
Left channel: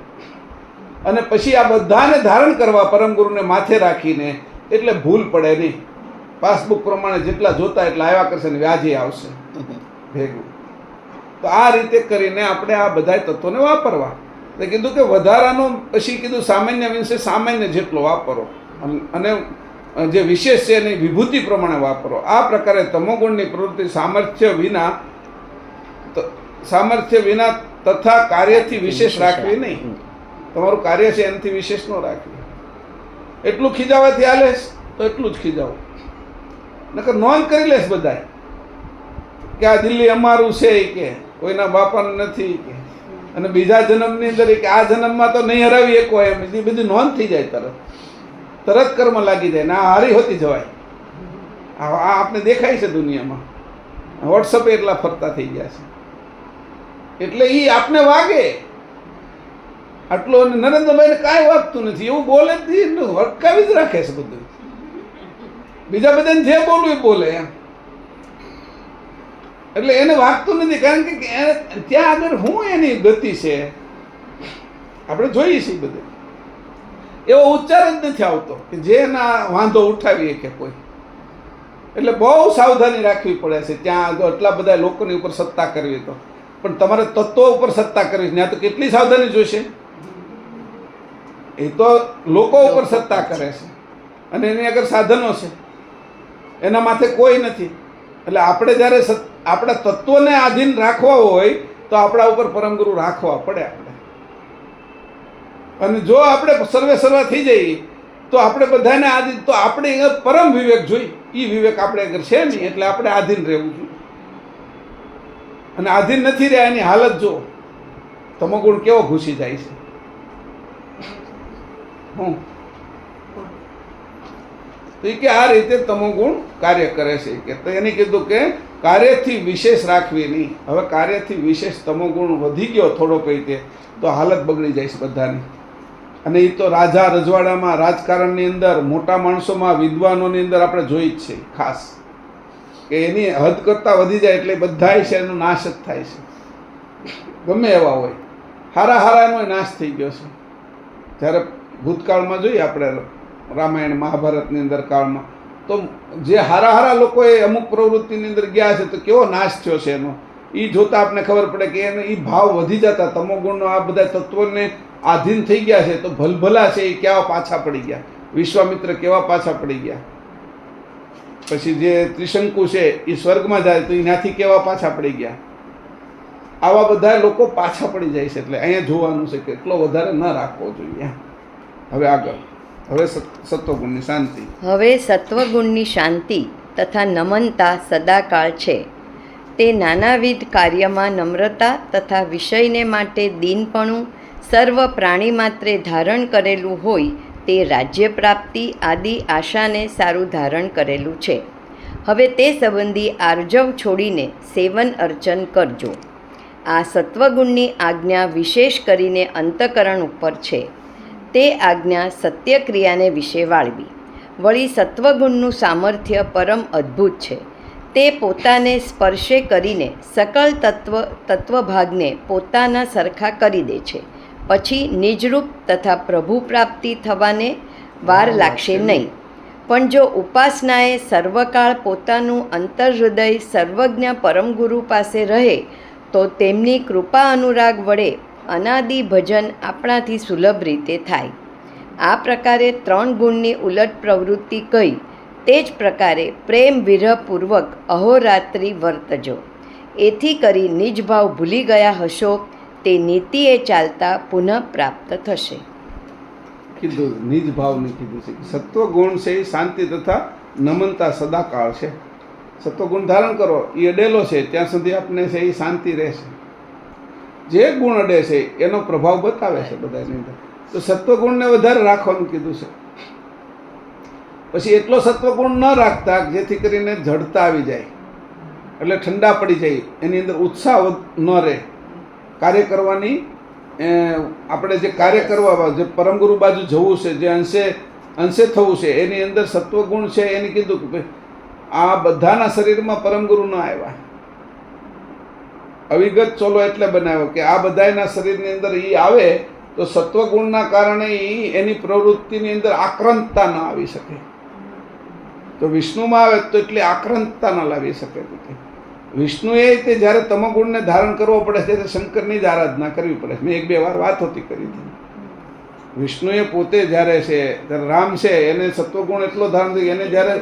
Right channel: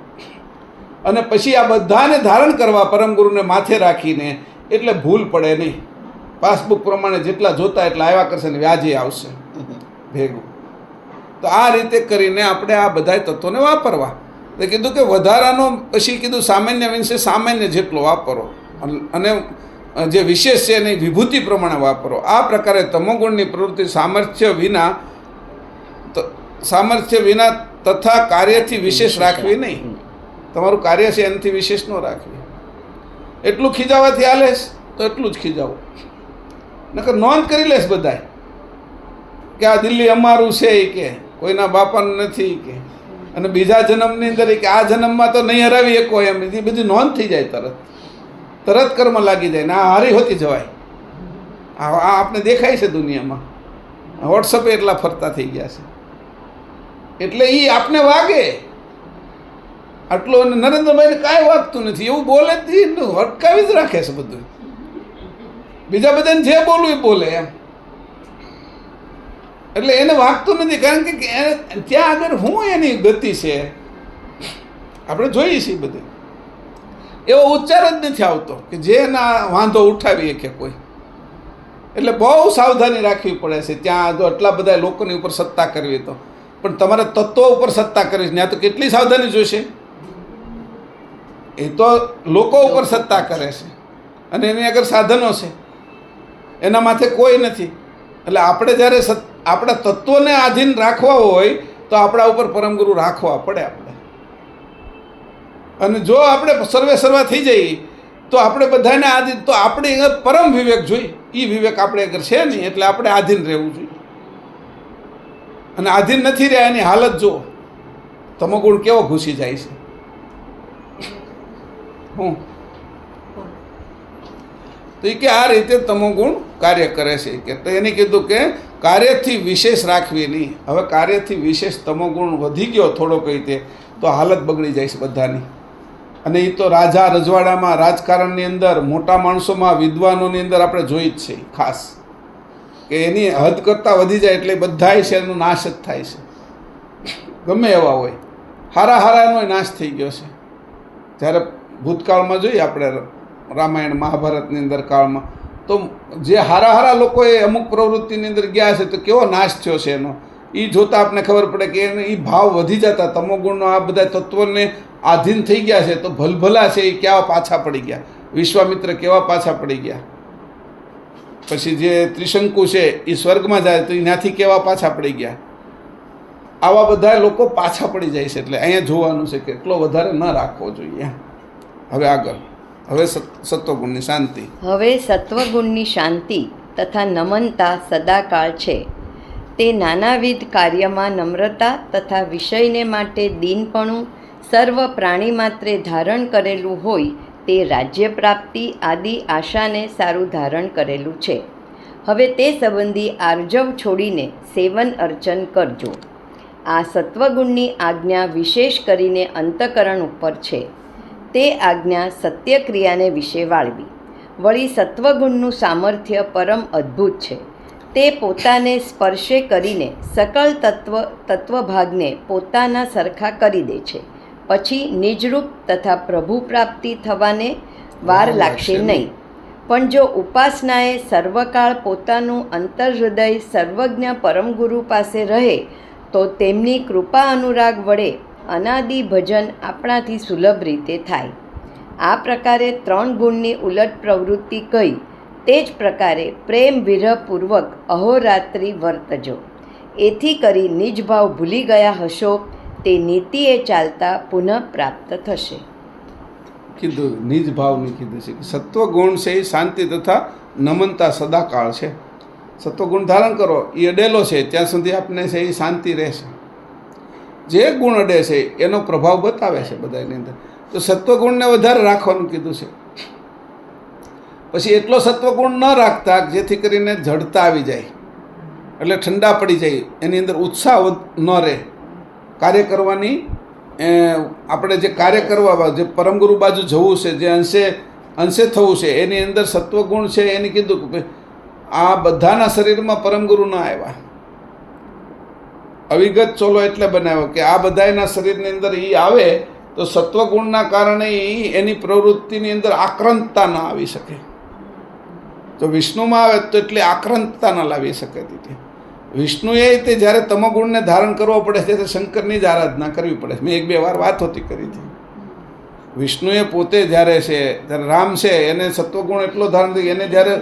અને પછી આ બધાને ધારણ કરવા પરમ ગુરુને માથે રાખીને. એટલે ભૂલ પડે નહીં. પાસબુક પ્રમાણે જેટલા જોતા એટલા આવ્યા કરશે ને વ્યાજે આવશે. ભેગું. તો આ રીતે કરીને આપણે આ બધા તત્વોને વાપરવા. એટલે કીધું કે વધારાનો પછી કીધું સામાન્ય મીન્સ સામાન્ય જેટલો વાપરો અને જે વિશેષ છે એની વિભૂતિ પ્રમાણે વાપરો. આ પ્રકારે તમોગુણની પ્રવૃત્તિ સામર્થ્ય વિના તથા કાર્યથી વિશેષ રાખવી નહીં. તમારું કાર્ય છે એનાથી વિશેષ ન રાખવી. એટલું ખીજાવાથી હાલેશ તો એટલું જ ખીજાવો, નકર નોંધ કરી લેશ બધાય કે આ દિલ્હી અમારું છે કે કોઈના બાપાનું નથી કે, અને બીજા જન્મની અંદર કે આ જન્મમાં તો નહીં હરાવી શકો એમ એ બધી નોંધ થઈ જાય. તરત કર્મ લાગી જાય ને આ હારી હોતી જવાય. આ આપણે દેખાય છે દુનિયામાં, વોટ્સઅપે એટલા ફરતા થઈ ગયા છે. એટલે એ આપને વાગે આટલું. નરેન્દ્રભાઈને કાંઈ વાગતું નથી, એવું બોલે જ અટકાવી જ રાખે છે બધું. બીજા બધાને જે બોલવું એ બોલે એમ. એટલે એને વાગતું નથી, કારણ કે ત્યાં આગળ હું એની ગતિ છે આપણે જોઈએ છીએ બધે. એવો ઉચ્ચાર જ નથી આવતો કે જેના વાંધો ઉઠાવીએ કે કોઈ. એટલે બહુ સાવધાની રાખવી પડે છે ત્યાં આગળ. એટલા બધા લોકોની ઉપર સત્તા કરવી તો, પણ તમારે તત્વો ઉપર સત્તા કરવી ત્યાં તો કેટલી સાવધાની જોઈશે. એ તો લોકો ઉપર સત્તા કરે છે અને એની આગળ સાધનો છે, એના માથે કોઈ નથી. એટલે આપણે જ્યારે આપણા તત્વોને આધીન રાખવા હોય તો આપણા ઉપર પરમગુરુ રાખવા પડે આપણે. અને જો આપણે સર્વે સર્વા થઈ જઈએ તો આપણે બધાને આધીન, તો આપણે પરમ વિવેક જોઈએ. એ વિવેક આપણે આગળ છે નહીં, એટલે આપણે આધીન રહેવું જોઈએ. અને આધીન નથી રહ્યા એની હાલત જો તમોગુણ કેવો ઘૂસી જાય છે. તો એ કે આ રીતે તમોગુણ કાર્ય કરે છે કે, તો એને કીધું કે કાર્યથી વિશેષ રાખવી નહીં. હવે કાર્યથી વિશેષ તમોગુણ વધી ગયો થોડો કઈ રીતે તો હાલત બગડી જાય છે બધાની. અને એ તો રાજા રજવાડામાં, રાજકારણની અંદર, મોટા માણસોમાં, વિદ્વાનોની અંદર આપણે જોઈ જ છે ખાસ કે એની હદ કરતાં વધી જાય એટલે બધાય છે એનો નાશ જ થાય છે. ગમે એવા હોય, હારાનો નાશ થઈ ગયો છે. જ્યારે ભૂતકાળમાં જોઈએ આપણે રામાયણ મહાભારતની અંદર કાળમાં, તો જે હારા લોકોએ અમુક પ્રવૃત્તિની અંદર ગયા છે તો કેવો નાશ થયો છે એનો. એ જોતાં આપણે ખબર પડે કે એને એ ભાવ વધી જતા તમોગુણનો આ બધા તત્વોને આધીન થઈ ગયા છે તો ભલભલા છે એ કેવા પાછા પડી ગયા. વિશ્વામિત્ર કેવા પાછા પડી ગયા. પછી જે ત્રિશંકુ છે એ સ્વર્ગમાં જાય તો એનાથી કેવા પાછા પડી ગયા. આવા બધા લોકો પાછા પડી જાય છે. એટલે અહીંયા જોવાનું છે કે એટલો વધારે ન રાખવો જોઈએ. હવે આગળ, હવે સત્વગુણની શાંતિ. હવે સત્વગુણની શાંતિ તથા નમનતા સદાકાળ છે. તે નાનાવિધ કાર્યમાં નમ્રતા તથા વિષયને માટે દીનપણું સર્વ પ્રાણી માત્રે ધારણ કરેલું હોય તે રાજ્ય પ્રાપ્તિ આદિ આશાને સારું ધારણ કરેલું છે. હવે તે સંબંધી આર્જવ છોડીને સેવન અર્ચન કરજો. આ સત્વગુણની આજ્ઞા વિશેષ કરીને અંતકરણ ઉપર છે. તે આજ્ઞા સત્યક્રિયાને વિશે વાળવી. વળી સત્વગુણનું સામર્થ્ય પરમ અદ્ભુત છે. તે પોતાને સ્પર્શે કરીને સકળ તત્વભાગને પોતાના સરખા કરી દે છે. પછી નિજરૂપ તથા પ્રભુ પ્રાપ્તિ થવાને વાર લાગશે નહીં. પણ જો ઉપાસનાએ સર્વકાળ પોતાનું અંતર્હૃદય સર્વજ્ઞ પરમગુરુ પાસે રહે તો તેમની કૃપા અનુરાગ વડે અનાદિ ભજન આપણાથી સુલભ રીતે થાય. આ પ્રકારે 3 ગુણની ઉલટ પ્રવૃત્તિ કહી તે જ પ્રકારે પ્રેમ વિરહપૂર્વક અહોરાત્રિ વર્તજો. એથી કરી નિજ ભાવ ભૂલી ગયા હશો તે નીતિએ ચાલતા પુનઃ પ્રાપ્ત થશે. કીધું નિજ ભાવની કીધું છે કે સત્વગુણ છે એ શાંતિ તથા નમનતા સદાકાળ છે. સત્વગુણ ધારણ કરો એ અડેલો છે ત્યાં સુધી આપણે છે એ શાંતિ રહેશે. જે ગુણ અડે છે એનો પ્રભાવ બતાવે છે બધાની અંદર. તો સત્વગુણને વધારે રાખવાનું કીધું છે. પછી એટલો સત્વગુણ ન રાખતા જેથી કરીને જડતા આવી જાય, એટલે ઠંડા પડી જાય, એની અંદર ઉત્સાહ ન રહે કાર્ય કરવાની. આપણે જે કાર્ય કરવા, જે પરમગુરુ બાજુ જવું છે, જે અંશે થવું છે, એની અંદર સત્વગુણ છે. એને કીધું કે આ બધાના શરીરમાં પરમગુરુ ન આવ્યા. અવિગત ચોલો એટલે બનાવ્યો કે આ બધાના શરીરની અંદર એ આવે તો સત્વગુણના કારણે એની પ્રવૃત્તિની અંદર આક્રાંતતા ન આવી શકે. તો વિષ્ણુમાં આવે તો એટલી આક્રાંતતા ન લાવી શકે. વિષ્ણુએ તે જ્યારે તમોગુણને ધારણ કરવો પડે છે ત્યારે શંકરની જ આરાધના કરવી પડે છે. મેં એક બે વાર વાત હોતી કરી હતી. વિષ્ણુએ પોતે જ્યારે છે ત્યારે રામ છે એને સત્વગુણ એટલો ધારણ થઈ એને જ્યારે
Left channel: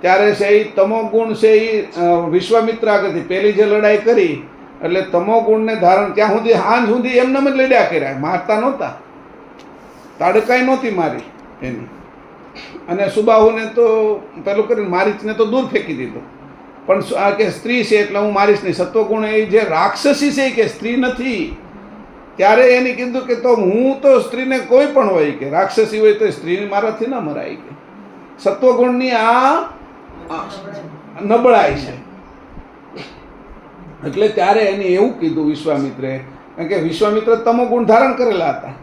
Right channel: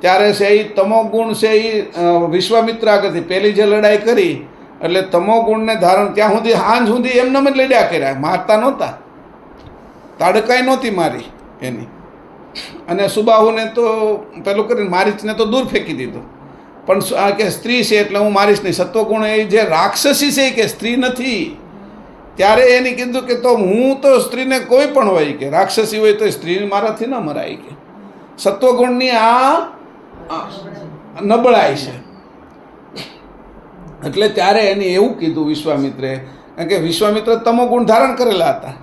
ત્યારે છે એ તમોગુણ છે એ વિશ્વામિત્ર આગળથી પહેલી જે લડાઈ કરી એટલે તમોગુણને ધારણ ત્યાં સુધી હાંજ સુધી એમને જ લડ્યા કર્યા, મારતા નહોતા, તાડકાઈ નહોતી મારી એની. અને સુબાહુને તો પેલું કરીને મારીચને તો દૂર ફેંકી દીધો. પણ આ કે સ્ત્રી છે એટલે હું મારીશ નહીં. સત્વગુણ એ જે રાક્ષસી છે કે સ્ત્રી નથી, ત્યારે એની કીધું કે તો હું તો સ્ત્રીને કોઈ પણ હોય કે રાક્ષસી હોય તો સ્ત્રી મારાથી ન મરાય કે. સત્વગુણની આ નબળાઈ છે. એટલે ત્યારે એને એવું કીધું વિશ્વામિત્રે, કારણ કે વિશ્વામિત્ર તમોગુણ ધારણ કરેલા હતા.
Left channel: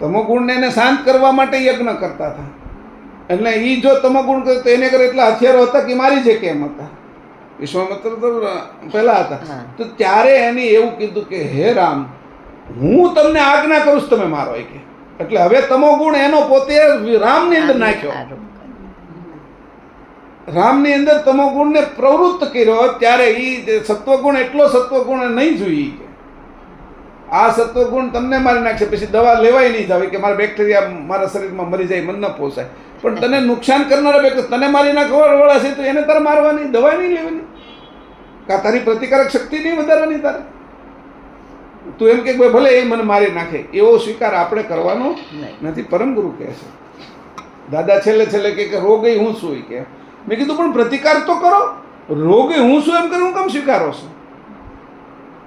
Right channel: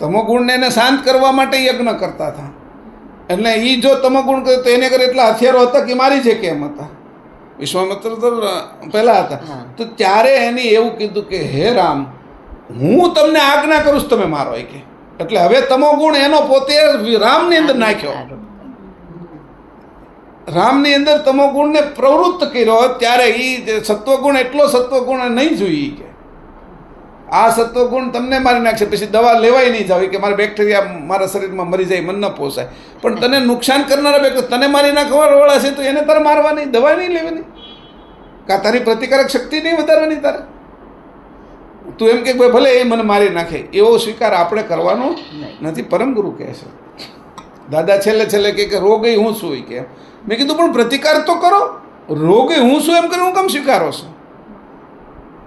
તમોગુણને એને શાંત કરવા માટે યજ્ઞ કરતા હતા. એટલે એ જો તમોગુણ કરે તો એને કરે એટલા હથિયારો હતા કે મારી છે કેમ હતા. વિશ્વામિત્ર તો પહેલા હતા. તો ત્યારે એને એવું કીધું કે હે રામ, હું તમને આજ્ઞા કરું છું તમે મારો કે. એટલે હવે તમોગુણ એનો પોતે રામની અંદર નાખ્યો. રામની અંદર તમોગુણને પ્રવૃત્ત કર્યો. ત્યારે એ સત્વગુણ એટલો સત્વગુણ નહીં જોઈએ કે આ સત્વગુણ તમને મારી નાખશે, પછી દવા લેવાય નહીં જાવ કે મારા બેક્ટેરિયા મારા શરીરમાં મરી જાય, મન ન પોસાય. પણ તને નુકસાન કરનારા બેક્ટેરિયા તને મારી નાખવાવાળા છે તો એને તારે મારવાની, દવા નહીં લેવાની, કાં તારી પ્રતિકારક શક્તિ નહીં વધારવાની તારે. તું એમ કે ભલે એ મને મારી નાખે એવો સ્વીકાર આપણે કરવાનો નથી. પરમ ગુરુ કહે છે, દાદા છેલ્લે કે રોગ હું છું કે. મેં કીધું પણ પ્રતિકાર તો કરો, રોગ હું છું એમ કરીને હું કેમ સ્વીકારો છું?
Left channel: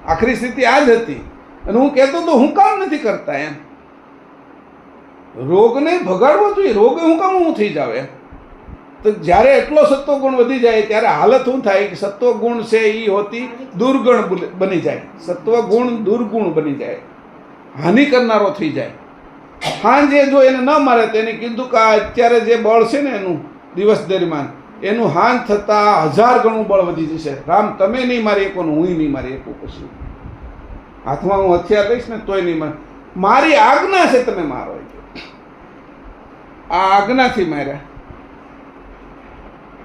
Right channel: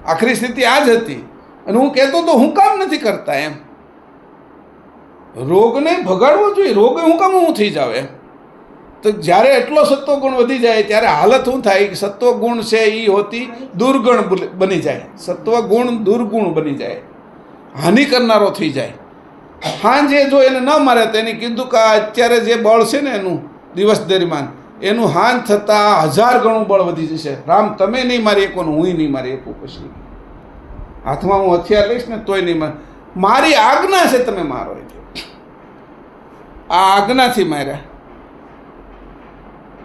આખરી સ્થિતિ આ જ હતી અને હું કહેતો તો હું કામ નથી કરતા એમ. રોગને ભગાડવો જોઈએ, રોગ હું કામ હું થઈ જાવ એમ. તો જ્યારે એટલો સત્વગુણ વધી જાય ત્યારે હાલત શું થાય કે સત્વગુણ છે એ હોતી દુર્ગુણ બની જાય. સત્વગુણ દુર્ગુણ બની જાય, હાનિ કરનારો થઈ જાય. હાંજે જો એને ન મારે તો એને કીધું કે અત્યારે જે બળ છે ને એનું દિવસ દરમિયાન એનું હાન થતાં 1000 ગણું બળ વધી જશે. રામ તમે નહીં મારી શકો ને હું નહીં મારી શકું. પછી હાથમાં હું હથિયાર લઈશ ને તોય નહીં મારી આજ્ઞા છે તમે મારો. આ આજ્ઞાથી માર્યા.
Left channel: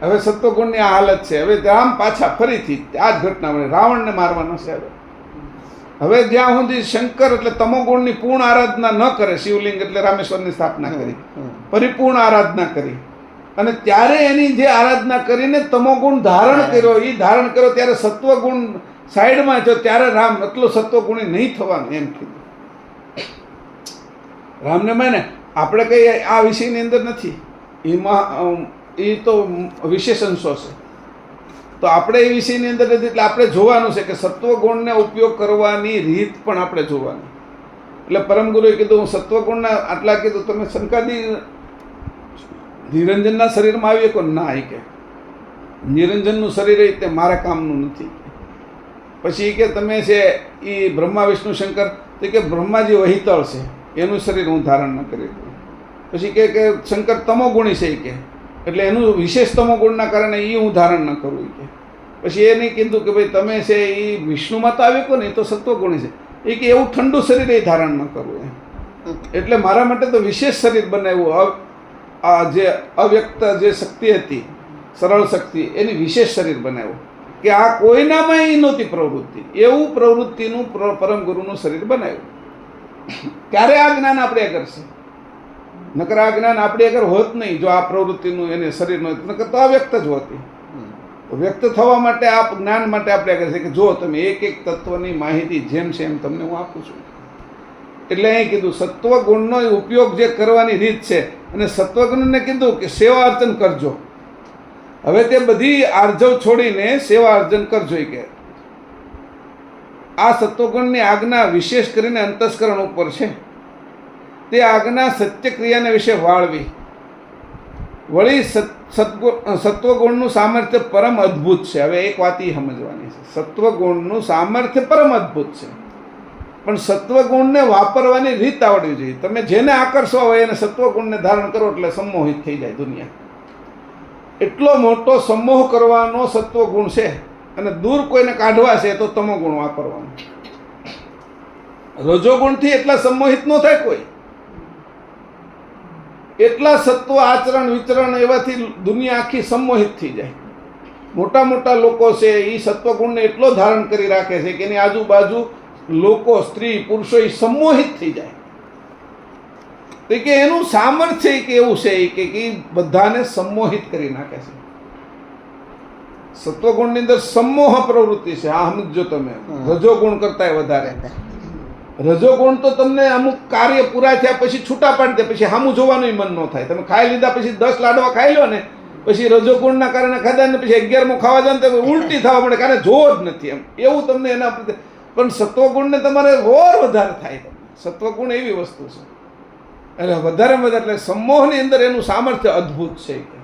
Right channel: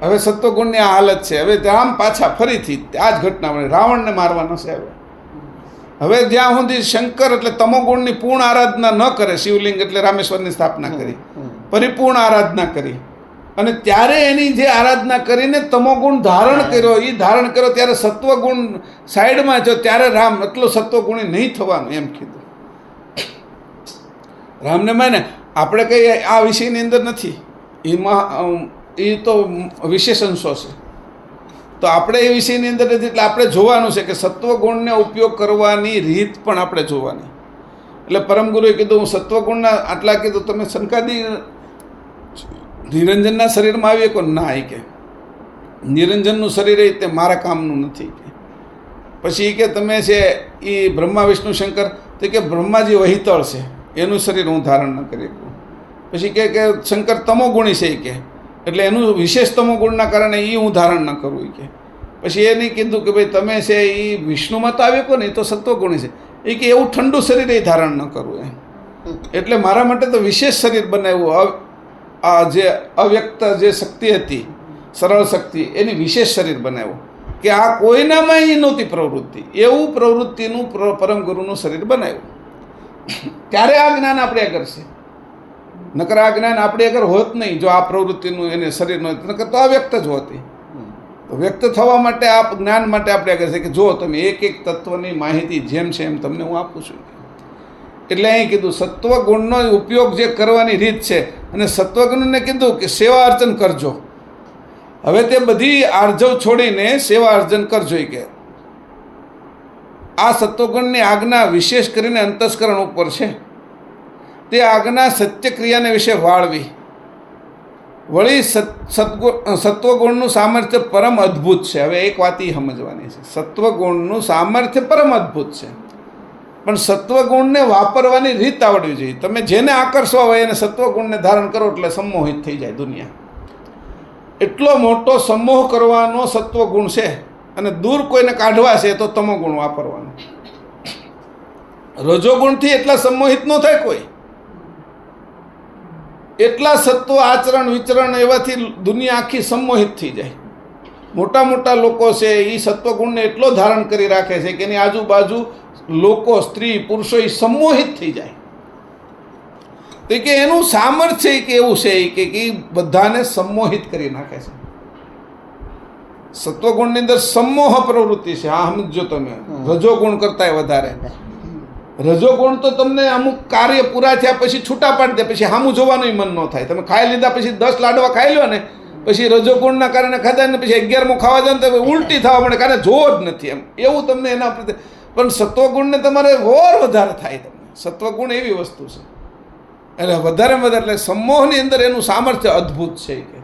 હવે સત્વગુણની આ હાલત છે. હવે રામ પાછા ફરીથી આ જ ઘટના મળે, રાવણને મારવાનો છે. હવે જ્યાં સુધી શંકર એટલે તમોગુણની પૂર્ણ આરાધના ન કરે, શિવલિંગ એટલે રામેશ્વરની સ્થાપના કરી, પરિપૂર્ણ આરાધના કરી, અને ત્યારે એની જે આરાધના કરીને તમોગુણ ધારણ કર્યો, એ ધારણ કર્યો ત્યારે સત્વગુણ સાઈડમાં જો ત્યારે રામ એટલો સત્વગુણી નહીં થવાનું એમ કીધું. રામને માને આપણે કંઈ આ વિષયની અંદર નથી, એમાં એ તો વિશેષ અંશો છે. તો આપણે એ વિષયની અંદર નથી. એટલે આપણે જોવાનું છે કે સત્વગુણને ઉપયોગ કરવાની રીત પણ આપણે જોવાની. એટલે પરમ ગુરુએ કીધું હું સત્વગુણના આટલા કીધું તમે શંકાદી નિરંજનના શરીરમાં આવીએ કોઈ ના કે નિરંજનનું શરીર એ તે મારા કામનું નથી. પછી કે તમે છે એ બ્રહ્મા વિષ્ણુ શંકર તો કે બ્રહ્માજી વહિતળ છે એનું શરીર હું ધારણ ન કરી શકું. પછી કે શંકર તમોગુણી છે કે એટલે એનું વિશેષ તમોગુણના કારણે એ હું ધારણ ન કરું કે. પછી એ નહીં કીધું કે ભાઈ તમે છે એ વિષ્ણુમાં તો આવે કો ને એ તો સત્વગુણી છે એ કે એવું ઠંડુ શરીર એ ધારણ ન કરવું એમ. એટલે મારા માટે તો વિશેષ શરીર બનાવ્યું. આ જે અવ્યક્ત જે શક્તિ હતી, સરળ શક્તિ, એની વિશેષ શરીર બનાવ્યું કે આ કોઈનામાં એ નહોતી પ્રવૃત્તિ, એવું પ્રવૃત્તિનું પરમ ગુરુનું શરીર બનાવ્યું. ત્યારે આ જ્ઞાન આપણે આગળ છે. નકર આ જ્ઞાન આપણે આગળ હોત નહીં જો આ પ્રવૃત્તિનું એને શરીરનું, નકર તો અવ્યક્ત જ હોતી. વ્યક્ત થવા માટે આ જ્ઞાન માટે આપણે આગળ છે કે જો તમે એક એક તત્વની માહિતી જેમ છે એમ તમને હું આપું છું. એટલે અહીં કીધું સત્વગુણનો ઉપયોગ જે કરવાની રીત છે, અને સત્વગુણને કીધું કે સેવા અર્ચન કરજો. હવે તે બધી આર્જવ છોડીને સેવા અર્ચન કરજો કે આ સત્વગુણની આજ્ઞા વિશેષ કરીને અંતસ્કરણ ઉપર છે. તે આજ્ઞા સત્ય ક્રિયાને વિશે વાળવી. વળી સત્વગુણનું સામર્થ્ય પરમ અદ્ભુત છે. હવે એક વાત એ સમજવાની છે, સત્વગુણનું સામર્થ્ય પરમ અદ્ભુત છે, પણ સત્વગુણને વાપરવાની રીત આવડવી જોઈએ. તમે જેને આકર્ષવા હોય એને સત્વગુણને ધારણ કરો એટલે સંમોહિત થઈ જાય દુનિયા. એટલો મોટો સંમોહ કરવાનો સત્વગુણ છે, અને દૂર કોઈને કાઢવા છે તો તમોગુણ વાપરવાનું. રજોગુણથી એટલા સંમોહિત ન થાય કોઈ. એટલા સત્વ આચરણ વિચરણ એવાથી દુનિયા આખી સંમોહિત થઈ જાય. મોટા મોટા લોકો છે એ સત્વગુણને એટલો ધારણ કરી રાખે છે કે એની આજુબાજુ લોકો, સ્ત્રી, પુરુષો એ સંમોહિત થઈ જાય. તો કે એનું સામર્થ્ય કે એવું છે કે બધાને સંમોહિત કરી નાખે છે. સત્વગુણની અંદર સમોહ પ્રવૃત્તિ છે. આ સમજો તમે. રજોગુણ કરતાંય વધારે. રજોગુણ તો તમને અમુક કાર્ય પૂરા થયા પછી છૂટા પાડી દે, પછી સામું જોવાનું મન ન થાય. તમે ખાઈ લીધા પછી 10 લાડવા ખાઈ લો ને, પછી રજોગુણના કારણે ખાધા ને પછી 11મો ખાવા જાય ને તો ઉલટી થવા મળે, કારણ જોવો જ નથી એમ, એવું તમને એના પ્રત્યે. પણ સત્વગુણને તમારે ઓર વધારે થાય. સત્વગુણ એવી વસ્તુ છે એટલે વધારેમાં વધારે. એટલે સમોહની અંદર એનું સામર્થ્ય અદ્ભુત છે કે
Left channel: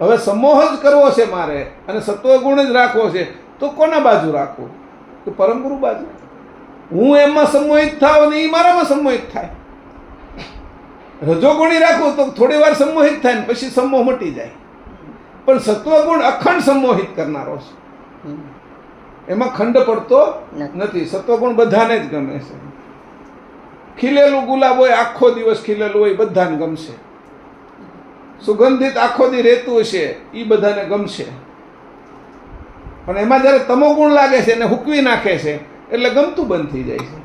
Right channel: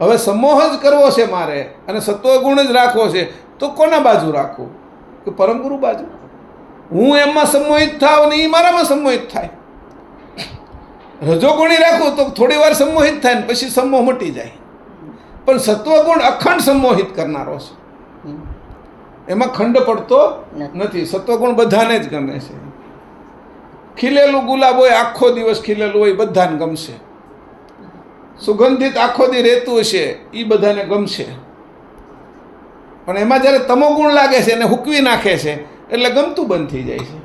હવે સમોહ જ કરવો છે મારે અને સત્વગુણ જ રાખવો છે, તો કોના બાજુ રાખવું? કે પરમગુરુ બાજુ. હું એમાં સંમોહિત થાવ ને એ મારામાં સંમોહિત થાય. રજોગુણી રાખું તો થોડી વાર સંમોહિત થાય ને પછી સમોહ મટી જાય. પણ સત્વગુણ અખંડ સંમોહિત કરનારો છે, એમાં ખંડ પડતો નથી. સત્વગુણ બધાને જ ગમે છે. ખીલેલું ગુલાબ હોય, આખો દિવસ ખીલેલું હોય, બધાને ગમશે. સુગંધિત આખો દી રહેતું હશે, એ બધાને ગમશે. પણ એમાં જ્યારે તમોગુણ લાગે છે એને હુકવી નાખે છે એટલે ગમતું બંધ થઈ જાય છે.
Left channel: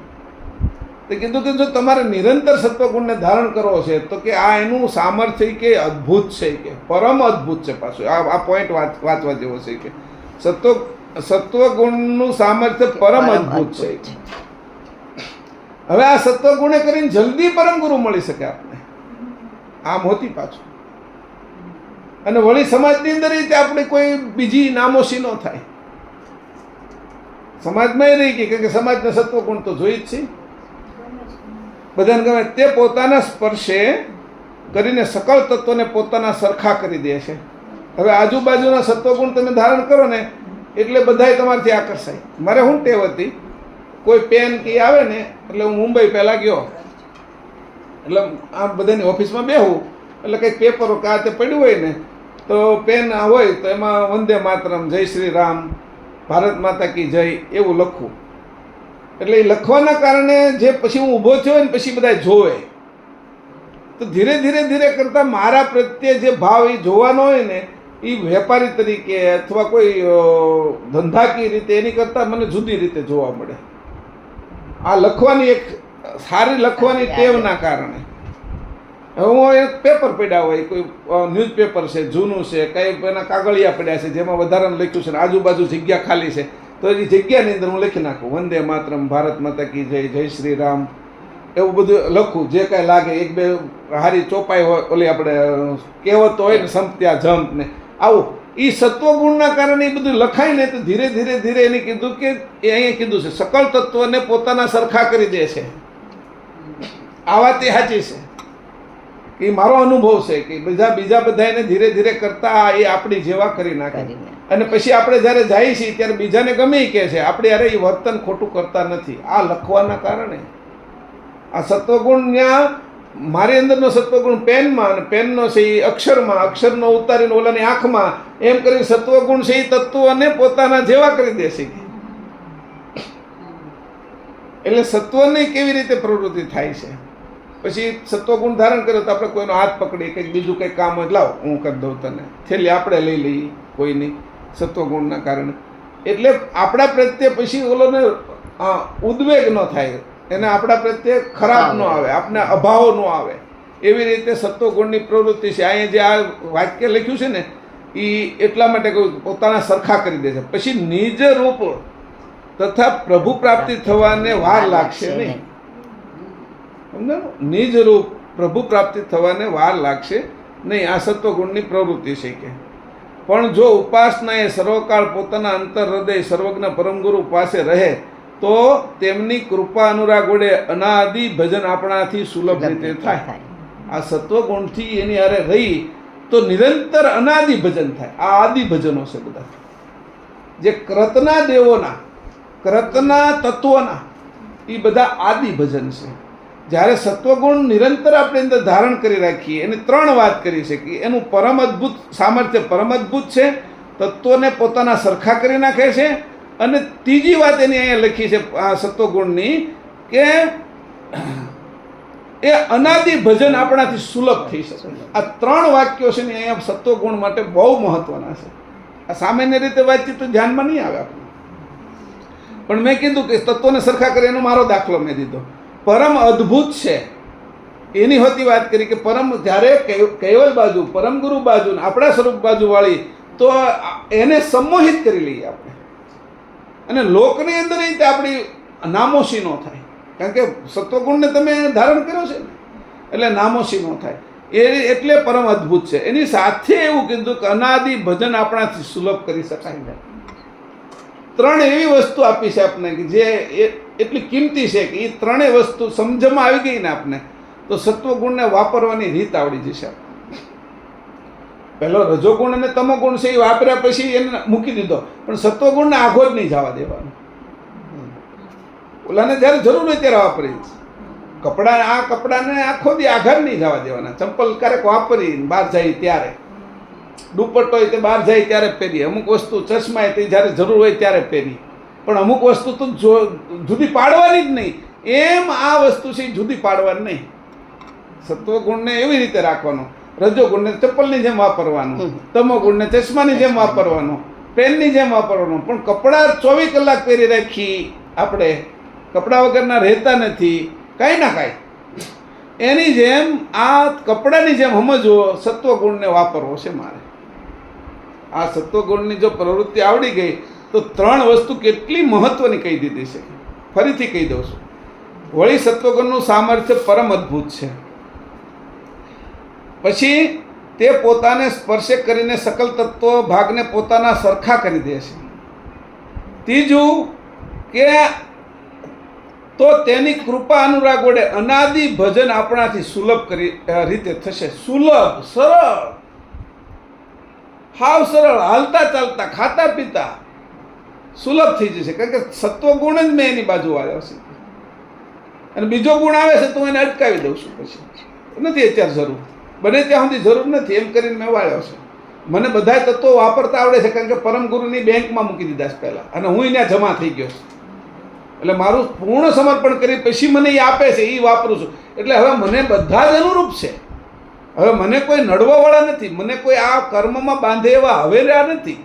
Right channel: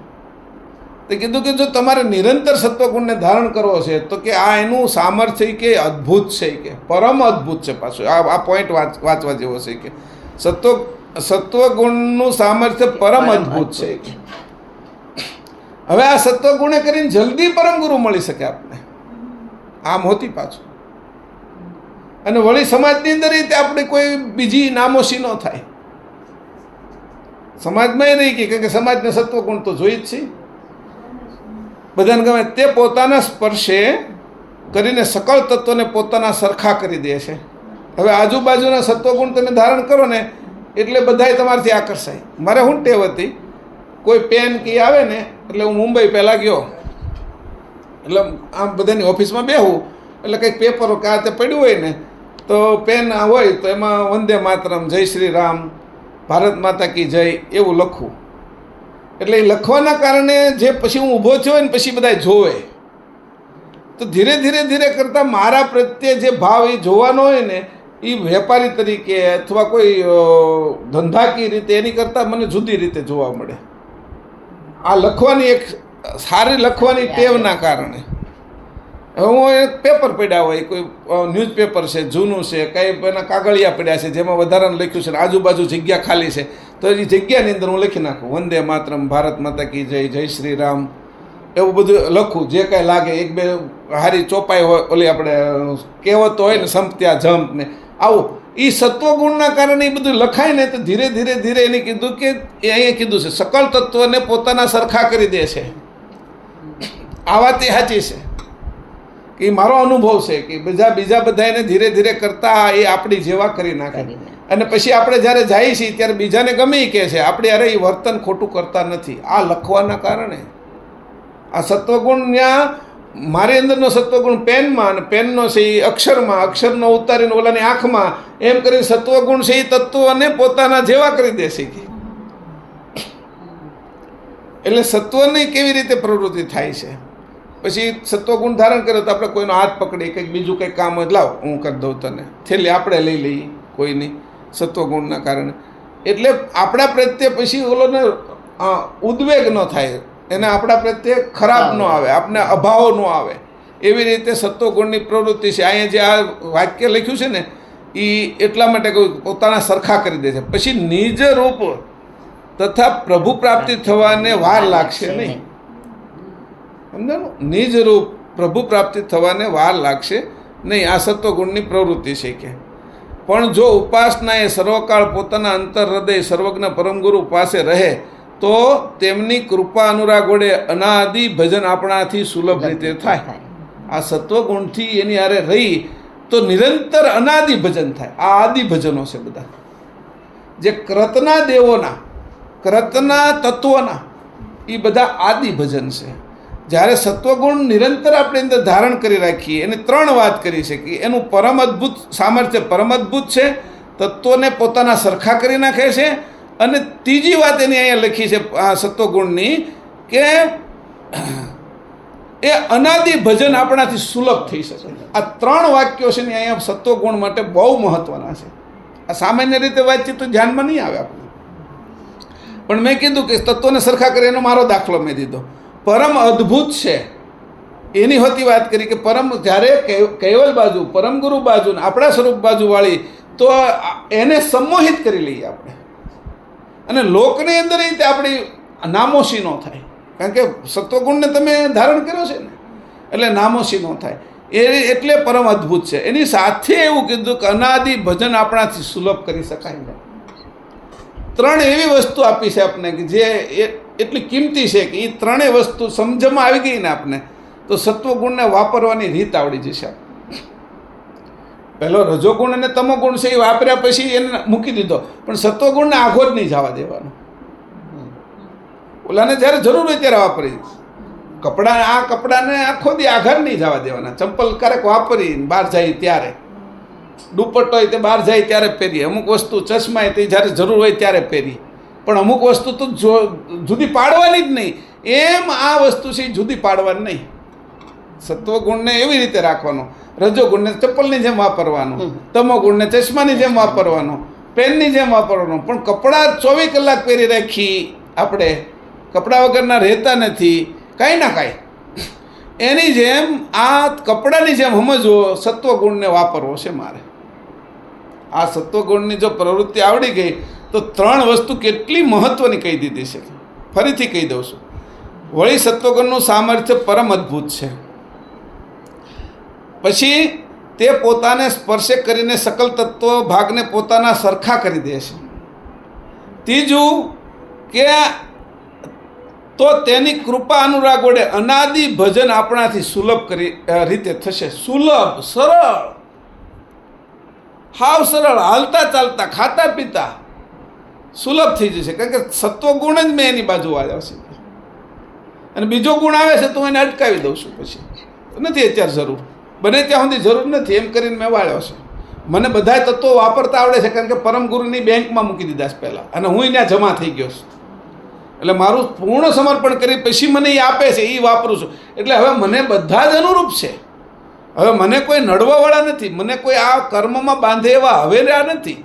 તો કીધું કે જો તમારે નિરંતર સત્વગુણને ધારણ કરવો છે તો કે આ એનું સામર્થ્ય કે અદ્ભુત છે, કે પરમ અદ્ભુત છે. પાછું આ પોઈન્ટ વાંચવા જેવો છે કે સત્વગુણનું સામર્થ્ય પરમ અદ્ભુત છે. હવે આ સત્વગુણે કરીને જલ્દી પરમ ગુરુ મળી શકે આપણે, આમ હોતી પાછું. અને વળી સમાજની અંદર રીતે આપણે કોઈ બીજી નામોશી ન થાય. સમાજમાં એ રહી કે સમાજને સત્વગુણ તો જોઈ જ છે, બધાને ગમે. તે પોતાના સ્પર્શે કરીને સકળ તત્વોને પોતાના સરખા કરી દે છે. હવે આજુબાજુના સત્વગુણ તમે ધારણ કરો ને એટલે બધાય તમારાથી આકર્ષાય. મારે શું ટેવ હતી, કોઈ પેન કી આવે ને એટલે હું મુંબઈ પહેલાં ગયો, એટલે આમ બધાની ઓફિસમાં બેહું એટલે કંઈક પેપરો કે આ તે પડ્યું હોય ને તો પેન હોય તો એમાં વંદે માતરમ, જય શ્રી રામ, ભારત માતા કી જય એવું લખવું. એટલે એ લખવાના કારણે જે પછી હું ઊભો થયો ને પછી બધા જોવે તો ધીરે ધીરે ધીરે કરતાં મારા પ્રત્યે જે ભાવ એ જોવાનો હોય ને એ વેપારી તરીકે અથવા કોઈ ધંધાકીય રીતે એની કરતાં મને જુદી રીતે જોવા મળે. આ લખવાની એક સારી લખવાની ટેવના કારણે. હવે હું એક પેપર પડ્યા હોય, કોઈ ન્યૂઝપેપર છે, જૂનું છે, કંઈ એના કાગળિયા પડ્યા છે જેમાં વધારાનું લખ્યું છે ને આજુબાજુ જગ્યા ખાલી છે, તો એ જગ્યાની અંદર હું લખી નાખું વંદે માતરમ, ભારત માતા કી જય, જય શ્રી રામ, એવું બધું લખું. જે કાંઈ લાગે એક બે હારી ચોપાઈ હોય, ઓલી આપણે કહેવતો હોય ને સંપત્યા જંપ ને આવું, એ સત્વગુણના કારણે એ બધું લખાય ને તો ધીરે ધીરે ધીરે એને કીધું કે એ અહીંયા કીધું છે સકળ તત્વને પોતાના સરખા કરી દે છે. આ વાત એ સાચી છે કે મારો અનુભવ છે કે બીજા બધા એને ધીરે ધીરે કરતા એ આપણી જેવા કરી નાખે. અને પછી આપણે જ્યારે જઈએ છીએ ત્યારે બીજાને ગમે કહે છે આપણે અરે એ વર્તન ખોટું કરતા નથી. આ લખવાના કારણે આ સત્વગુણ ત્યાં મારી અંદરનો સત્વગુણ પેનમાં અને પેનનો છે એ અક્ષરમાં, અક્ષરનો ઉતારીને ઓલાની આંખમાં, એમ કરીને સત્વગુણ છે એ તત્વોને પોતાના જેવા કરી દેશે. એટલે સત્વની કેવી રીતે પ્રવૃત્તિ થાય છે. પછી સત્વગુણ ધારણ કર્યો તો આપણે કોઈનો હાથ પકડી કંઈક બીજું કંઈક કામ હોય, લાવ હું કરી દઉં તને, છેલ્લે આપણે લઈ લઈએ કોઈની સત્વગુણના કારણે. એટલે આપણા પ્રત્યે પછી ઓલોને ઉદ્વેગ ન થાય, એને આપણા પ્રત્યે ખરાબ ન આવે, આપણે અભાવ ન આવે. એવી રીતે સત્વગુણની પ્રવૃત્તિ છે. અહીંયા જે આ વાક્ય લખ્યું છે ને એ એટલા માટે કહ્યું પોતાના સરખા કરી દે છે. પછી નિજ રૂપ તથા પ્રભુ પ્રાપ્તિ થવાને વાર લાગશે નહીં. સમજાણું? નિજ રૂપ પ્રભુ પ્રાપ્તિ થવાને વાર લાગશે નહીં. આ સત્વગુણની પ્રવૃત્તિ છે કે પણ જો ઉપાસના એ સર્વકાળ પોતાના અંતર હૃદય સર્વજ્ઞ પરમગુરુ પાસે રહે તો તેમની કૃપા અનુરાગ વડે અનાદિ ભજન આપણાથી સુલભ રીતે થાય. આ સત્વગુણથી એની હારે રહી તો નિરંતર અનાદિ ભજન થાય. આ આદિ ભજનો છે બધા જે કૃતના દેવોના, કૃતના તત્વોના, એ બધા આદિ ભજન છે. જ્યારે સત્વગુણ નિરંતર આપણે અંદર ધારણ કરી રાખીએ, એને 3 વાત કરી છે કે એનું પરમ અદ્ભુત સામર્થ્ય પરમ અદ્ભુત છે, તત્વોને પોતાના સરખા કરી નાખે છે, અને ત્રીજી વાત એની અહીંયા લખી છે આ સત્વગુણની કે એ અનાદિ ભજન આપણાથી સુલભ થઈ શકે. આ 3 વાક્યો છે ને અહીંયા સત્વગુણ માટે બહુ મહત્વના છે. આ સામાન્ય રીતે વાતચીત તો ધ્યાનમાં નહીં આવે આપણે. પણ મેં કીધું કે તત્વોને સરખા કરે એનો મારો દાખલો મેં દીધો. પરમ અદ્ભુત છે એની હોતી વાત કરી કે પરમ જ્યારે કૈવલ બાજુ પરમ ગુરુ બાજુ ને આપણા સ્વરૂપ બાજુ વાળી તો એને સંમોહિત કરી લઈએ આપણે. અને લોકની અંદર રીતે આપણી નામોશી ન થાય, કારણ કે સત્વગુણને તમે ધારણ કર્યો છે ને એટલે નામોશી ન થાય. એટલે પરમ અદ્ભુત છે. એની સાથે એવું કીધું કે અનાદિ ભજન આપણાથી સુલભ કરી શકાય. ત્રણ એવી વસ્તુ આપી છે આપણે કે જે એટલી કિંમતી છે કે એ ત્રણેય વસ્તુ સમજમાં આવી ગઈ ને આપને તો સત્વગુણને વાપરવાની રીત આવડી જશે. પહેલો રજોગુણ અને તમોગુણ છે એ વાપર્યા પછી એને મૂકી દીધો, પણ સત્વગુણને આઘો જ નહીં જવા દેવાનો. ઓલાને જ્યારે જરૂર હોય ત્યારે વાપરી. કપડાને આખો દી આઘાત નહીં જવા દેવાના. ચંપલ ક્યારેક વાપરી બહાર જાય ત્યારે, દુપટ્ટો હોય તે બહાર જાય ત્યારે પહેરીએ. અમુક વસ્તુ ચશ્મા તે જ્યારે જરૂર હોય ત્યારે પહેરી, પણ અમુક વસ્તુ તો જુદી પાડવાની જ નહીં. એમ આ વસ્તુ છે જુદી પાડવાની નહીં. સત્વગુણને એવી રીતે રાખવાનો, રજોગુણને ચપ્પલની જેમ વાપરવાનો, તમોગુણને ચશ્માની જેમ વાપરવાનો, પેનની જેમ વાપરવાનો. પણ કપડાં 24 કલાક પહેરી રાખી આપણે, કપડાં વગરના રહેતા નથી કાંઈ ના કાંઈ. એની જેમ આ કપડાની જેમ સમજવો, સત્વગુણને વાપરવો છે મારે. આ સત્વગુણની જો પ્રવૃત્તિ આવડી ગઈ તો ત્રણ વસ્તુ કેટલી મહત્વની કહી દીધી છે. ફરીથી કહી દઉં છું. વળી સત્વગુણનું સામર્થ્ય પરમ અદ્ભુત છે. પછી તે પોતાને સ્પર્શે કરીને સકલ તત્વ ભાગને પોતાના સરખા કરી દે છે. ત્રીજું કે તો તેની કૃપા અનુરાગ વડે અનાદિ ભજન આપણાથી સુલભ રીતે થશે. સુલભ, સરળ, હાવ સરળ, હાલતા ચાલતા ખાતા પીતા સુલભ થઈ જશે. કારણ કે સત્વગુણ જ મેં એની બાજુ આવ્યા છે. અને બીજો ગુણ આવે છે તો એને અટકાવી દઉં છું. પછી નથી અત્યારે જરૂર, બને ત્યાં સુધી જરૂર નથી એમ કરીને મેં વાળ્યો છે. મને બધા તત્વો વાપરતા આવડે છે, કારણ કે પરમ ગુરુની બેંકમાં મૂકી દીધા છે પહેલાં, અને હું ત્યાં જમા થઈ ગયો છું. એટલે મારું પૂર્ણ સમર્પણ કરી પછી મને એ આપે છે, એ વાપરું છું. એટલે હવે મને બધા જ અનુરૂપ છે. હવે મને કોઈ નડવાવાળા નથી, મને કોઈ આ કર્મમાં બાંધે એવા હવે રહ્યા નથી.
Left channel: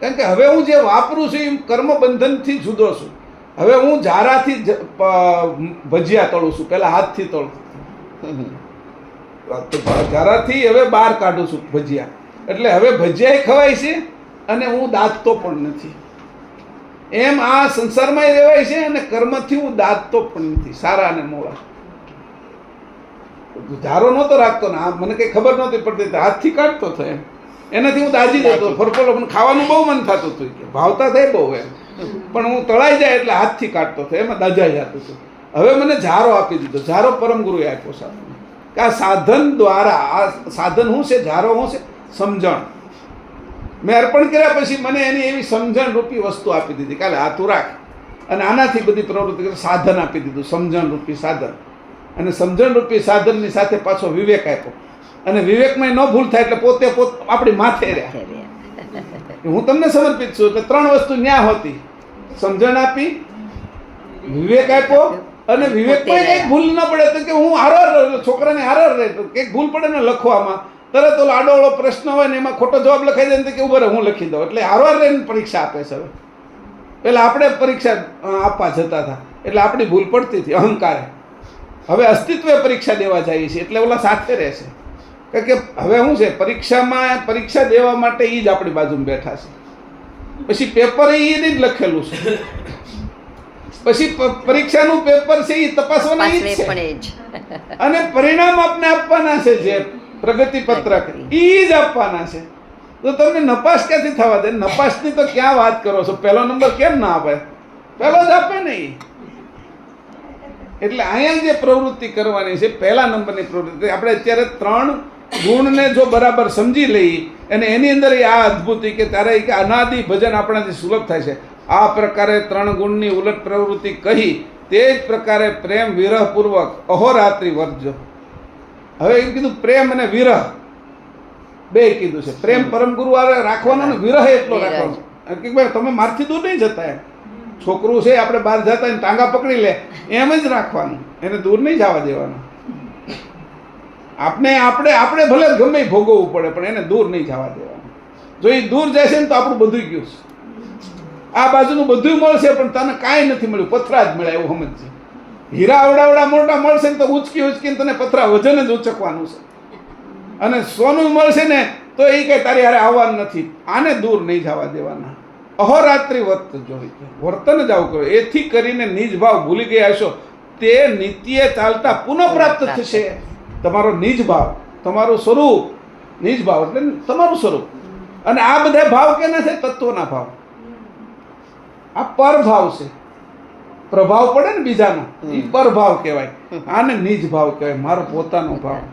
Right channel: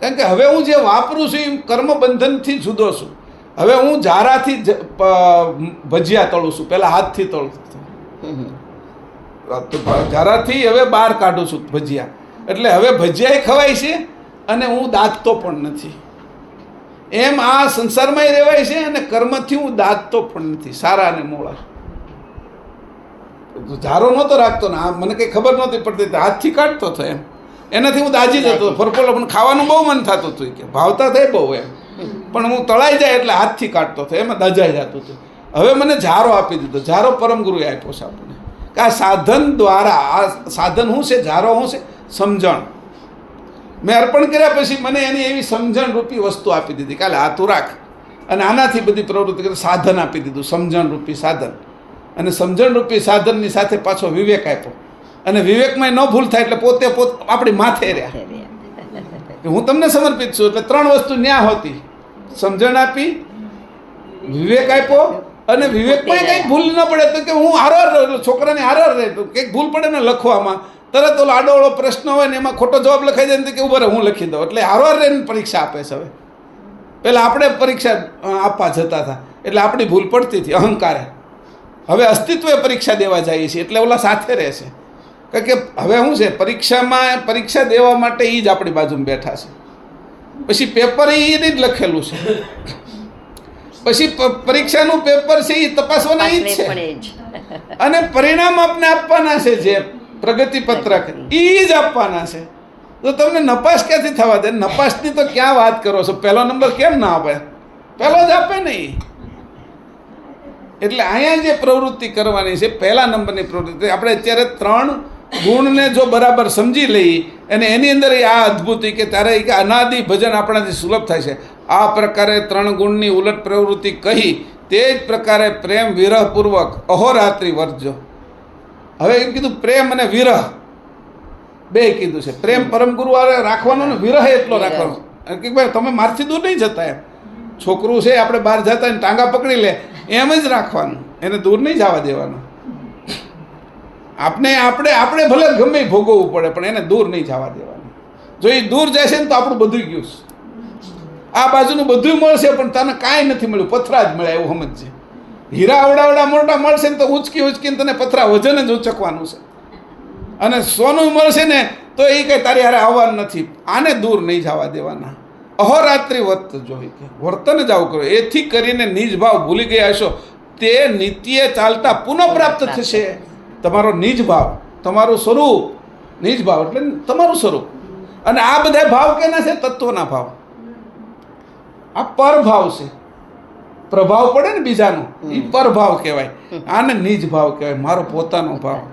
કારણ કે હવે હું જે વાપરું છું એ કર્મ બંધનથી જુદો છું. હવે હું જારાથી ભજીયા તળું છું, પહેલાં હાથથી તળું, જારાથી હવે બહાર કાઢું છું ભજીયા. એટલે હવે ભજીયા ખવાય છે અને હું દાંતતો પણ નથી. એમ આ સંસારમાં રહેવાય છે અને કર્મથી હું દાંતતો પણ નથી, સારા અને મોળા. ઝારો નહોતો રાખતો ને, મને કંઈ ખબર નહોતી પડતી, હાથથી કાઢતો હતો. એમ એનાથી હું દાજી જતો, ફરફેલો. પણ ખાવાનું બહુ મન થતું હતું, કે ભાવતા થાય બહુ એમ, પણ હું તળાઈ જાય એટલે હાથથી કાઢતો હતો, એમાં દાજાઈ જતું હતું. હવે મને ઝારો આપી દીધો. ઝારો પરમ ગુરુએ આપ્યો છે આપણને, કે આ સાધન દ્વારા, આ સાધન શું છે, ઝારો શું છે, સમજણ. મેં અર્પણ કર્યા પછી મને એની એવી સમજણ રૂપી વસ્તુ આપી દીધી, કાલે આ તું રાખ. અને આનાથી બધી પ્રવૃત્તિ કરી સાધન આપી દીધું, સમજણ રૂપી સાધન. અને સમજણ રૂપી સાધનની સાથે પાછો વિવેક આપ્યો. અને વિવેકમાં ન ભૂલ થાય એટલે પોતે આપણી માથે રહ્યા. હું તમને સમર્પિત છું. એટલે ત્રણ વસ્તુ ન્યા હોતી: સમજણ આપી, વિવેક આપ્યો, અને વિવેકમાં કંઈક ભૂલ ન પડે તો કે હું હારવાર છોકરાને હારવાર રહે, કંઈક ભૂલ પડે ને લખવામાં, તરત ઓલો આડોળો પ્રશ્ન હોય ને એમાં ખોટો જવાબ લખાઈ જાય ને કે ઉભો રહે હું લખી દઉં. એટલે હારવાર રહીને પરીક્ષા આપે છે. હવે પહેલાં આપણે પરીક્ષા આપવા જતા હતા એટલે આપણી ભૂલ પડતી હતી, અહંકારે. હવે અસ્તિત્વે પરીક્ષા દેવા જઈએ છીએ એટલે ઓલા સાથે રહેશે. કારણ કે હવે શું છે, પરીક્ષા દેવા માટે એ જ આપણી બાજુમાં બેઠા છે. પછી પેપર એને જ લખેલું છે. પછી પરીક્ષાનું પેપર છે એ તપાસવાના એ જ છે. અને પરિણામ આપણે આપવાના છે, જે પ્રગતિ પત્રક એ જ આપવાના છે. તો તમને નપાસ ક્યાંથી થવા દે? નપાસની તો ક્યાં વાત કરો છો? પહેલો નંબર કેમ ના આપે? પહેલો જ આપે નહીં. એટલે અહીંયા જે પ્રવૃત્તિ કરવાની છે, પહેલા નંબરની પ્રવૃત્તિ, આપણે અત્યારે 3 ગુણને જો બરાબર સમજી લઈએ અને એની અંદર આ અદ્ભુત કે ત્યારે કે અનાદિ ભજન આપણાથી સુલભ થાય છે. આ પ્રકારે 3 ગુણની ઉલટ પ્રવૃત્તિ કહી તે જ પ્રકારે પ્રેમ વિરહપૂર્વક અહોરાત્રિ વર્જ્ય. હવે એમ કીધું પ્રેમ અને વિરહ બે કીધું છે. પ્રેમ પરમ ગુરુ રાખવાનો ને વિરહ એટલો રાખવાનો કે ભાઈ તમે મારથી દૂર નહીં જતા. એમ છોકરું છે આપણે બહાર જતા ને ટાંગા પકડી લે એમ જ રાખવાનું, એને દૂર નહીં જવા દેવાનું. આપણે ભલે ગમે ભોગવવું પડે પણ એને દૂર નહીં જવા દેવાનું. જો એ દૂર જાય છે ને તો આપણું બધું ગયું છે. આ બાજુનું બધું મળશે પણ તને કાંઈ નથી મળ્યું, પથરા જ મળે એવું સમજજે. હીરા આવડા મોટા મળશે ને તો ઉચકીને તને પથરા વજન જ ઉચકવાનું છે. અને સોનું મળશે ને તો એ કંઈ તારી હારે આવવાનું નથી. આને દૂર નહીં જવા દેવાના. અહોરાત્રિ વર્તજો, વર્તન જ આવું કરો. એથી કરીને નિજ ભાવ ભૂલી ગયા હશો તે નિત્ય ચાલતા પુનઃ પ્રાપ્ત થશે. તમારો નિજ ભાવ, તમારું સ્વરૂપ, નિજ ભાવ એટલે તમારું સ્વરૂપ. અને આ બધા ભાવ કેના છે? તત્વના ભાવ. આ પરભાવ છે. પ્રભાવ પડે ને બીજાનો, એ પરભાવ કહેવાય. આને નિજ ભાવ કહેવાય, મારો પોતાનો ભાવ.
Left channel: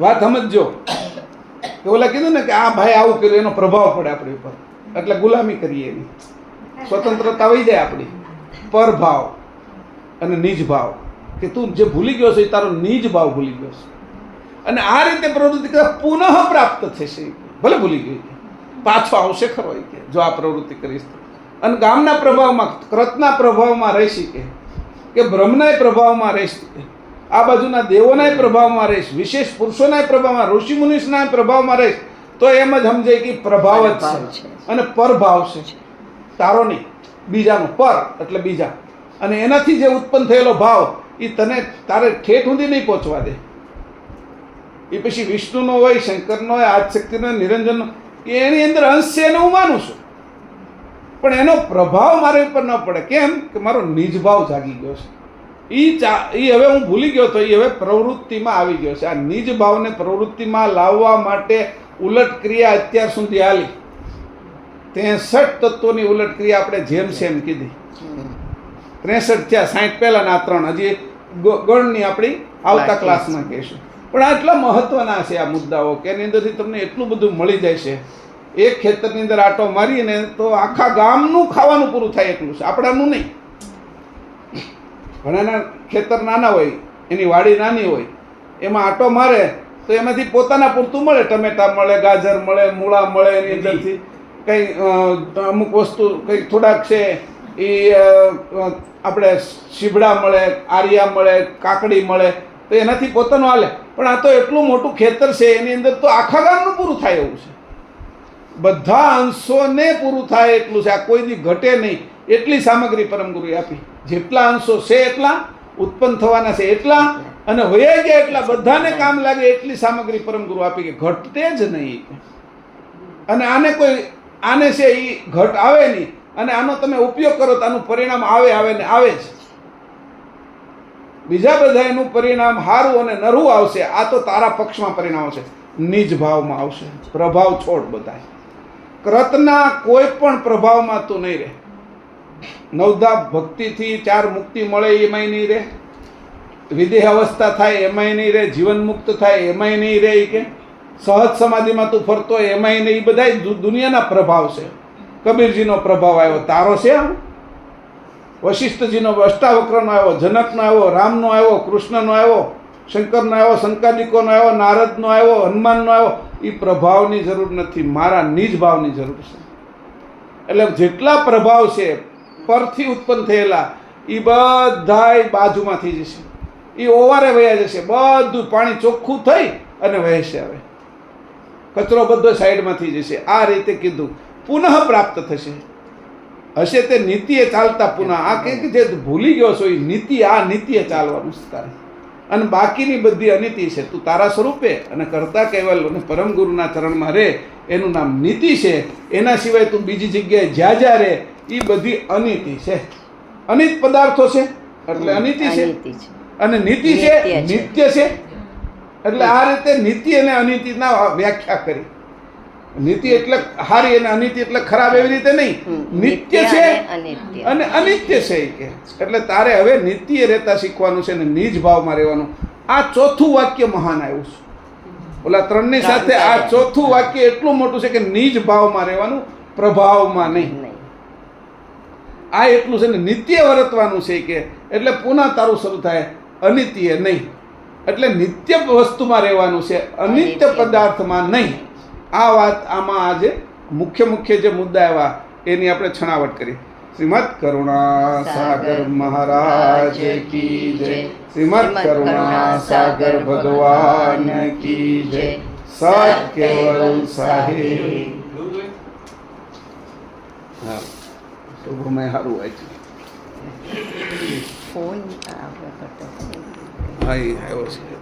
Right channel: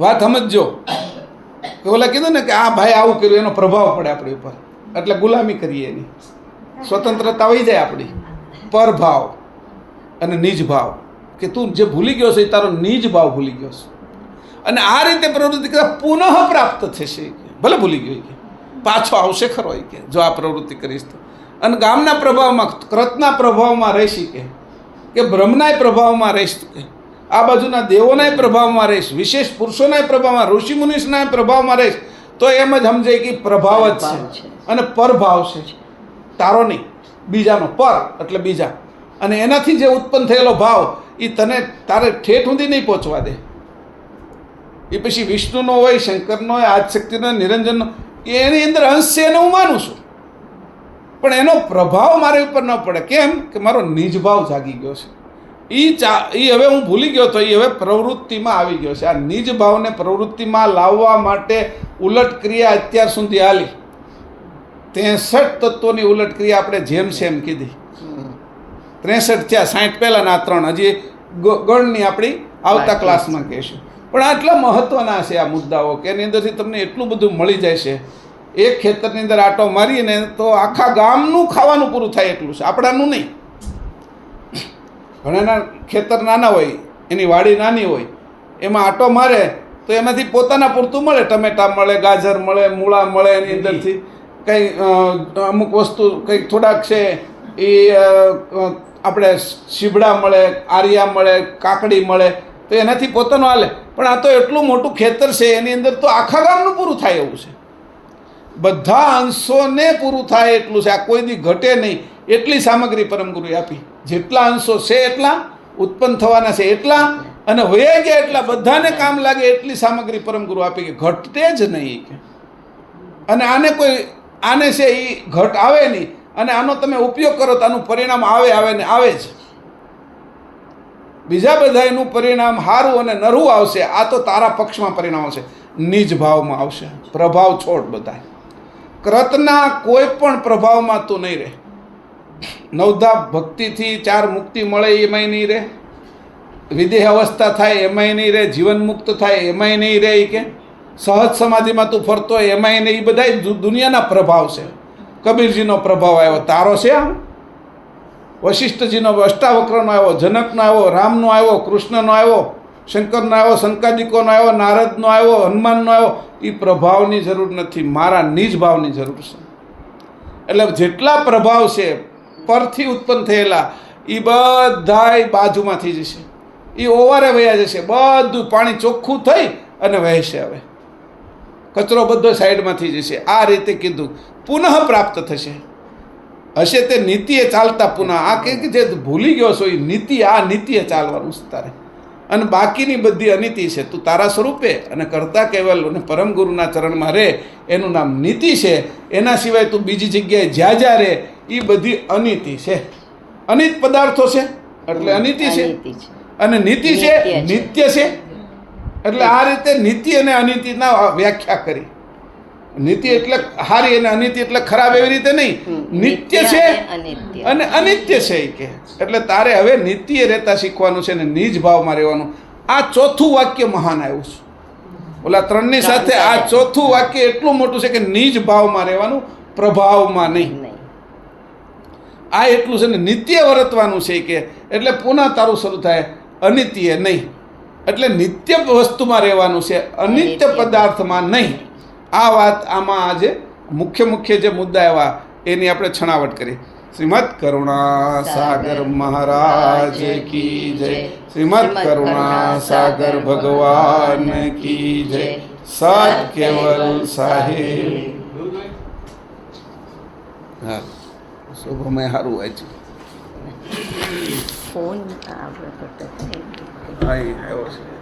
વાત સમજજો કે ઓલા કીધું ને કે આ ભાઈ આવું કર્યું, એનો પ્રભાવ પડે આપણી ઉપર, એટલે ગુલામી કરીએ એની, સ્વતંત્રતા વહી જાય આપણી. પરભાવ અને નિજ ભાવ, કે તું જે ભૂલી ગયો છે એ તારો નિજ ભાવ ભૂલી ગયો છે. અને આ રીતે પ્રવૃત્તિ કરતા પુનઃ પ્રાપ્ત થશે. ભલે ભૂલી ગયો કે પાછો આવશે ખરો કે જો આ પ્રવૃત્તિ કરીશ તો. અને ગામના પ્રભાવમાં, કૃતના પ્રભાવમાં રહીશ કે બ્રહ્મના પ્રભાવમાં રહીશ, કે આ બાજુના દેવોના પ્રભાવમાં રહીશ, વિશેષ પુરુષોના પ્રભાવમાં, ઋષિ મુનિના પ્રભાવમાં રહીશ, તો એમ જ સમજાય કે પ્રભાવ જ છે અને પરભાવ છે. તારો નહીં, બીજાનો. પર એટલે બીજા. અને એનાથી જે ઉત્પન્ન થયેલો ભાવ એ તને તારે ઠેઠ સુધી નહીં પહોંચવા દે. એ પછી વિષ્ણુનો હોય, શંકરનો હોય, આદિશક્તિનો, નિરંજનનો, એની અંદર અંશ છે એને હું માનું છું, પણ એનો પ્રભાવ મારા ઉપર ન પડે. કેમ કે મારો નિજ ભાવ જાગી ગયો છે. એ હવે હું ભૂલી ગયો તો એ હવે પ્રવૃત્તિમાં આવી ગયો છે. આ નિજ ભાવને પ્રવૃત્તિમાં લાવવા માટે ઉલટ ક્રિયા અત્યાર સુધી હાલી. 63 તત્વોની ઉલટ ક્રિયા આપણે જેમ સેમ કીધી. 63 થયા, 60 પહેલાના 3, હજી ગણની આપણી આવતા ક્લાસમાં કહેશું. પણ આટલા મહત્વના છે આ મુદ્દાઓ કે એની અંદરથી તમને એટલું બધું મળી જાય છે. એક ખેતરની અંદર આટો મારીને તો આખા ગામનું ખાવાનું પૂરું થાય એટલું છે, આપણાનું નહીં. ઘણાના ખેતર નાના હોય, એની વાડી નાની હોય, એમાં આટો મારે તો એનાથી પોતાના પૂરતું મળે. ટમેટા મળે, ગાજર મળે, મૂળા મળે, એની અંદરથી કંઈ અમુક વસ્તુ કંઈક થોડાક છે એ આપણે શીબડા મળે, આરિયા મળે, કાકડી મળે, તો એનાથી પોતાનું હાલે. પણ આ તો એટલું મોટું ખેતર છે, એની અંદર તો આખા ગામનું પૂરું થાય એવું છે. બધા અંશોને પૂરું થાય એટલું છે. આ કોઈ દી ઘટે નહીં એટલી સામગ્રી પરમગુરુએ આપી. જેટલા અંશો છે એટલા, ઉત્પન્ન થવાના છે એટલા, અને વયા ગયા એટલા, બધાને કામ લાગે એટલી સામગ્રી પરમગુરુ આપી કે ઘટતે જ નહીં. અને આને છે એ ઘટ આવે નહીં. અને આનો તમે ઉપયોગ કરો તો આનું પરિણામ આવે ને આવે જ. બીજા બધા એનું પરિણામ સારું અને નરવું આવશે. આ તો તારા પક્ષમાં પરિણામ આવશે, નિજ ભાવમાં આવશે. પ્રભાવ છોડ બધા. કૃતના કોઈ પણ પ્રભાવમાં તું નહીં રહે. નવધા ભક્તિથી 4 મુક્તિ મળે એમાંય નહીં રહે, વિદેહ અવસ્થા થાય એમાંય નહીં રહે, જીવન મુક્ત થાય એમાંય નહીં રહે, કે સહજ સમાધિમાં તું ફરતો હોય એમાંય નહીં. એ બધા દુનિયાના પ્રભાવ છે. કબીરજીનો પ્રભાવ આવ્યો, તારો છે આમ. વશિષ્ઠજીનો, અષ્ટાવક્રનો આવ્યો, જનકનો આવ્યો, રામનો આવ્યો, કૃષ્ણનો આવ્યો, શંકરનો આવ્યો, શંકાદિકોનો આવ્યો, નારદનો આવ્યો, હનુમાનનો આવ્યો. એ પ્રભાવની જરૂર નથી, મારા નિજ ભાવની જરૂર છે. એટલે જેટલા પ્રભાવ છે પરથી ઉત્પન્ન થયેલા એ બધાય બાજુમાંથી જશે, એ ઓવારે વયા જશે. બધું પાણી ચોખ્ખું થઈ અને વહેશે. હવે કચરો બધો સાઈડમાંથી જશે. આ રીતે કીધું પુનઃ પ્રાપ્ત થશે. હશે તે નીતિએ ચાલતા પુનઃ. આ કે જે ભૂલી ગયો છો એ નીતિ, આ નીતિએ ચાલવાનું છે તારે. અને બાકીની બધી અનિતિ છે. તું તારા સ્વરૂપે અને કરતા કેવલ અને પરમ ગુરુના ચરણમાં રહે, એનું નામ નીતિ છે. એના સિવાય તું બીજી જગ્યાએ જ્યાં રહે એ બધી અનિતિ છે. અનિત પદાર્થો છે એટલે અનિતિ છે, અને નીતિ છે નિત્ય છે. એટલે આ રીતે નીતિ અને અનિતિના વ્યાખ્યા કરી. નીતિ એટલે હારી અને અનિતિ એટલે ખરાબ, એવી રીતે નહીં. નિત્ય છે અને અનિત્ય છે કે. એટલે તારે હવે નિત્ય રહેતા શીખવાનું છે ને નિજ ભાવમાં રહેવાનું. આ ચોથું વાક્ય મહાન આવ્યું છે. ઓલા 3ની સાથે આ ચોથું વાક્ય એટલું મોટું છે કે નિજ ભાવમાં રહેવાનું, પ્રભાવમાં નહીં. આ એટલું છે ને નિત્ય વર્તવાનું છે કે. એટલે પુનઃ તારું શરૂ થાય, અનિત્ય નહીં. એટલે નિત્ય વસ્તુમાં રહેવાનું છે, અનિત્ય પદાર્થમાં નહીં. આ વાત આમાં આજે મુખ્ય જે મુદ્દા આવ્યા એની આપણે છણાવટ કરી. શ્રીમદ કરુણા સાગર મહારાજ કી જય. શ્રીમદ કરુણા સાગર ભગવાન કી જય. સત કેવલ સાહેબ. હા શોભામાં સારું વાંચ્યું. ફોન આગળ કરતા હા એ આવ્યો છે.